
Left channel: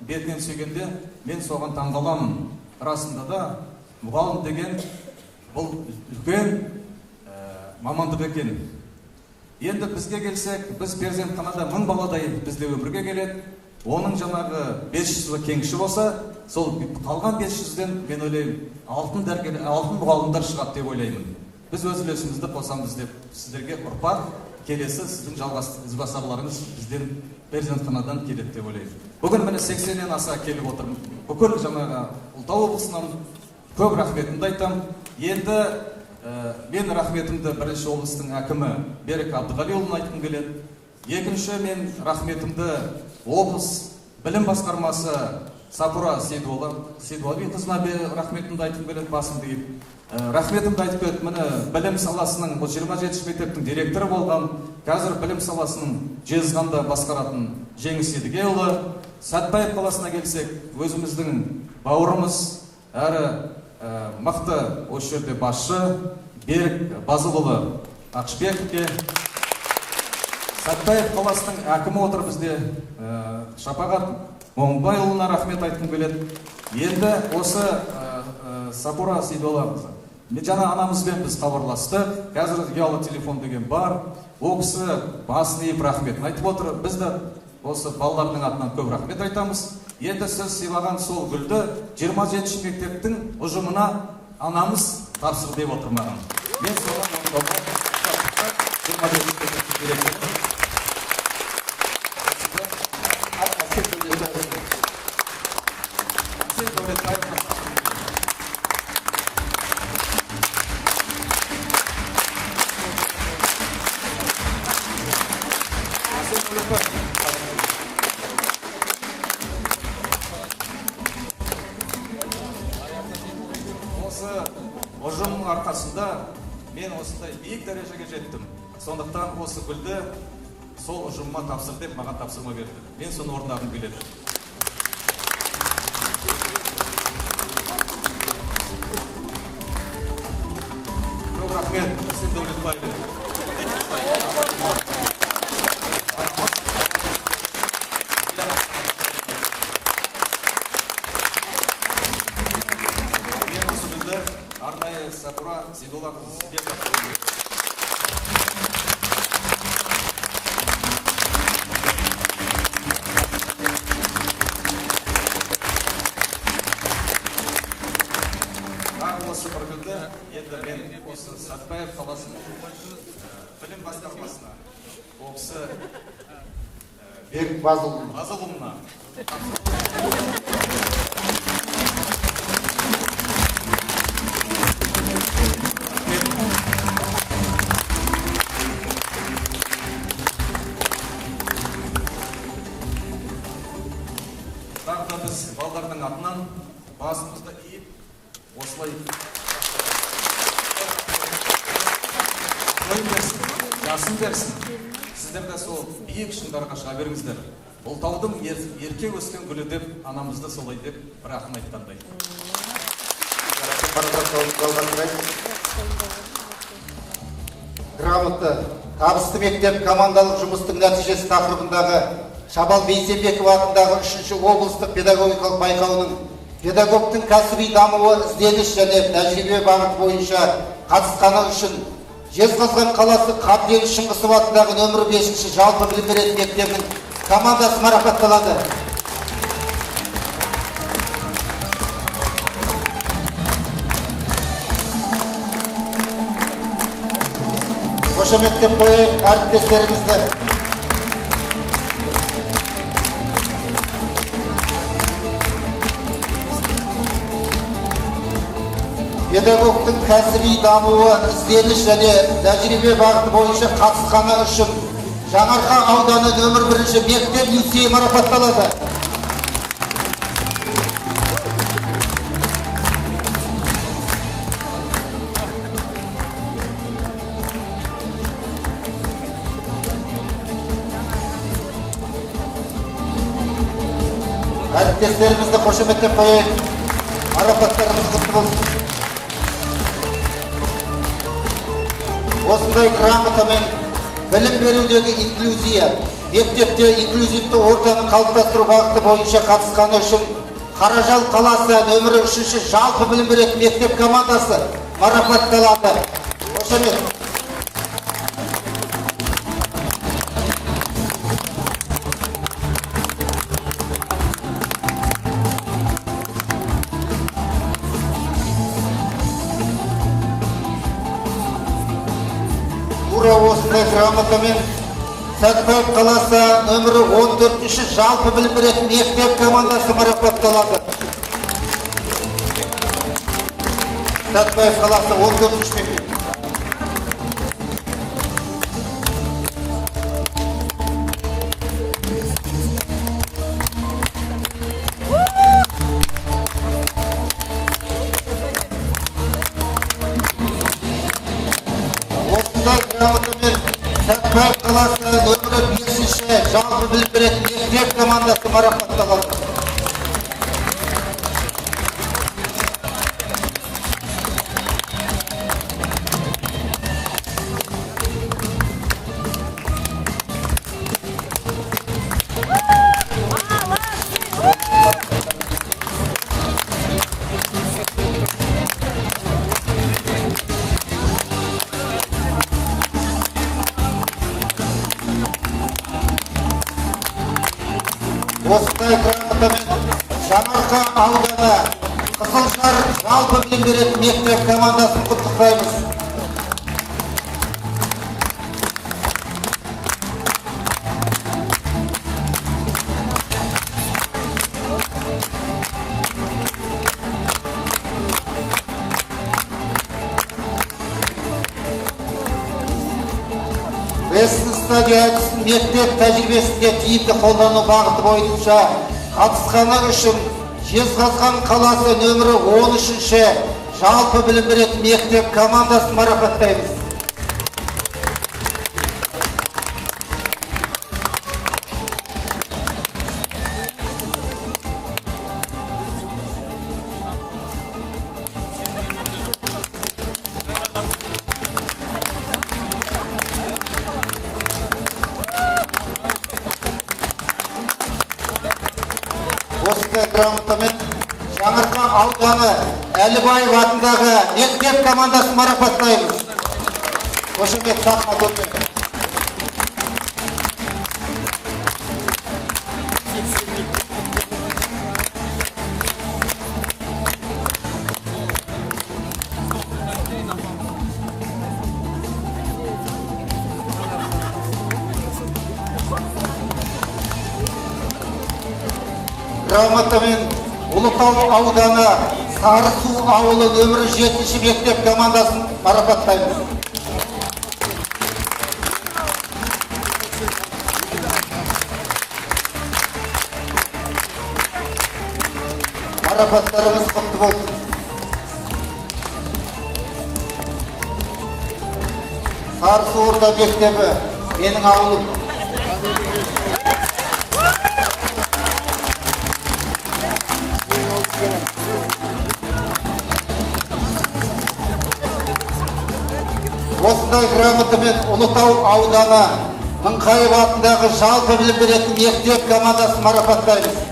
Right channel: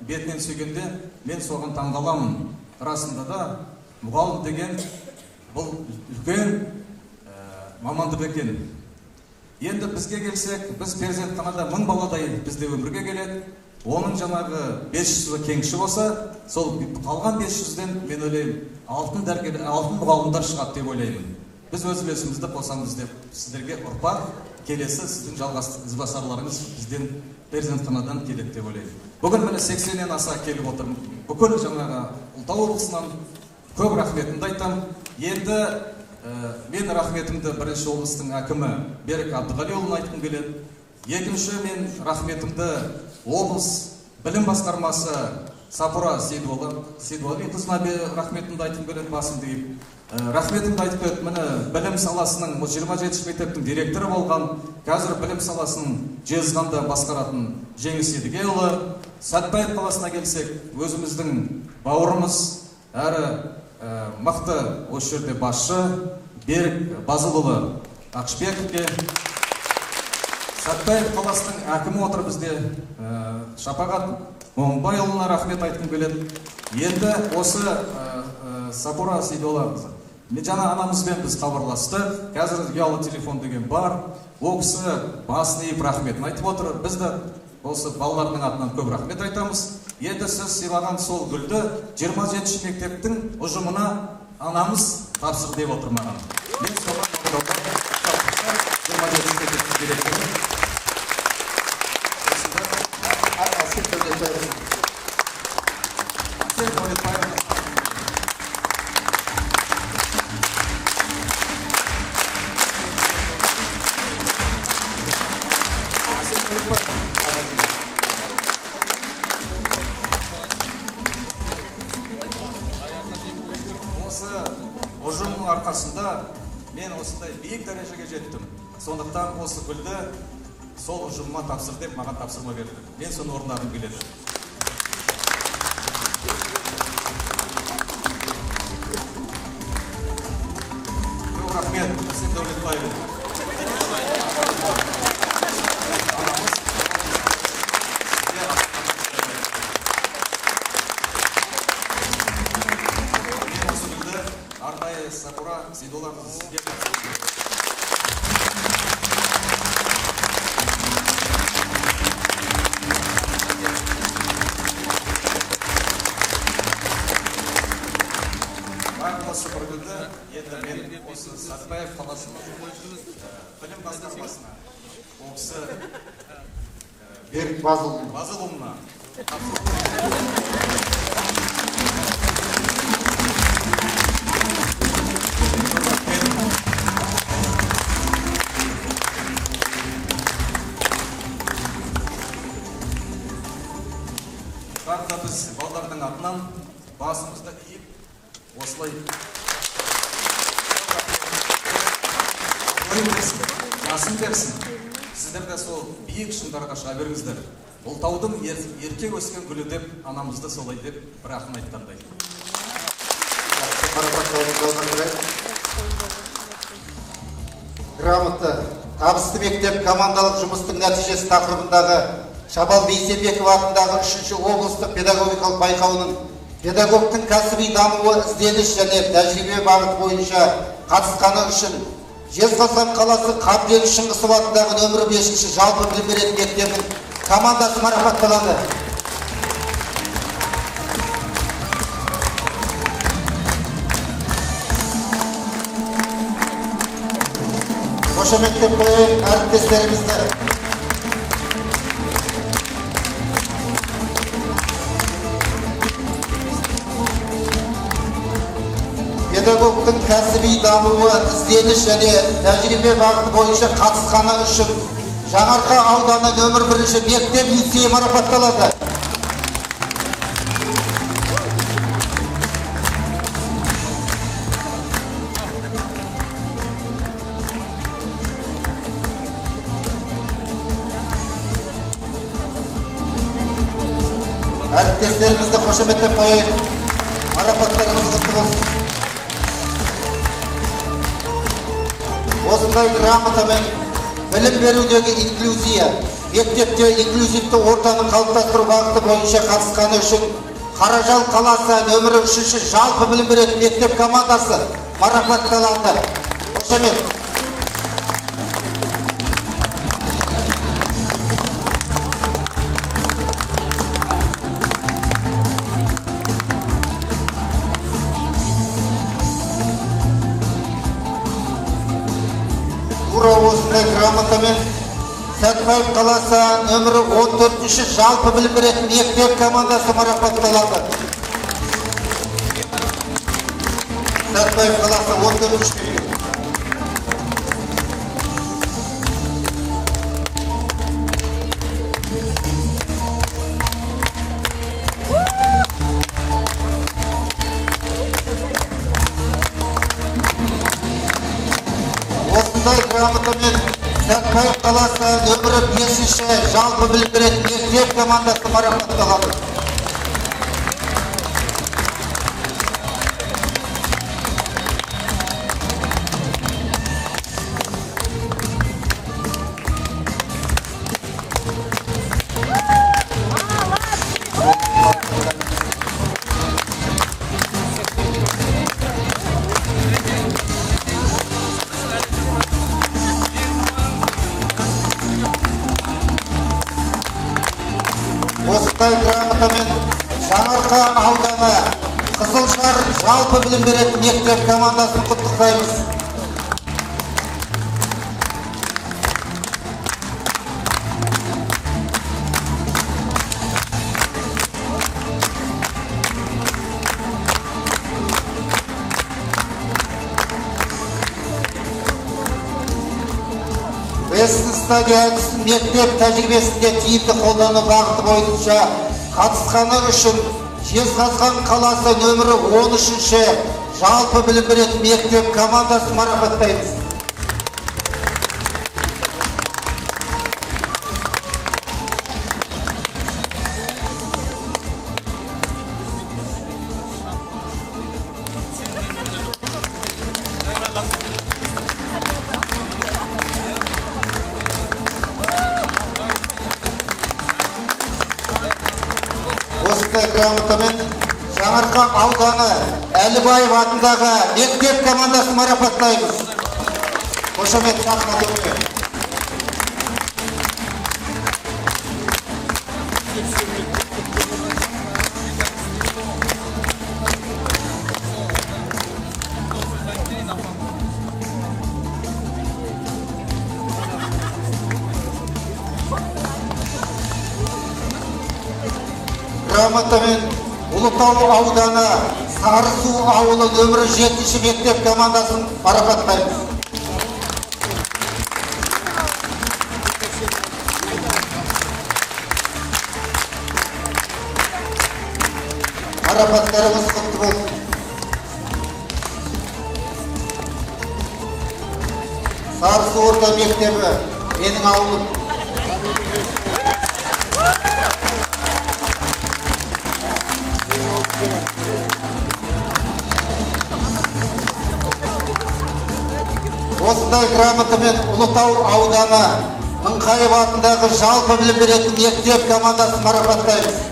бетінен сүйгенде мен соған таңғаламын. Расында да мұғалім деген бұл үлкен мамандық екен. Енді бізге келсек, біз перзентханада 1000 баладай бізде өмірге келеді. Оның жаңағы 500-і кеңші болса, сол қалған 500-ден мен ойлаймын, алтын мұғалымдар шығады деп ойлаймын. Біз өз үлесімізді қосамыз деп сіздерге ұрпақ келесі сіздің ізбасарларыңыз бізден перзентханадан келеді деп ойлаймын. Бүгін міне 80-нен аса келіп отырмын. Бүкіл жаңағы Ұлытау облысынан көп рахметімді айтам. Енді мен рахметімді бірінші облыстың әкімі Берік Әбдіғалиұлына айтқым келеді. Екінші мен рахметімді облыс білім басқармасы Сапура Сейдуалиқызына рахметімді айтқым келеді, басымды иіп. Рахметімді айтып кетіп, міне білім саласының 27 мектептің директоры болған, қазір білім саласының Жезқазғанда басқаратын Жеңіс Едігеұлы. Сәтбаев қаласына келсек, өзіміздің бауырымыз, әрі мықты осы жерде басшы Берік Базылұлы Ақшбековке. Сәтбаев қаласының әкімі отыр бізде, Шапағат Оңбайұлына рахмет айтқым келеді. Енді осы Сапура Сейдуалиқызы, мен жаңа анамызбен біз хабарластық, қазір ұялы телефон деген бар, ол кісі басын иіп рахметін айтып отыр. Біз де осы балалардың атынан көп рахмет айтамыз. Енді сіз сыйлаған сол гүлді 27 мектептің ұжымына анамыз тапсыр деп отыр маған. Мен соған 27 мектептің директоры. Ұжымның арқасында мен осындай биік дәрежеге жеттім. Сондықтан осы гүлді сол ұжымыма тапсыр деп маған тапсырма берді. Мен соны орындағым келеді. Көп рахмет, Тұрсын Дәулетбайұлы. Сапура Сейдуалиқызы сізге тапсырып берді. Осы бір гүлді енді мен осы Сәтбаев қаласының білім басқармасына, ол кісі Берік Базылұлына біз балдардың атынан басымызды иіп, осылай жасын берсін. Сіздер де сол биік шыңдарға шыға беріңіздер. Ұлытаудың ерке өскен гүлі деп анамызды солай деп бір ақын айтқандай. Грамоты табысты мектеп командалық жұмыстың нәтижесі тақырыбындағы Шабал Бейсенбеков атындағы 3-ші облыстық педагогикалық байқауының педагогтың кәсіби дамуы, ізденіс және тәжірибе бағыты бойынша қатысқаны үшін Жезқазған қаласы Қабдеш Шыңғысов атындағы нөмір 5-ші жалпы білім беретін мектебінің командасы марапатталады. Қошеметтеп қойып әріптестерімізді. Педагогтың кәсіби дамуы, ізденіс және тәжірибе бағыты бойынша қатысқаны үшін Жаңарқа ауданы нөмір 1-ші мектеп лицейі марапатталады. әріптестерімізді қошеметтеп қояйық. Марапаттарымыз құтты болсын. Осындай грамотамен білім берудегі инклюзия, мектепте инклюзивті ортаны қалыптастыру бағыты бойынша қатысқаны үшін Қаражал қаласы нөмірі 3-ші жалпы білім беретін мектеп командасы марапатталады. Қошемет. Тура осындай грамотамен Сәтбаев қаласы нөмірі 14-ші жалпы білім беретін мектеп командасы марапатталады. Сәтбаев қаласы 14-ші мектеп. Осындай грамотамен Сәтбаев қаласы нөмірі 5-ші жалпы білім беретін мектеп командасы марапатталады. Осындай грамотамен Жаңарқа ауданы Қызылжар жалпы білім беретін мектеп командасын құттықтаймыз. Стадионсын мектеп тәжірибесінде тиімді қолдану бағыты бойынша қатысқаны үшін Жезқазған қаласы нөмірі 13-ші жалпы білім беретін мектеп командасын марапаттаймыз. Осындай грамотамен Жаңарқа ауданы Әлібаев атындағы мектеп командасын марапаттаймыз. Қошемет сахна көрме. Грамотамен Ұлытау ауданы Сарысу ауылы нөмірі 7-ші мектеп командасын марапаттаймыз. Марапаттарымыз құтты болсын. Сарысу орта мектебі менің ауылым. Осындай грамотамен Ұлытау ауданы Мыңқайып атындағы жалпы білім беретін мектеп командасын марапаттаймыз.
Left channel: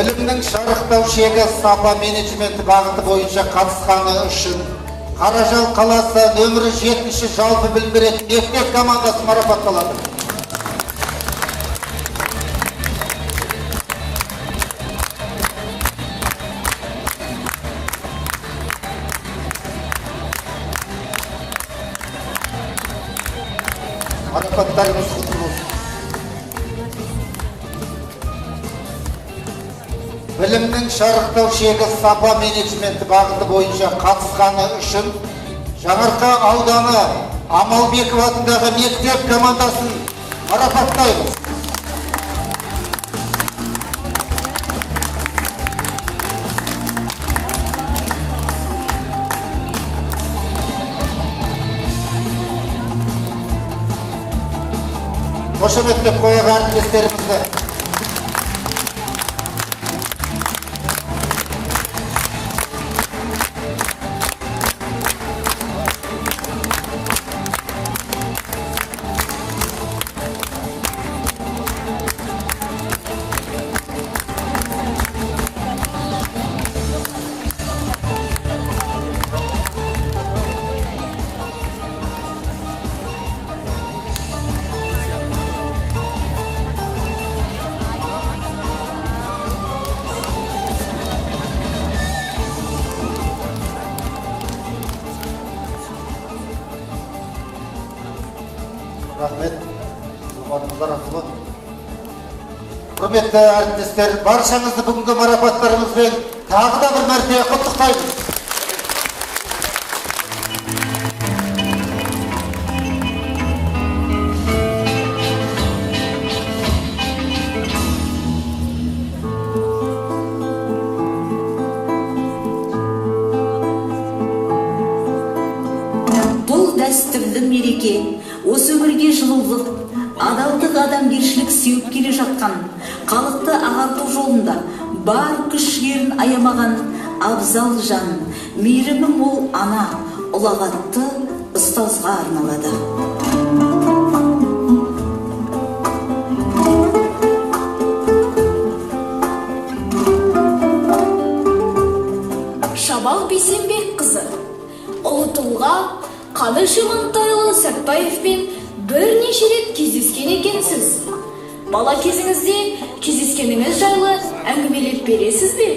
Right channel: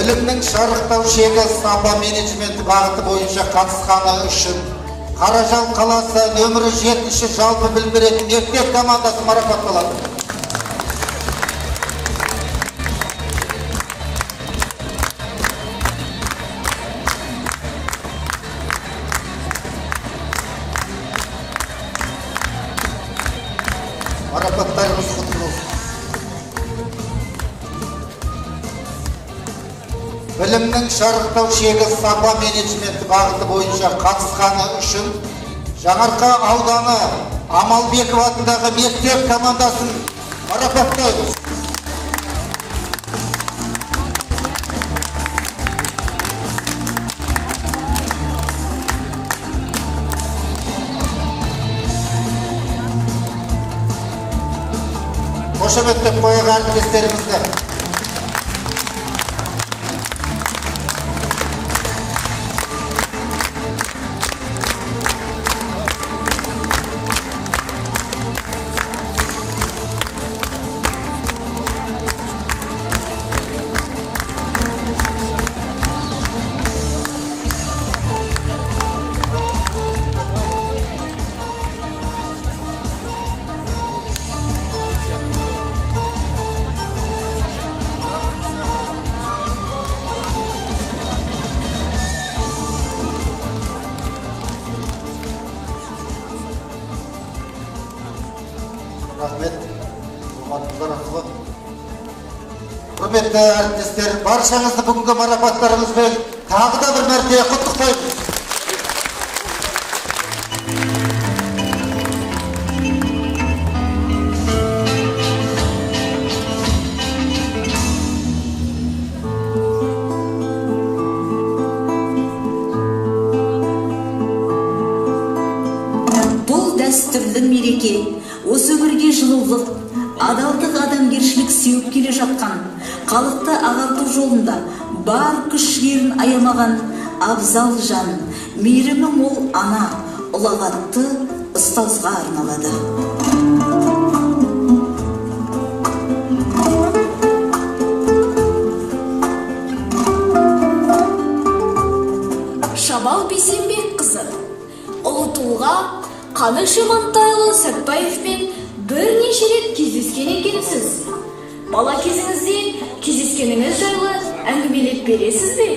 Білімнің шарықтау шегі сапа менеджменті бағыты бойынша қатысқаны үшін Қаражал қаласы нөмірі 7-ші жалпы білім беретін мектеп командасы марапатталады. Марапаттарымыз құтты болсын. Білімнің шарықтау шегі сапа менеджменті бағыты бойынша қатысқаны үшін Жаңарқа ауданы Амалбеков атындағы мектеп командасын марапаттаймыз. Қошеметтеп қойған әріптестерімізді. Рахмет. Құрметті әріптестер, баршаңызды бүгінгі марапаттарымызбен тағы да бір мәрте құттықтаймыз. Бұл дәстүрлі мереке осы өмірге жылулық, адалдық, адамгершілік сеуіп келе жатқан, халықты ағарту жолында бар күш-жігерін аямаған абзал жан, мейірімі мол ана, ұлағатты ұстазға арналады. Шабал Бейсенбекқызы, ұлы тұлға Қаныш Имантайұлы Сәтбаевпен бірнеше рет кездескен екенсіз. Бала кезіңізде кездескеніңіз жайлы әңгімелеп бересіз бе?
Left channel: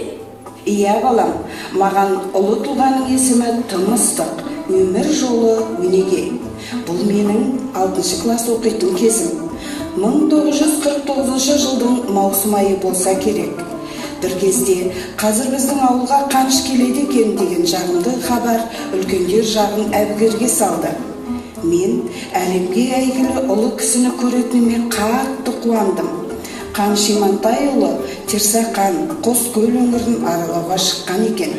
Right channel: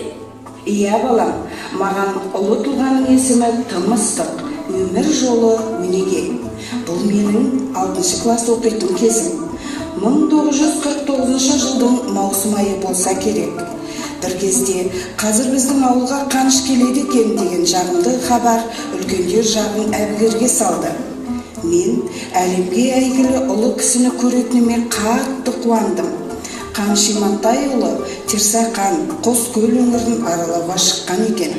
Иә балам, маған ұлы тұлғаның есімі тым ыстық, өмір жолы өнеге. Бұл менің 6 класс оқитын кезім. 1949 жылдың маусым айы болса керек. Бір кезде қазір біздің ауылға қаныш келеді екен деген жағымды хабар үлкендер жағын әбігерге салды. Мен әлемге әйгілі ұлы кісіні көретініме қатты қуандым. Қаныш Имантайұлы Терсақан, Қоскөл өңірін аралауға шыққан екен.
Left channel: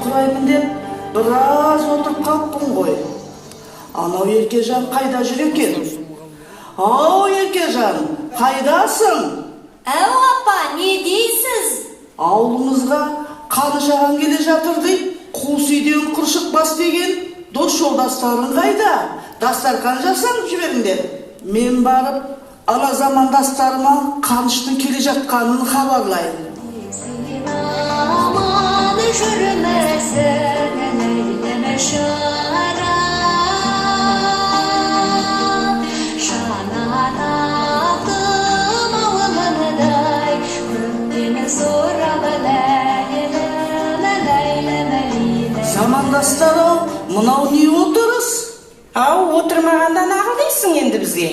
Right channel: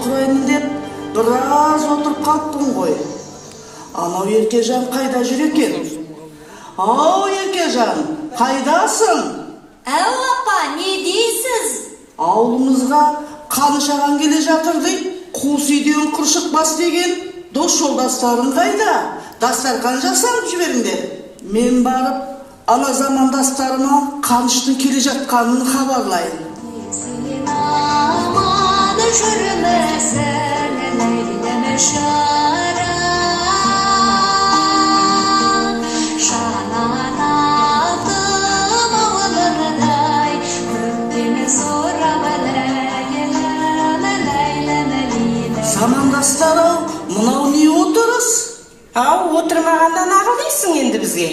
Құлаймын деп біраз отырып қалыппын ғой. Анау Еркежан қайда жүр екен? Ау Еркежан, қайдасың? Әу апа, не дейсіз? Ауылымызға Қаныш ағаң келе жатыр деп, қуыс үйден қыршық бас деген дос жолдастарың қайда? Дастархан жасап жіберіңдер. Мен барып, ана замандастарыма Қаныштың келе жатқанын хабарлайын. Замандастарым, мынау не отырыс? Ау, отырмағаннан ағыл дейсің енді бізге.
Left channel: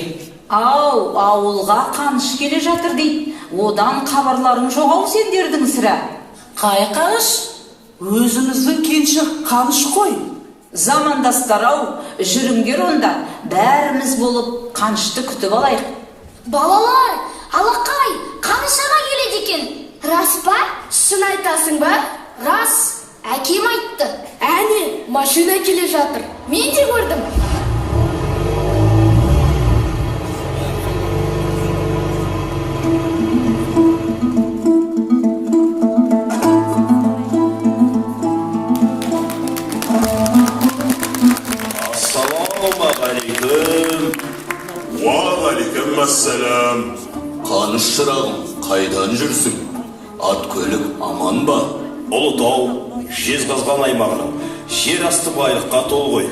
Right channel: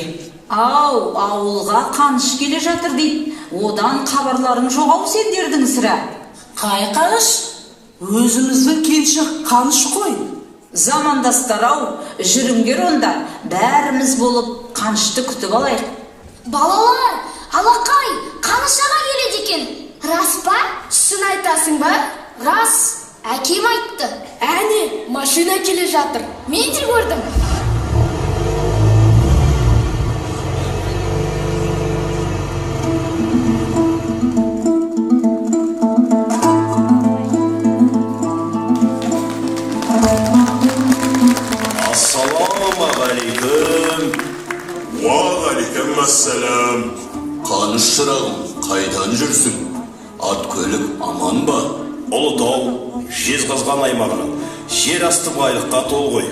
Ау, ауылға Қаныш келе жатыр дейді. Одан хабарларың жоқ ау сендердің сірә. Қай Қаныш? Өзіміздің келші Қаныш қой. Замандастар ау, жүріңдер онда, бәріміз болып Қанышты күтіп алайық. Балалар, алақай, Қаныш аға келеді екен. Рас па? Шын айтасың ба? Рас. Әкем айтты. Әне, машина келе жатыр. Мен де көрдім. Ассалаумағалейкум. Уағалейкумассалам. Қаныш шырағым, қайдан жүрсің? Ат көлік аман ба? Ұлытау, жезқазған аймағының жер асты байлыққа толы ғой.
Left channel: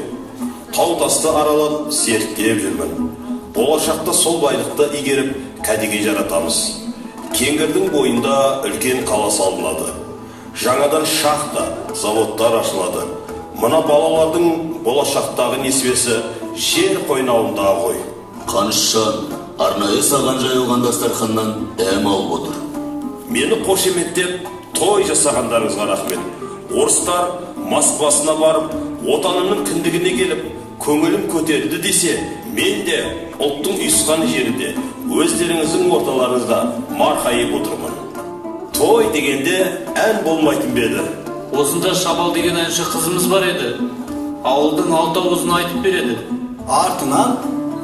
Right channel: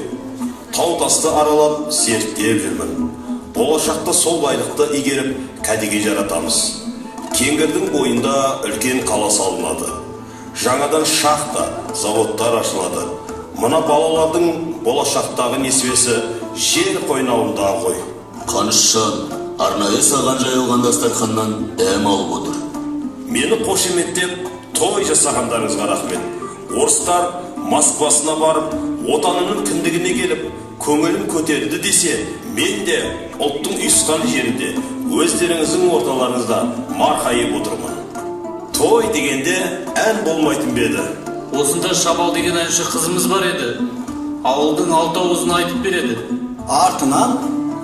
Тау тасты аралап зерттеп жүрмін. Болашақта сол байлықты игеріп кәдеге жаратамыз. Кеңгірдің бойында үлкен қала салынады. Жаңадан шахта, заводтар ашылады. Мына балалардың болашақтағы несібесі жер қойнауында ғой. Қанышжан, арнайы саған жайылған дастарханнан дәм алып отыр. Мені қошеметтеп, той жасағандарыңызға рахмет. Орыстар Москвасына барып, отанының кіндігіне келіп, көңілім көтерілді десе, мен де ұлттың ұйысқан жерінде, өздеріңіздің орталарыңызда марқайып отырмын. Той дегенде ән болмайтын беді. Осында Шабал деген әнші қызымыз бар еді. Ауылдың алты ауызын айтып береді. Артынан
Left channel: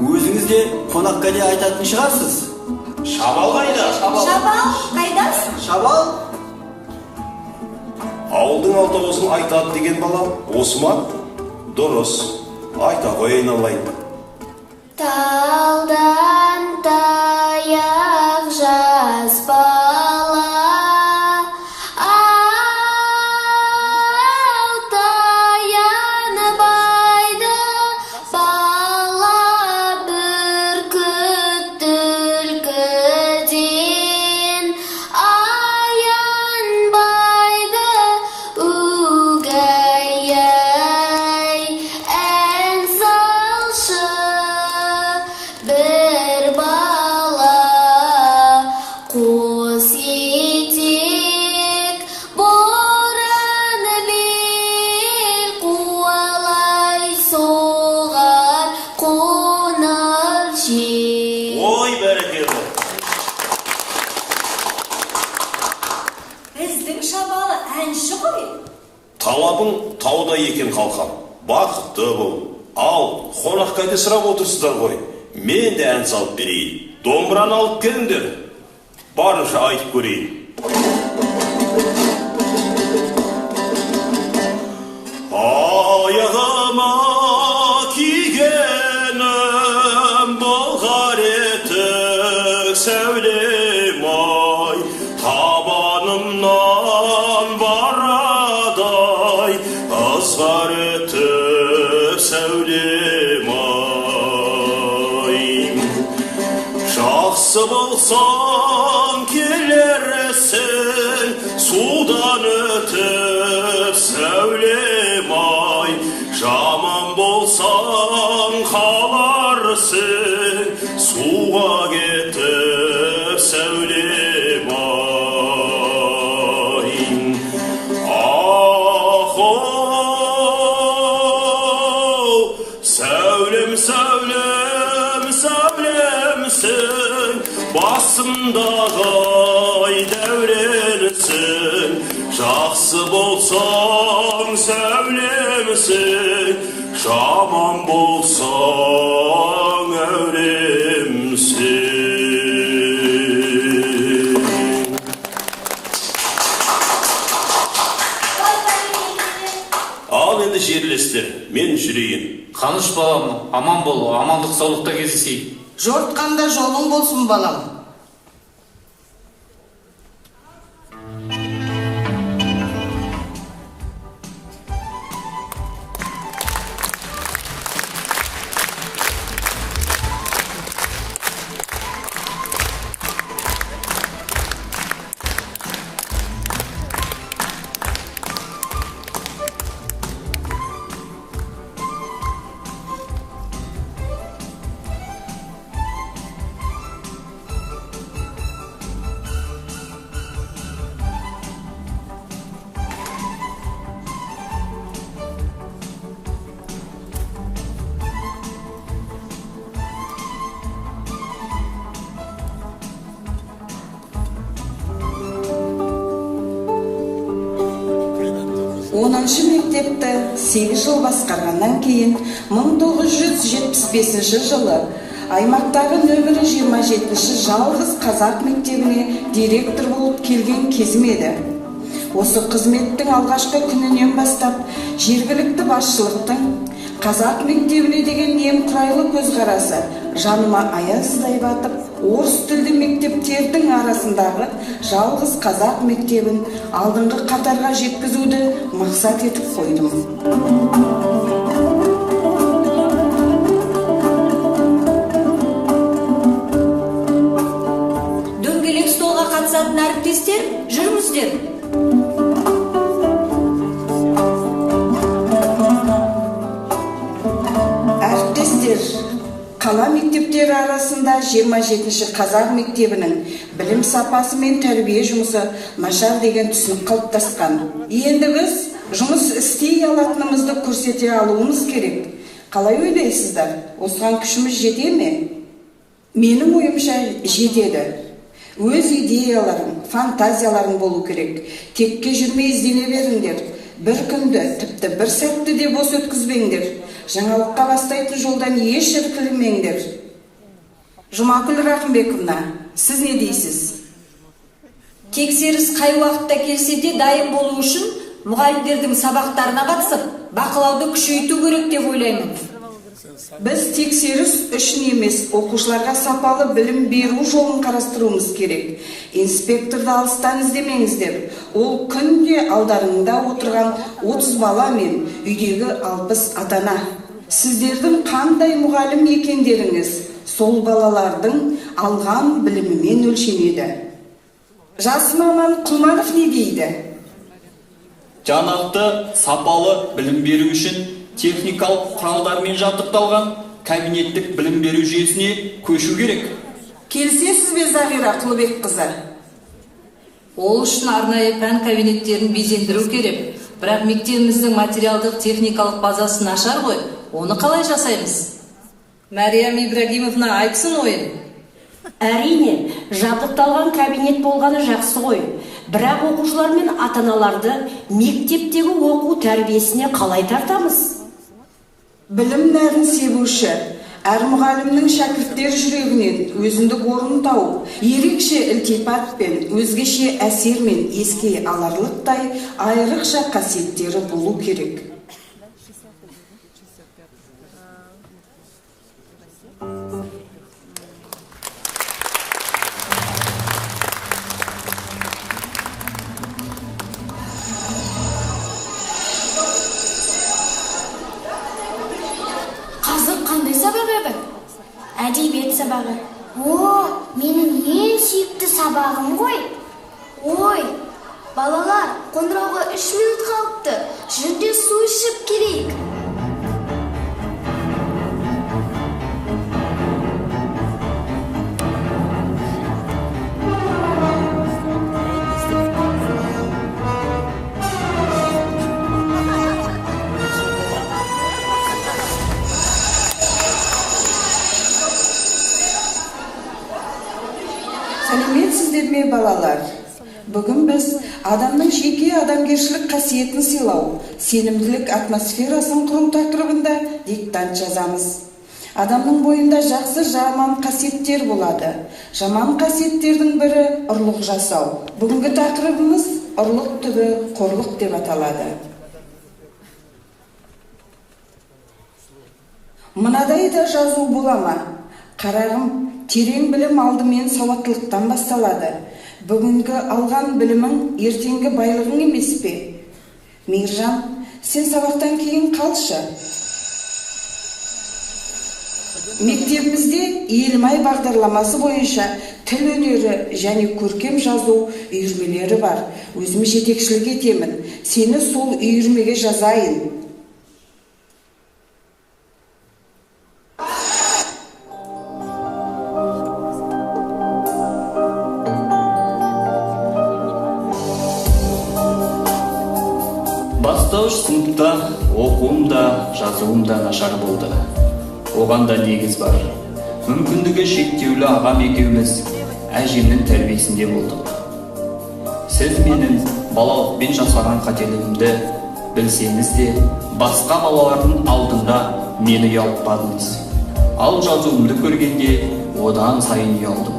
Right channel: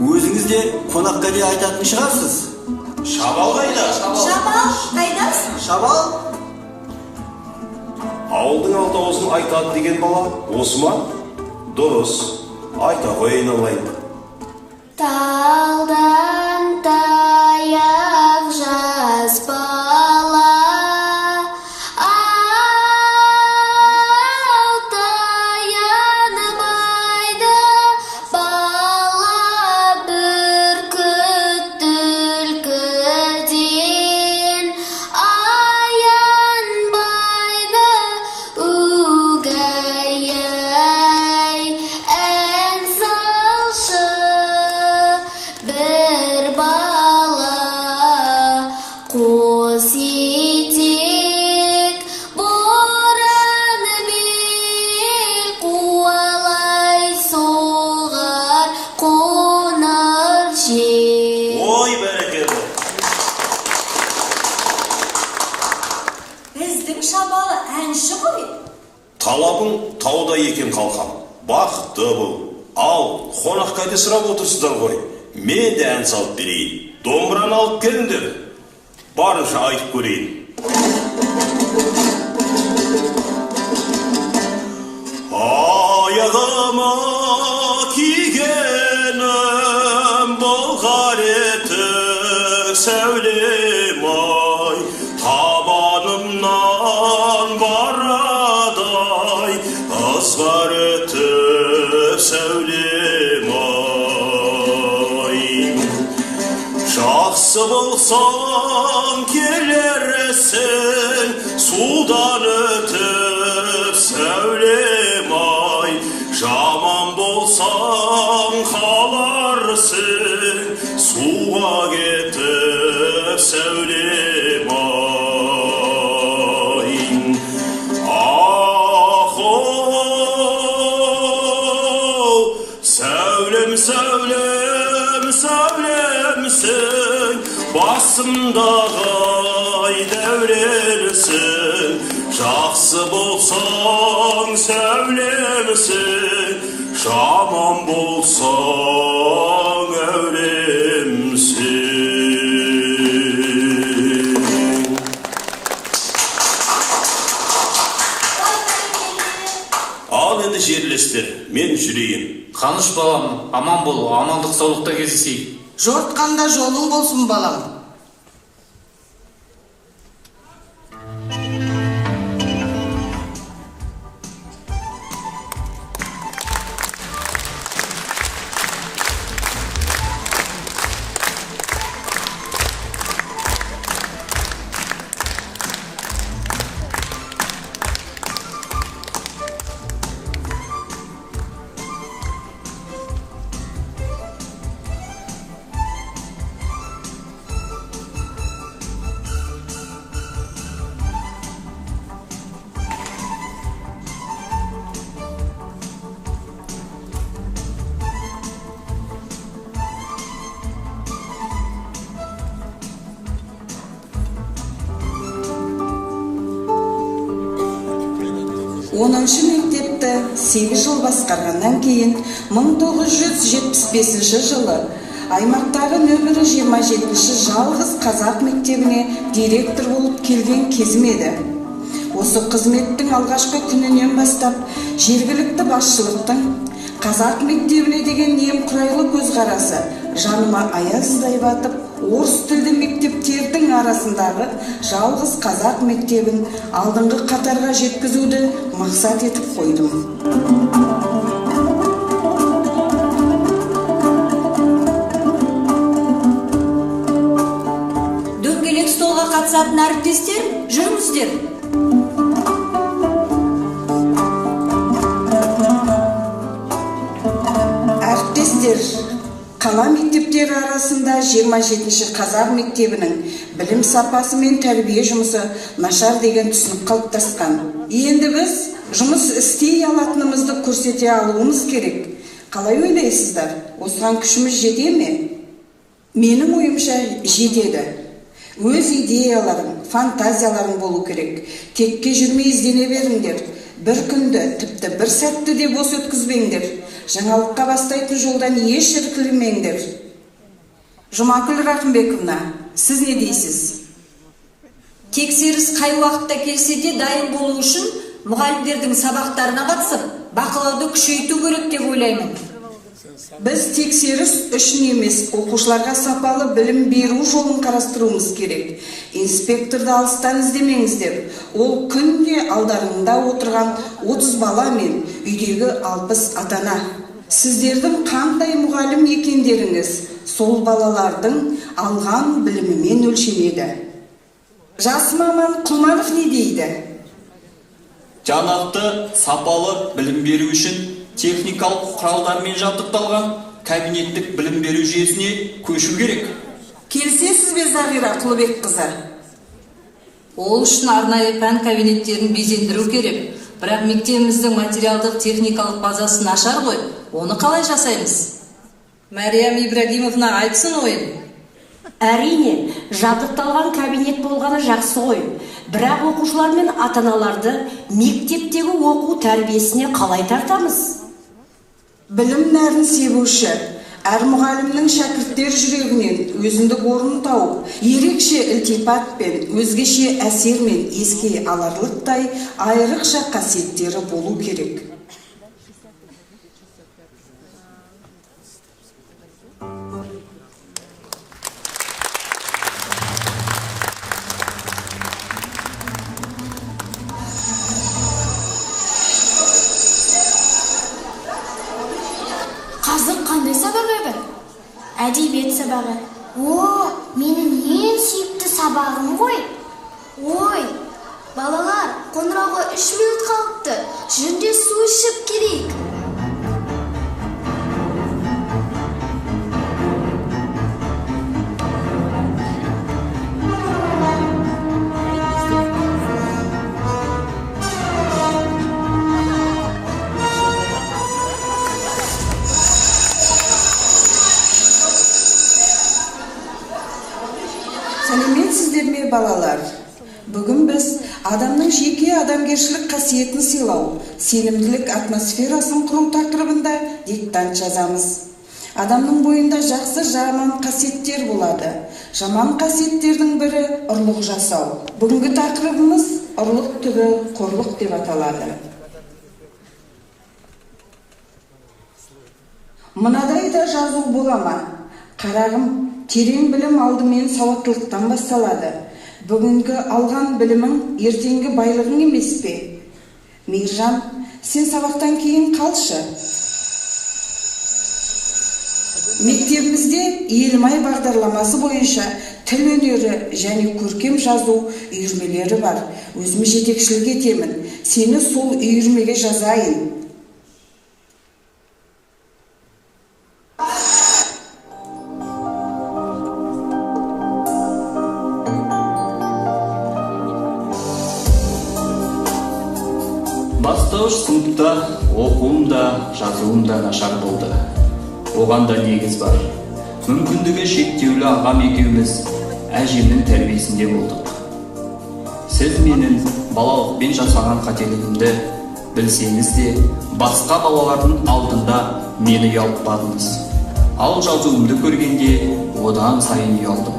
өзіңіз де қонаққа не айтатын шығарсыз. Шабал қайда? Шабал, қайдасың? Шабал? Ауылдың алты ауызын айтады деген бала осы ма? Дұрыс. Айта қойын алайын. Талдан таяқ жас бала, ау таянбайды бала бүркіт түлкіден, аянбайды угай-ай, ән салшы бір бала, қос етек боран бел қуалай соғар қоңыр жел. Ой, бәрекелді. Біздің Шабалы әнші ғой. Талабың тауда екен қалқам. Бақытты бол. Ал, қонаққа де сұрап отырсыздар ғой. Мен де ән салып берейін. Домбыраны алып келіңдер. Барынша айтып көрейін. Аяғыма кигенім болғар етік сәулем-ай, табанымнан барадай ызғар етік сәулем-ай. Жақсы болсаң келерсің, судан өтіп сәулем-ай, жаман болсаң қаларсың, суға кетіп сәулем-ай. Ах-оу, сәулем, сәулем, сәулемсің, басымдағы ай дәуренсің, жақсы болсаң сәулемсің, жаман болсаң әуремсің. Ал енді жерлестер, мен жүрейін. Қаныш балам, аман бол, амандық саулықта кездесейік. Жортқанда жолың болсын балам. Оныншы мектепті 8 жыл басқарғаннан кейін 1975 жылы аймақтағы нөмірі 27-ші жалғыз қазақ мектебіне директор болып келген кезім еді. Осы қызметтің алғашқы күнінен бастап жергілікті басшылықтың қазақ мектебіне деген немқұрайлы көзқарасы жаныма аяздай батып, орыс тілді мектептердің арасындағы жалғыз қазақ мектебін алдыңғы қатарға жеткізуді мақсат етіп қойдым. Дөңгелек столға Білесіздер, қала мектептері арасында 27-ші қазақ мектебінің білім сапасы мен тәрбие жұмысы нашар деген түсінік қалыптасқан. Енді біз жұмыс істей алатынымызды көрсете алуымыз керек. Қалай ойлайсыздар? Осыған күшіміз жете ме? Менің ойымша жетеді. Өз идеяларың, фантазияларың болу керек. Текке жүрмей іздене беріңдер. Бір күнді, тіпті бір сәтті де бос өткізбеңдер. Жаңалыққа бастайтын жолдан еш іркілмеңдер. Жұмакүл Рақымбековна, сіз не дейсіз? Тексеріс қай уақытта келсе де дайын болу үшін мұғалімдердің сабақтарына қатысып, бақылауды күшейту керек деп ойлаймын. Біз тексеріс үшін емес, оқушыларға сапалы білім беру жолын қарастыруымыз керек. Инспекторды алыстан іздемеңіздер. Ол күнде алдарында отырған 30 бала мен үйдегі 60 ата-ана. Сіздердің қандай мұғалім екендеріңіз сол балалардың алған білімімен өлшенеді. Жас маман Құлманов не дейді? Жаңалықты сапалы білім беру үшін техникалық құралдармен жабдықталған кабинеттік білім беру жүйесіне көшу керек. Келісесіз бе Зағира Құлыбекқызы? Ол үшін арнайы пән кабинеттерін безендіру керек. Бірақ мектебіміздің материалдық техникалық базасы нашар ғой, оны қалай жасаймыз? Мәриям Ибрагимовна айтсын ойын. Әрине, жабдықталған кабинет болғаны жақсы ғой. Бірақ оқушылар мен ата-аналарды мектептегі оқу тәрбиесіне қалай тартамыз? Білім нәрін себуші, әр мұғалімнің шәкірттер жүрегінен өзіндік орын тауып, ерекше ілтипатпен, өзгеше әсермен еске аларлықтай айрықша қасиеттері болу керек. Әдебиет сабағы. Менің ең сүйікті сабағым ғой. Ой, балалар, қоңырауға 3 минут қалыпты. Жүрде су ішіп келейік. Сәлеметсіздер ме балалар? Бүгін біз адамның жеке адамгершілік қасиетін сыйлау, сенімділік атмосферасын құру тақырыбында диктант жазамыз. Адамның бойында жақсы жаман қасиеттер болады. Жаман қасиеттердің бірі ұрлық жасау. Бүгінгі тақырыбымыз ұрлық түбі қорлық деп аталады. Мынадай да жазу бола ма? Қарағым, терең білім алдымен сауаттылықтан басталады. Бүгінгі алған білімің ертеңгі байлығың емес пе? Мейіржан, сен сабақтан кейін қалшы. Мектебімізде Елмай бағдарламасы бойынша тіл өнері және көркем жазу үйірмелері бар. Өзім жетекшілік етемін. Сені сол үйірмеге жазайын. Бастауыш сыныпта оқуым да, жазуым да нашар болды. Оған да негіз бар. Мүмкіндігі шектеулі ағам екеуміз әжемнің тәрбиесінде болдық. Сіз менің балалықпен жасаған қателігімді білсеңіз де, басқа балалардың алдында мені ұялтпадыңыз. Ал жазуымды көргенде одан сайын ұялдым.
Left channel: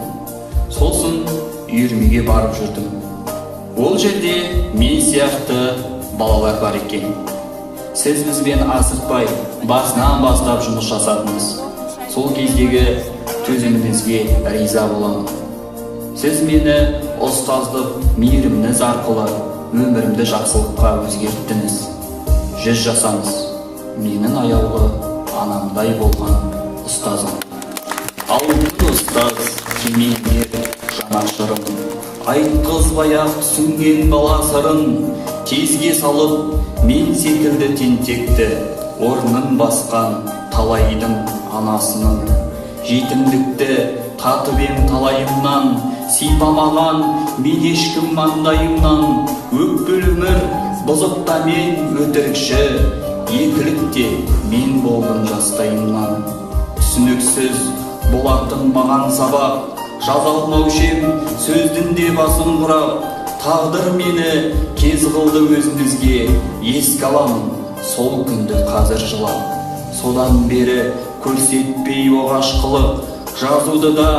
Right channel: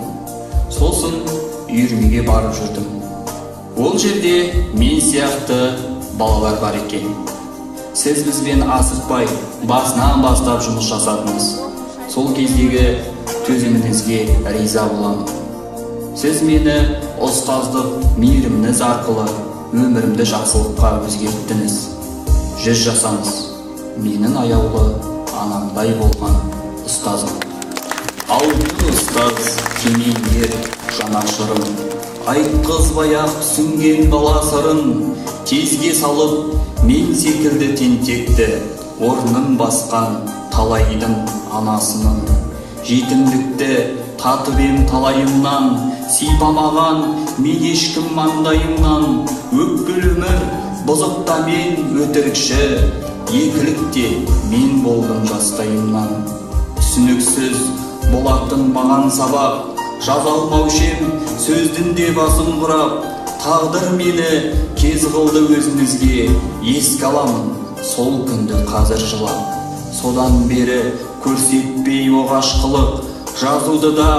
Сосын үйірмеге барып жүрдім. Ол жерде мен сияқты балалар бар екен. Сіз бізбен асықпай, басынан бастап жұмыс жасадыңыз. Сол кездегі төзіміңізге риза боламын. Сіз мені ұстаздық мейіріміңіз арқылы өмірімді жақсылыққа өзгерттіңіз. 100 жасаңыз, менің аяулы анамдай болған ұстазым. Алтын ұстаз кемеңгер жанашырым, айтқызбай-ақ түсінген бала сырын, тезге салып мен секілді тентекті орнын басқан талайдың анасының. Жетімдікті татып ем талайымнан, сипамаған мен ешкім маңдайымнан. Өкпел өмір бұзықта мен өтірікші, екілікте мен болдым жастайымнан. Түсініксіз болатын маған сабақ, жаза алмаушы ем сөздің де басын құрап. Тағдыр мені кез қылды өзіңізге, еске аламын сол күнді қазір жылап. Содан бері көрсетпей оғаш қылып, жазуды да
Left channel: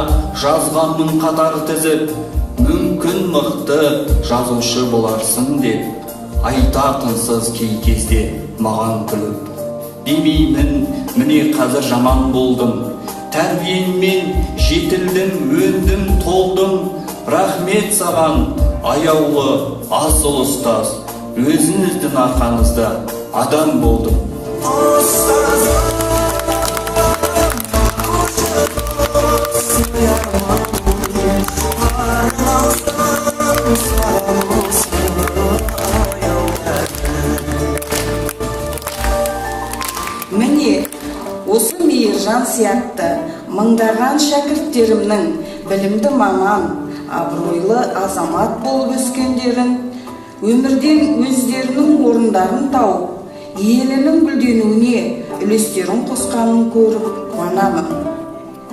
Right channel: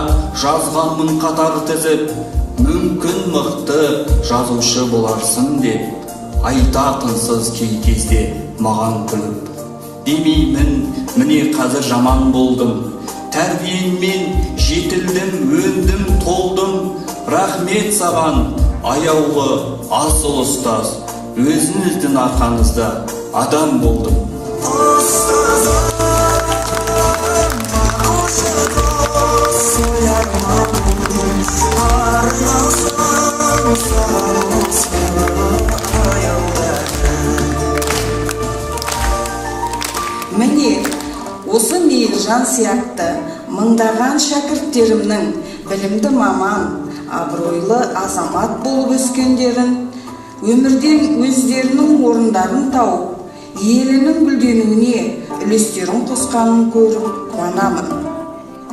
жазғанмын қатар тізіп. Мүмкін мықты жазушы боларсың деп айтатынсыз кей кезде маған күліп. Демеймін, міне қазір жаман болдым, тәрбиеммен жетілдім, өндім, толдым. Рахмет саған, аяулы асыл ұстаз, өзіңіздің арқаңызда адам болдым. Міне, осы мейіржан сияқты мыңдаған шәкірттерімнің білімді маман, абыройлы азамат болып өскендерін, өмірден өздерінің орындарын тауып, елінің гүлденуіне үлестерін қосқанын көріп қуанамын.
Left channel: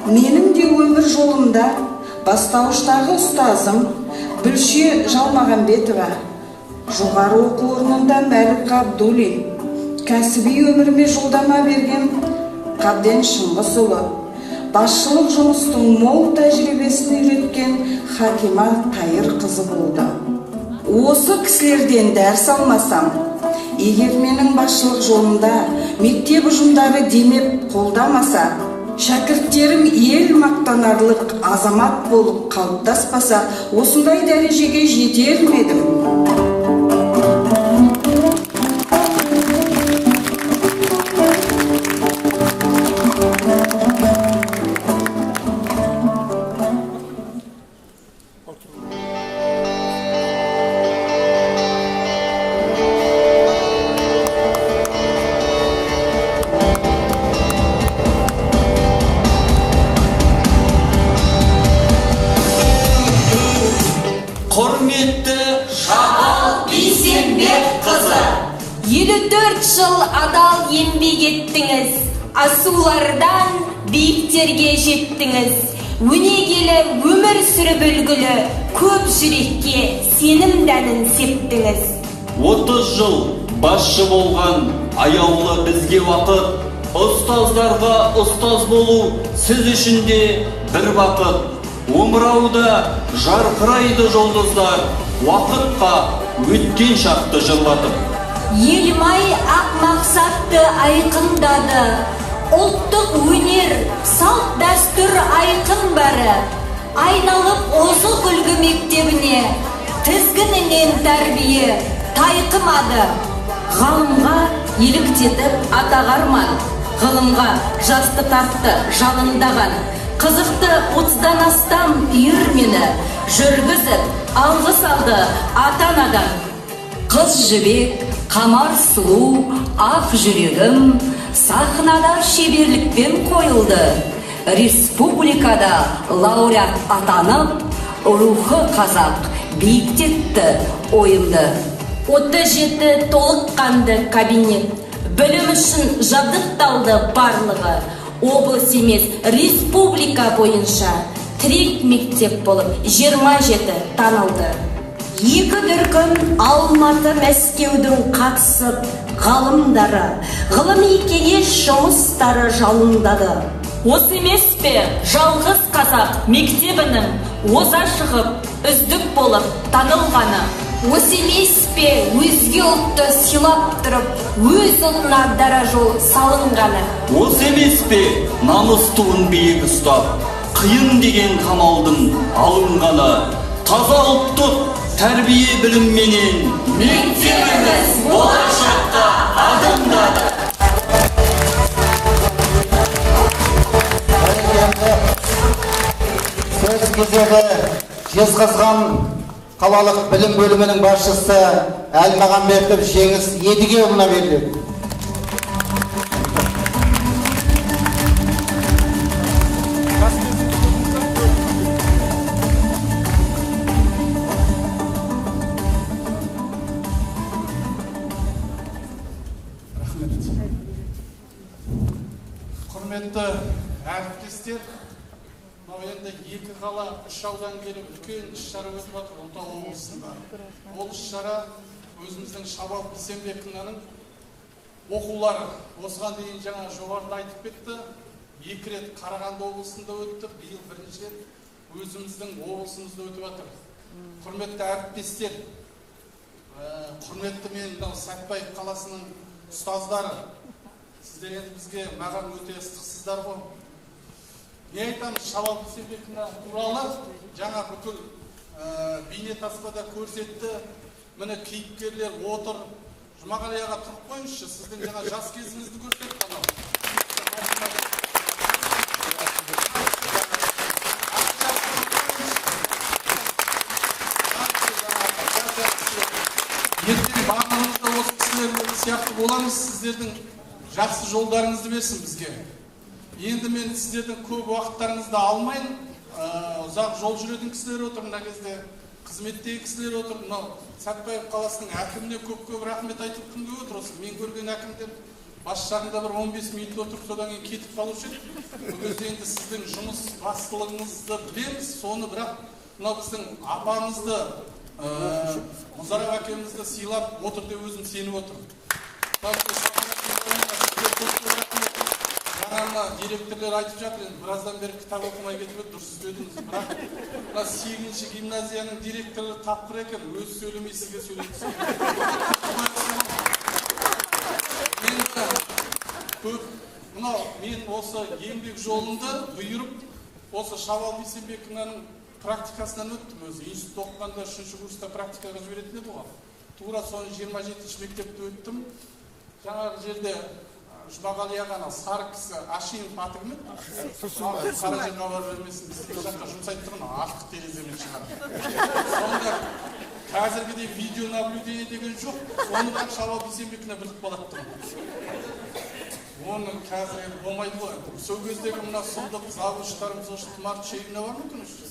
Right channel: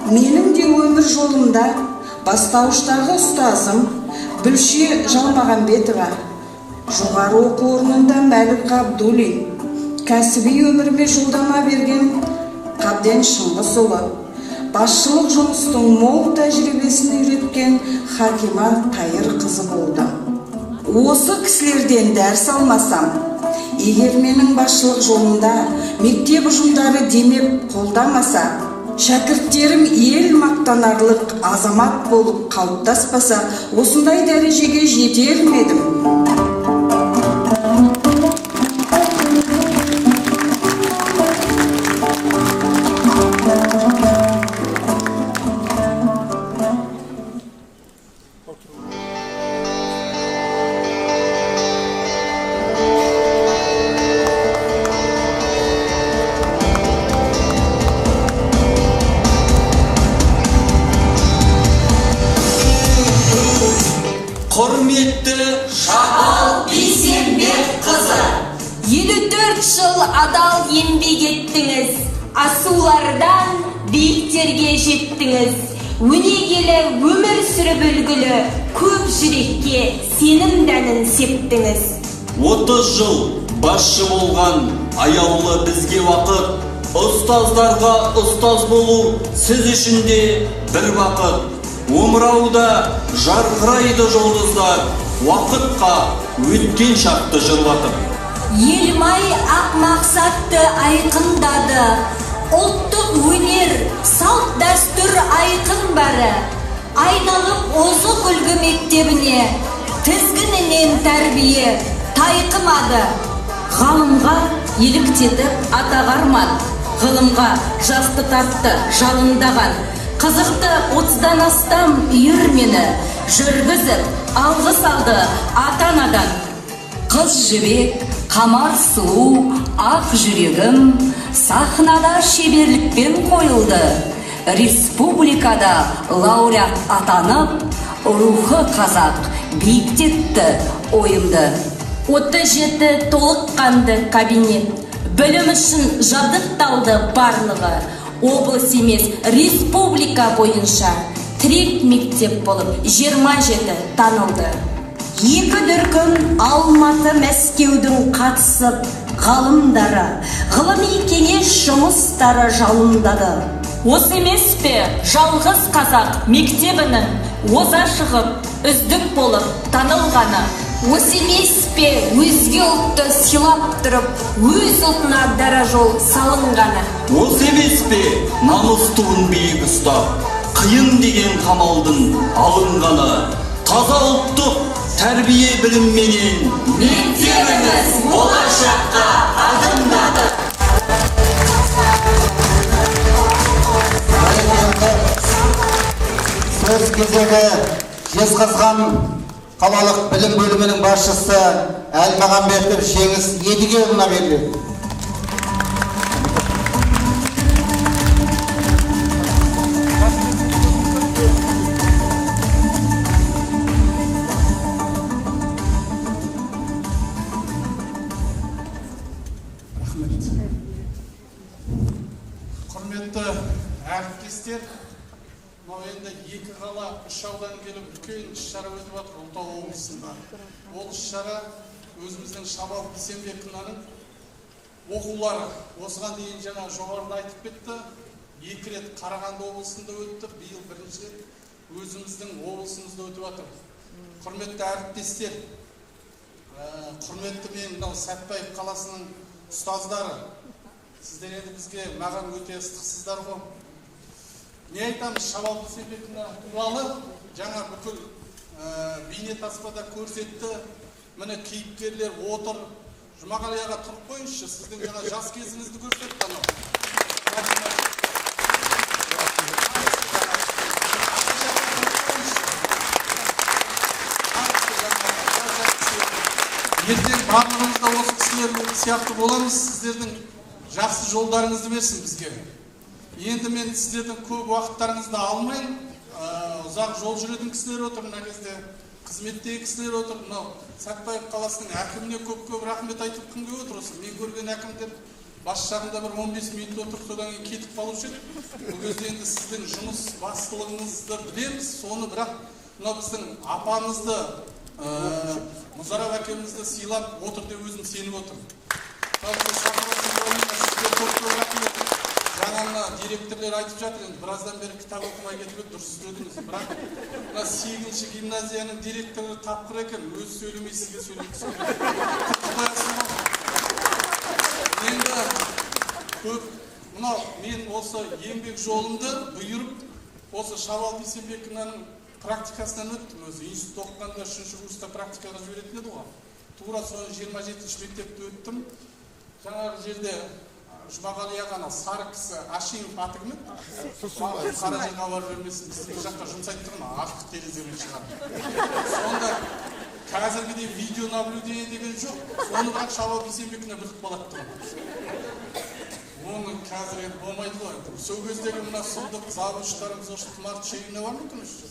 Менің де өмір жолымда бастауыштағы ұстазым Бүлше Жалмағамбетова, жоғары оқу орнында Мәлік Ғабдуллин, кәсіби өміріме жолдама берген Қабден Шыңғысұлы, басшылық жұмыстың мол тәжірибесін үйреткен Хакима Тайырқызы болды. Осы кісілерден дәріс алмасам, егер менің басшылық жолында мектеп ұжымдары демеп қолдамаса, шәкірттерім ел мақтанарлық азамат болып қалыптаспаса, осындай дәрежеге жетер ме едім? Құрметті Шабал Бейсенбекқызы, 54 жыл адал еңбек еттіңіз, асулардан биіктерге жеттіңіз. Өнегелі өмір сүріп үлгілі, көп жүрекке сенім дәнін септіңіз. 30 жыл басшы болған аяулы бізге уақыт, ұстаздарға ұстаз болу сіз үшін де бір бақыт. Омырауда жарқырайды жұлдыздар, уақытқа өткен шақты жырлатып. Елмай ақ мақсатты айқындады, ұлттық өнер, салт дәстүр айқын бәрі. Айналып озық үлгі мектебіне, тізгінінен тәрбие тайқымады. Ғалымға еліктетіп атағарман, ғылымға жасты тартты жалындаған. Қызықты 30-дан астам үйірмені жүргізіп алғыс алды ата-анадан. Қыз жібек, қамар сұлу, ақ жүрегім сахнада шеберлікпен қойылды. Республикада лауреат атанып, рухы қазақ биіктетті ойынды. 37 толыққанды кабинет, білім үшін жабдықталды барлығы. Облыс емес, республика бойынша тірек мектеп болып 27 танылды. 2 дүркін Алматы, Мәскеудің қатысып ғалымдары, ғылыми кеңес жұмыстары жалындары. Осы емес пе жалғыз қазақ мектебінің оза шығып, үздік болып танылғаны? Осы емес пе өзге ұлтты сыйлап тұрып, өз ұлтына дара жол салынғаны? Осы емес пе намыс туын биік ұстап, қиын деген қамалдың алынғаны? Таза ұлттық тәрбие білімменен мектебіміз болашаққа адымдады. Сөз кезегі Жезқазған қалалық білім бөлімінің басшысы Әлмағамбетов Жеңіс Едігеұлына беріледі. құрметті әріптестер, енді 2 қала 3 аудан келіп үлкен іс-шара өтіп жатыр Ұлытау облысында. Ол іс-шара өзіміздің Шабал Бейсенбекованың оқулары. Осыған дейін жаңа жоғарыда айтып кетті. 2 рет Қарағанды облысында өтті, биыл бірінші рет өзіміздің облысымызда өтіп жатыр. Құрметті әріптестер, құрметті мен Сәтбаев қаласының ұстаздары, сіздер енді бізге маған өте ыстықсыздар ғой. Не айтамыз Шабал Бейсенбекова туралы жаңа бүкіл бейнетаспада көрсетті. Міне кейіпкерлер отыр. Жұмағали аға тұрып қойыңызшы, сіздің жаңа жас кезіңізді көрсетті анау. Ертең барлығымызда осы кісілер сияқты боламыз, сіздердің жақсы жолдарыңызды берсін бізге. Енді мен сіздердің көп уақыттарыңызды алмайын, ұзақ жол жүретін кісілер отыр, мына кезде қызметтегі кісілер отыр. Сәтбаев қаласының әкіміне көп рахмет айтып күнге отырсын. Мен көрген әкімдер бас жағында бір 15 минут отырып, содан кейін кетіп қалушы еді. Бұл кезде енді сіздің жұмыс бастылығыңызды білеміз, соны бірақ мына біздің апамызды, Мұзарап әкемізді сыйлап отыр деп өзім сеніп отырмын. Жаңа директорлер айтып жатыр, біраздан бері кітап оқымай кетіп дұрыс сөйледіңіз. Бірақ 8-ші гимназияның директоры тапқыр екен, өзі сөйлемей сізге сөйлейді. Мен осы еңбек жолымды бұйырып, осы Шабал Бейсенбекованың практикасынан өттім өзі. Институт оқығанда 3-ші курста практикаға жіберетін еді ғой. Тура соны 27-ші мектепте өттім. Жаңағы жерде Жұмағали ағаны сары кісі Ашимов аты кім еді? Қаражанға барып жүрмесін, біздің жаққа жұмсайтын тұрмын, артық теңіздермен шығар. Сонда қазіргідей видео наблюдение деген жоқ. Соны бірақ Шабал Бейсенбекова біліп қалады тұрмын. Оны қазір болмайды ғой. Сол кездегі мына сұмдық завучтарымыз осы Тұмар Шегина бар ма екен осы?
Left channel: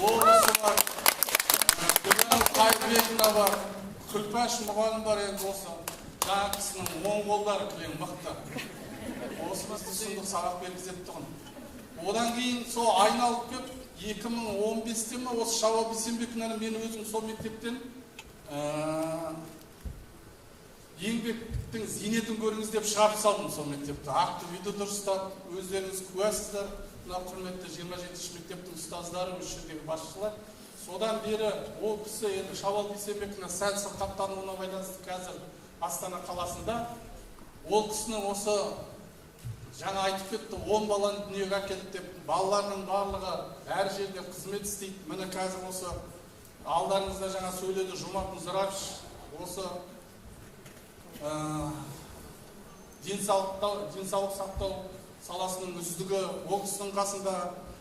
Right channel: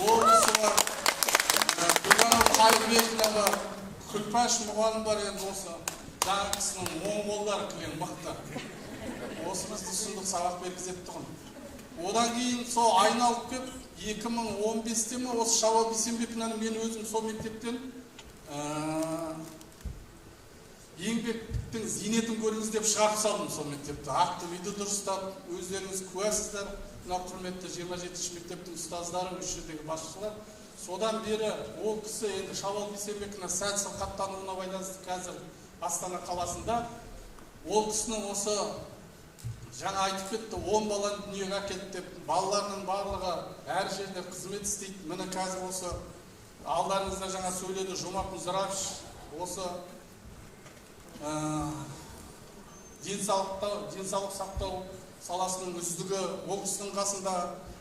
Облысы бар, Гүлбанов Қайырбекова бар, Күлпаш мұғалім бар енді осы. Жаңа кісінің оң қолдары кілең мықты. Осы бізді сұмдық сабақ бергізіп тұғын. Одан кейін сол айналып кеп 2015-те ме осы Шабал Бейсенбекованың мен өзім сол мектептен еңбектің зейнетін көріңіз деп шығарып салдым сол мектепті. Ақты үйді дұрыстап, өздеріңіз куәсіздер, мына құрметті 27-ші мектептің ұстаздары, осы жердегі басшылар. Содан бері ол кісі енді Шабал Бейсенбекова сәл сырқаттануына байланысты қазір Астана қаласында. Ол кісінің осы жаңа айтып кетті, 10 баланы дүниеге әкелді деп, балаларының барлығы әр жерде қызмет істейді. Міне қазір осы алдарыңызда жаңа сөйледі Жомарт Мұзарович, осы денсаулық сақтау саласының үздігі. Ол кісінің қасында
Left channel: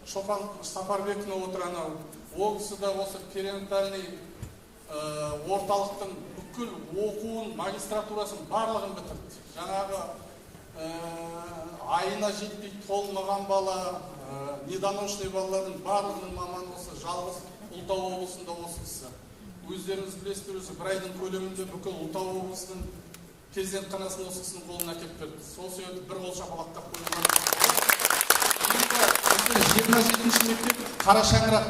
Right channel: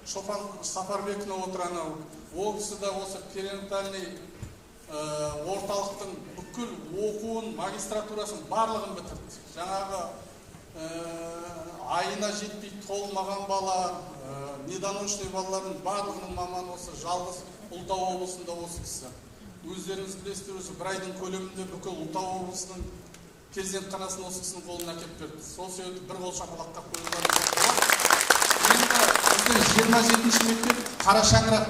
Шопан Сапарбекова отыр анау. Ол кісі де осы перинатальный орталықтың бүкіл оқуын, магистратурасын барлығын бітірді. Жаңағы айына жетпей толмаған бала, недоношный балалардың барлығының маманы осы жалғыз Ұлытау облысында осы кісі. Өздеріңіз білесіздер, осы бір айдың көлемінде бүкіл Ұлытау облысының перзентханасын осы кісінің қолына әкеліп берді. Сол себепті бір қол шапалақтап қоюға біздің 27-ші мектеп Қара Шаңырақ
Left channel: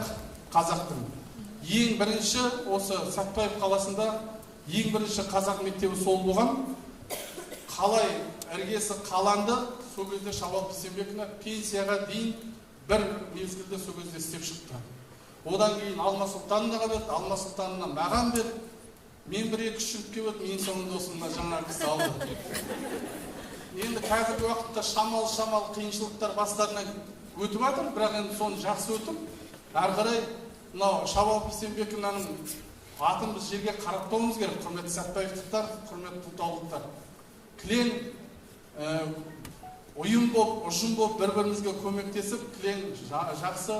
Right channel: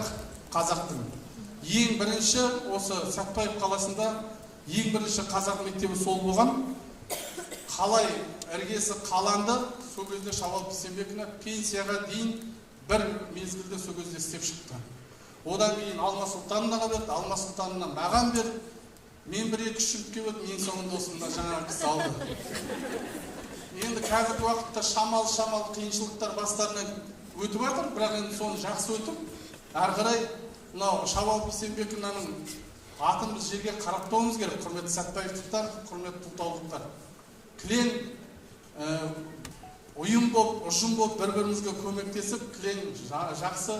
қазақтың. Ең бірінші осы Сәтбаев қаласында ең бірінші қазақ мектебі сол болған. Қалай іргесі қаланды, сол кезде Шабал Бейсенбекова пенсияға дейін бір мезгілде сол кезде істеп шықты. Одан кейін Алма Сұлтанына берді, Алма Сұлтанына маған берді. Мен 1-2 шілтке өтіп, мен соңында осында жаңағы кісі алды. Енді қазіргі уақытта шамал қиыншылықтар бастарынан өтіп жатыр, бірақ енді соны жақсы өтіп, әрі қарай мынау Шабал Бейсенбекованың атын біз жерге қаратпауымыз керек. Құрметті Сәтбаевтықтар, құрметті Ұлытаулықтар. Кілең ұйым болып, ұжым болып бір-бірімізге көмектесіп, кілең жақсы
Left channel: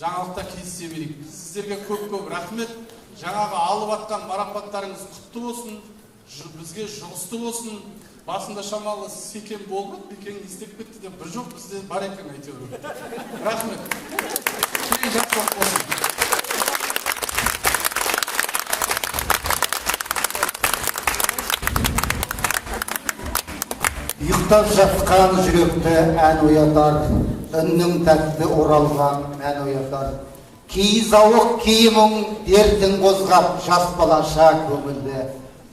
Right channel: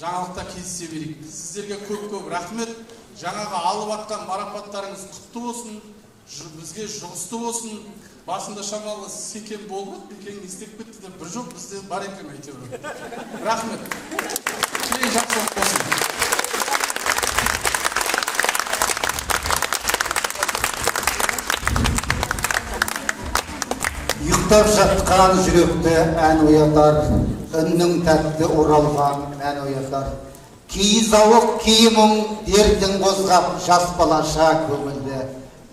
жаңалықта кездесе берейік. Сіздерге көп рахмет. Жаңағы алып атқан марапаттарыңыз құтты болсын, бізге жұғысты болсын. Басында шамалы секем болды, бекеңді істеп кетті деп бір жоқ, бізде бар екен әйтеуір. Рахмет. Кейін жақсы болып болсын. ұйықтап жатқан жүректі ән оятар, үннің тәтті оралған ән оятар. Киіз ауық киімің дертін қозғап, жас балаша көңілді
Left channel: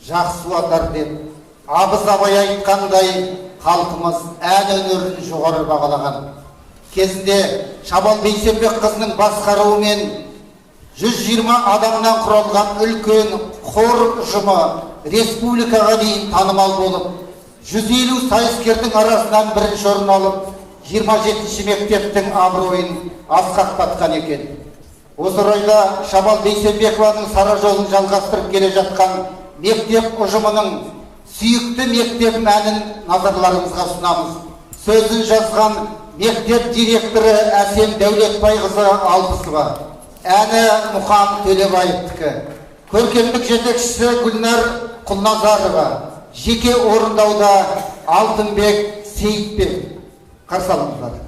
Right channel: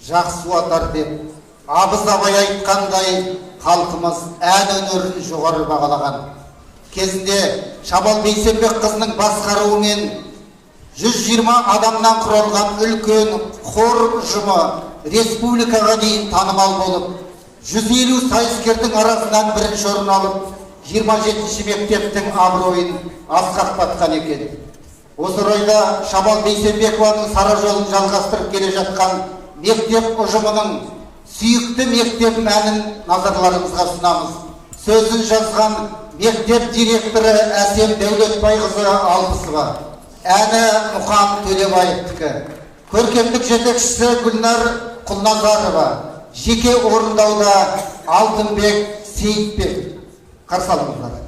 жақсылатар деп, Абыз Абай айтқандай, халқымыз ән өнерін жоғары бағалаған. Кезінде Шабал Бейсенбек қызының басқаруымен 120 адамнан құралған үлкен хор ұжымы республикаға дейін танымал болып, 150 сайыскердің арасынан бірінші орын алып, 27-ші мектептің абыройын асқақтатқан екен. Осы орайда Шабал Бейсенбекованың сара жолын жалғастырып келе жатқан мектеп ұжымының сүйікті мектеп әнін назарларыңызға ұсынамыз. Сөзін жазған мектеп директоры Әсем Дәулетбайқызы Алпысова. Әні Мұқан Төлебаевтікі. Көркемдік жетекшісі Гүлнар Құлназарова. Жеке орындауда Алтынбек Сейітбек. Қарсы алыңыздар.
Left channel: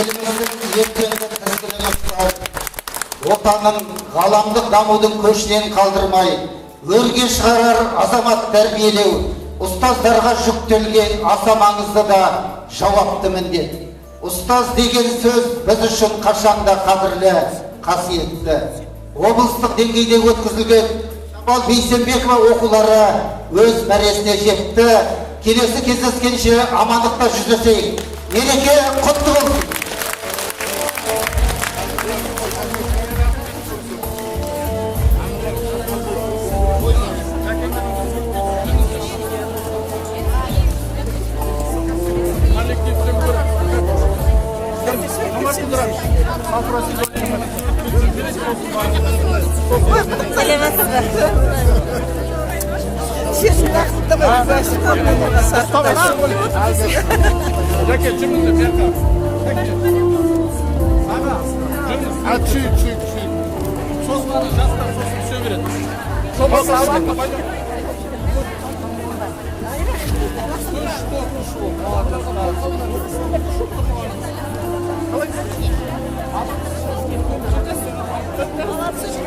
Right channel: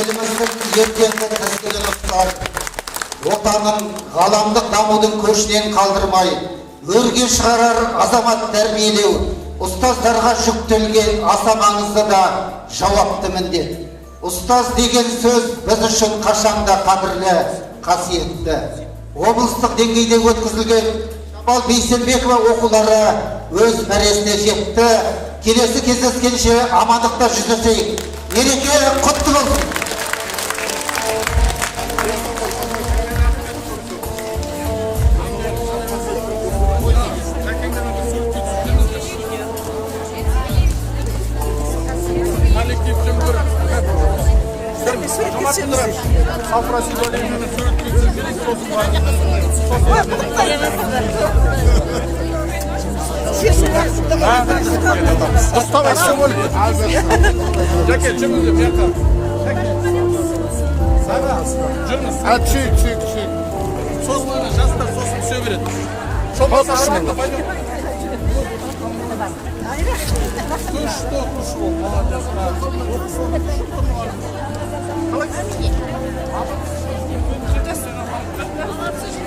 еліміздің ертеңгі тізгінін ұстап, отанын ғаламдық дамудың көшінен қалдырмай, өрге шығарар азамат тәрбиелеу ұстаздарға жүктелген аса маңызды да жауапты міндет. Ұстаз деген сөз біз үшін қашанда қадірлі, қасиетті. Облыстық деңгейде өткізілген Шабал Бейсенбекова оқулары өз мәресіне жетті. Келесі кездескенше амандықта жүздесейік. Мереке құтты болсын. Молодцы.